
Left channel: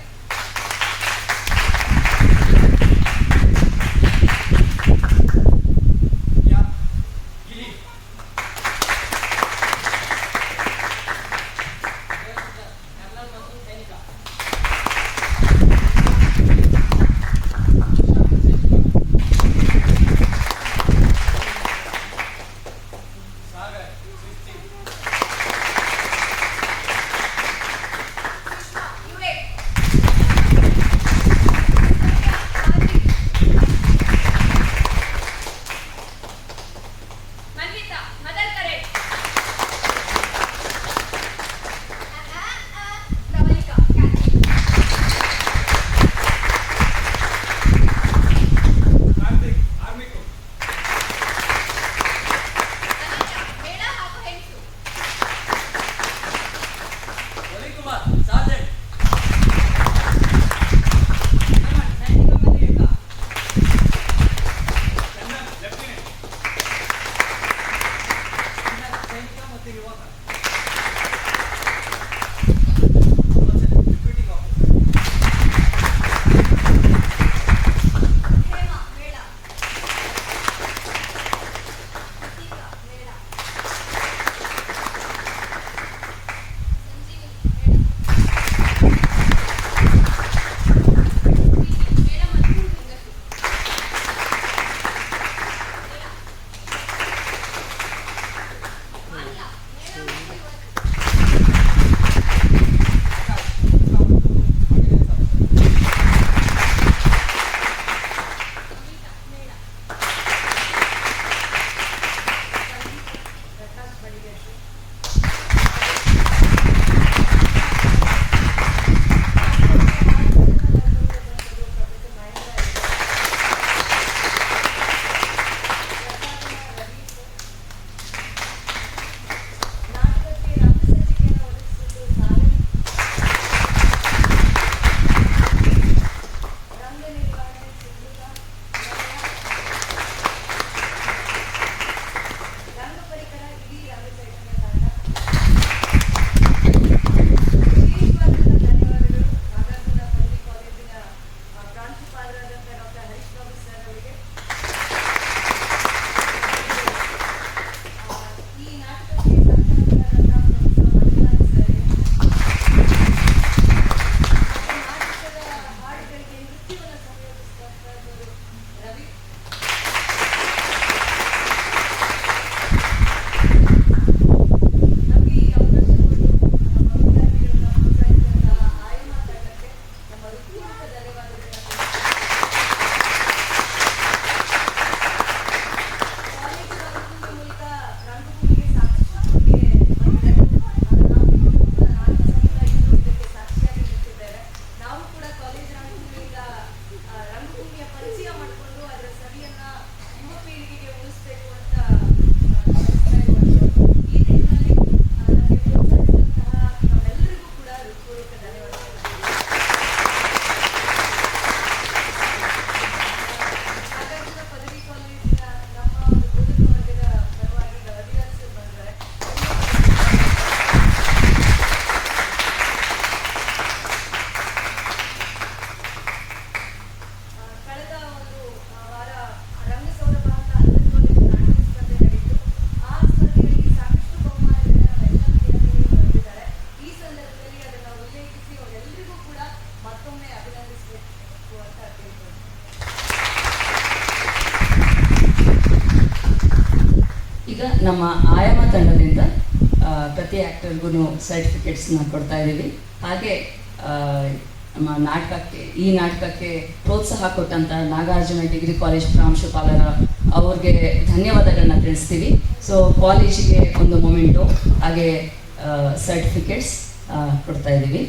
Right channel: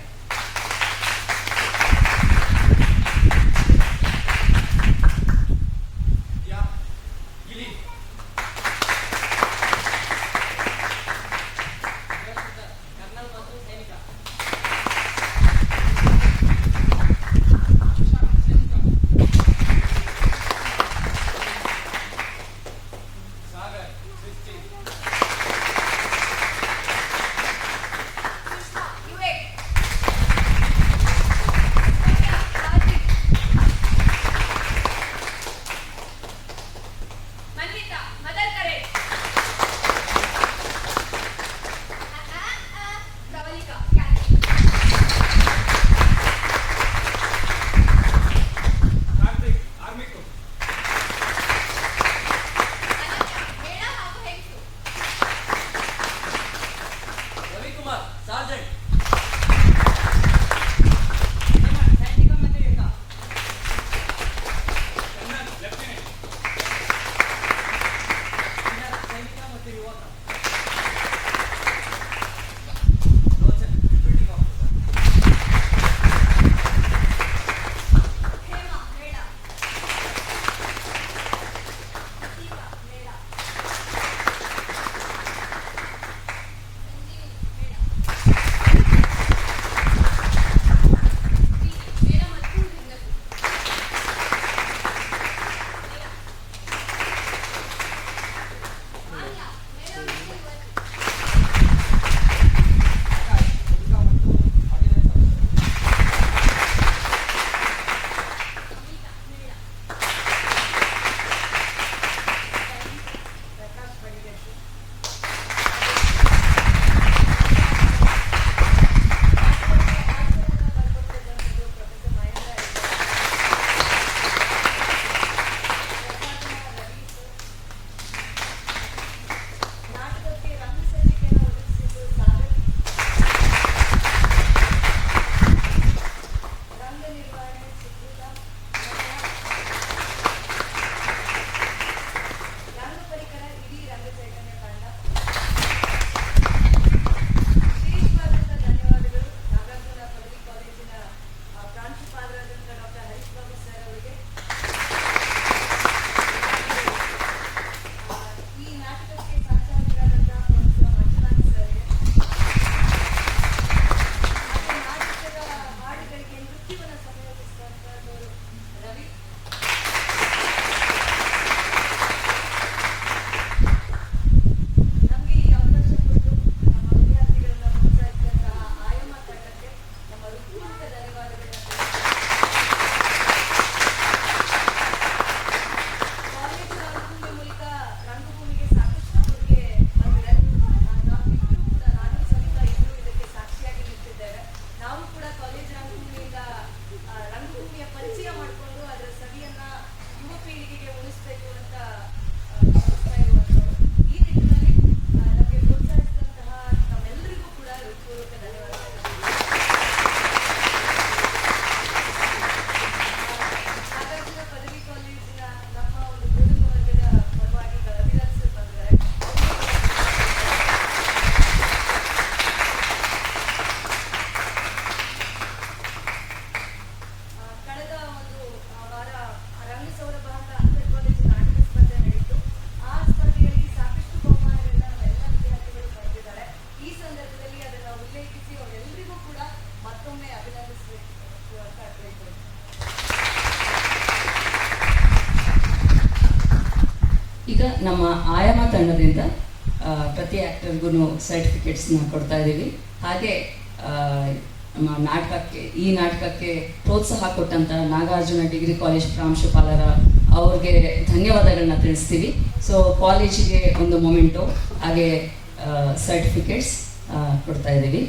ನಮ್ಮ ಆಯಾಮ ತಂಡದಿಂದ ಪ್ರತಿ ಆ್ಯಕ್ಟರ್ಗೂ ಸರ್ಟಿಫಿಕೇಟ್ಸ್ನ ಕೊಡ್ತಾ ಇದ್ದೀವಿ. ಹಾಗೆ ನಮ್ಮ ಈ ನಾಟಕಕ್ಕೆ ಪ್ರೋತ್ಸಾಹ ಕೊಟ್ಟಂಥ ನಾಗಾರ್ಜುನ ಡಿಗ್ರಿ ಕಾಲೇಜ್ ಪ್ರಾಂಶುಪಾಲರ ಅವ್ರಿಗೆ ಧನ್ಯವಾದಗಳನ್ನ ತಿಳಿಸ್ತೀವಿ. ಸೊ ಕಾಲೇಜಿಗೆ ಒಂದು ಮೊಮೆಂಟು ಹಾಗೆ ಸರ್ಟಿಫಿಕೇಟ್ಸ್ ಕೊಡ್ತಾ ಇದ್ದೀವಿ.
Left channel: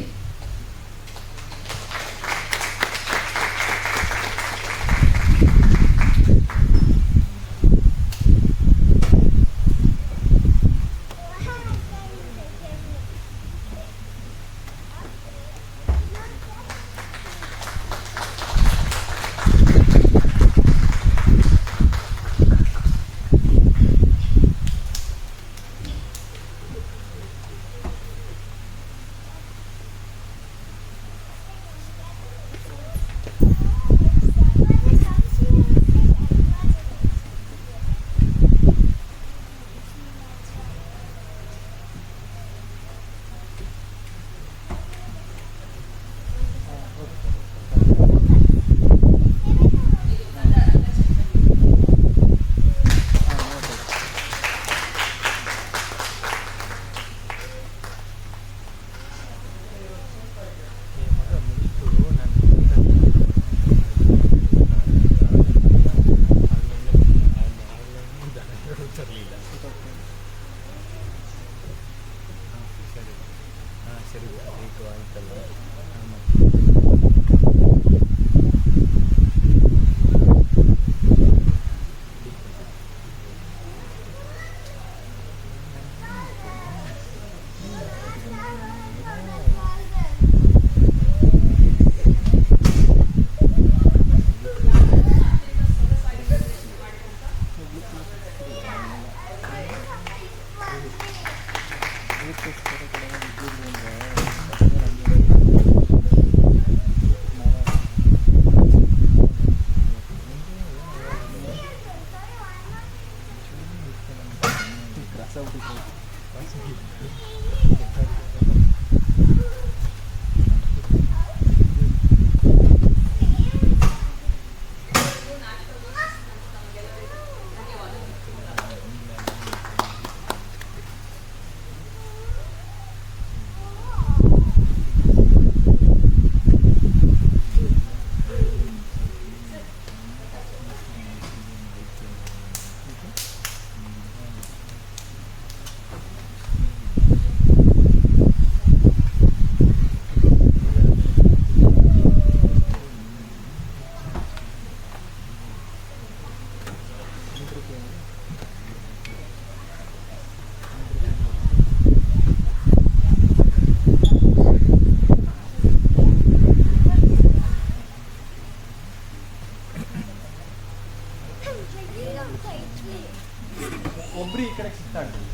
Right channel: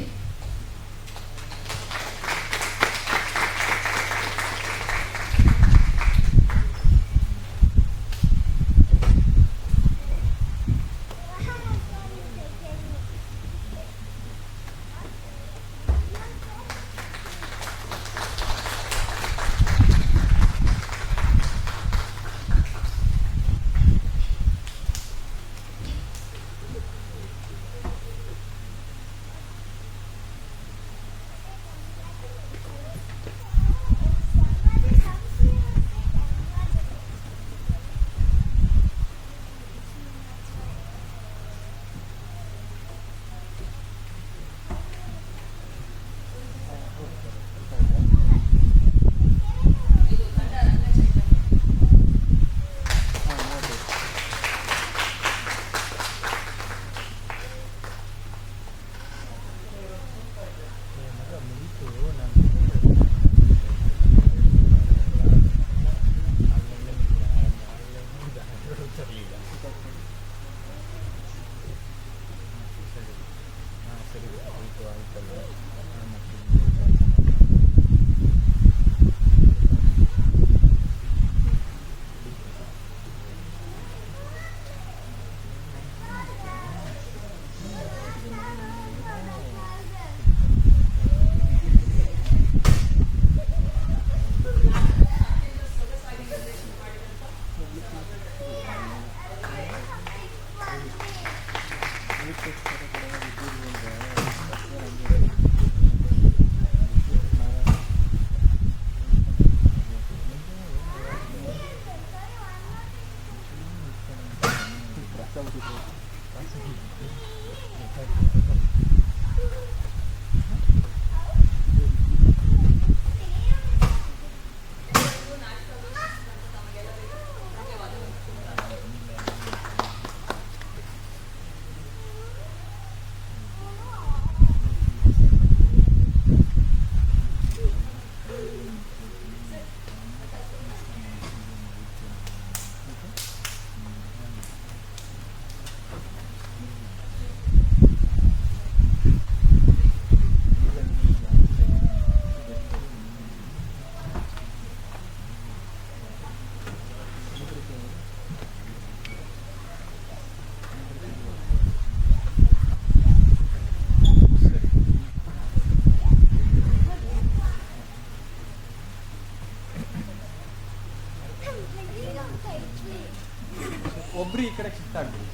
ಒಬ್ರು ಈ ಕಡೆ ಶಿಫ್ಟ್ ಆಗ್ಬೋದು.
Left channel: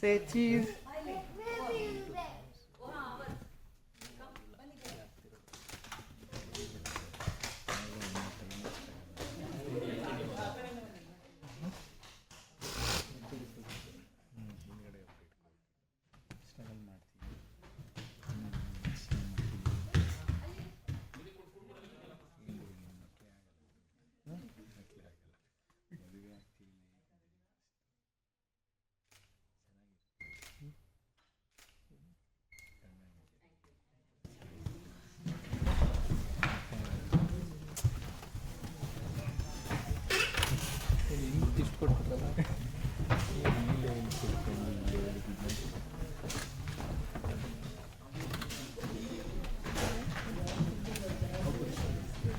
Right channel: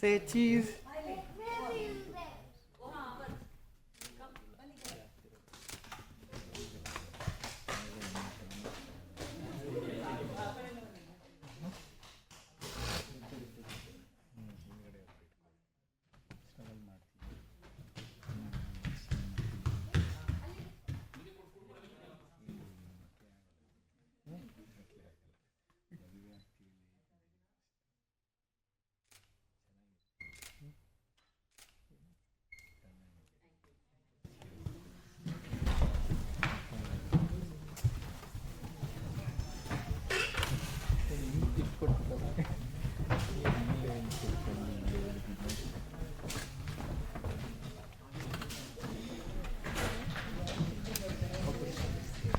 Say cheese.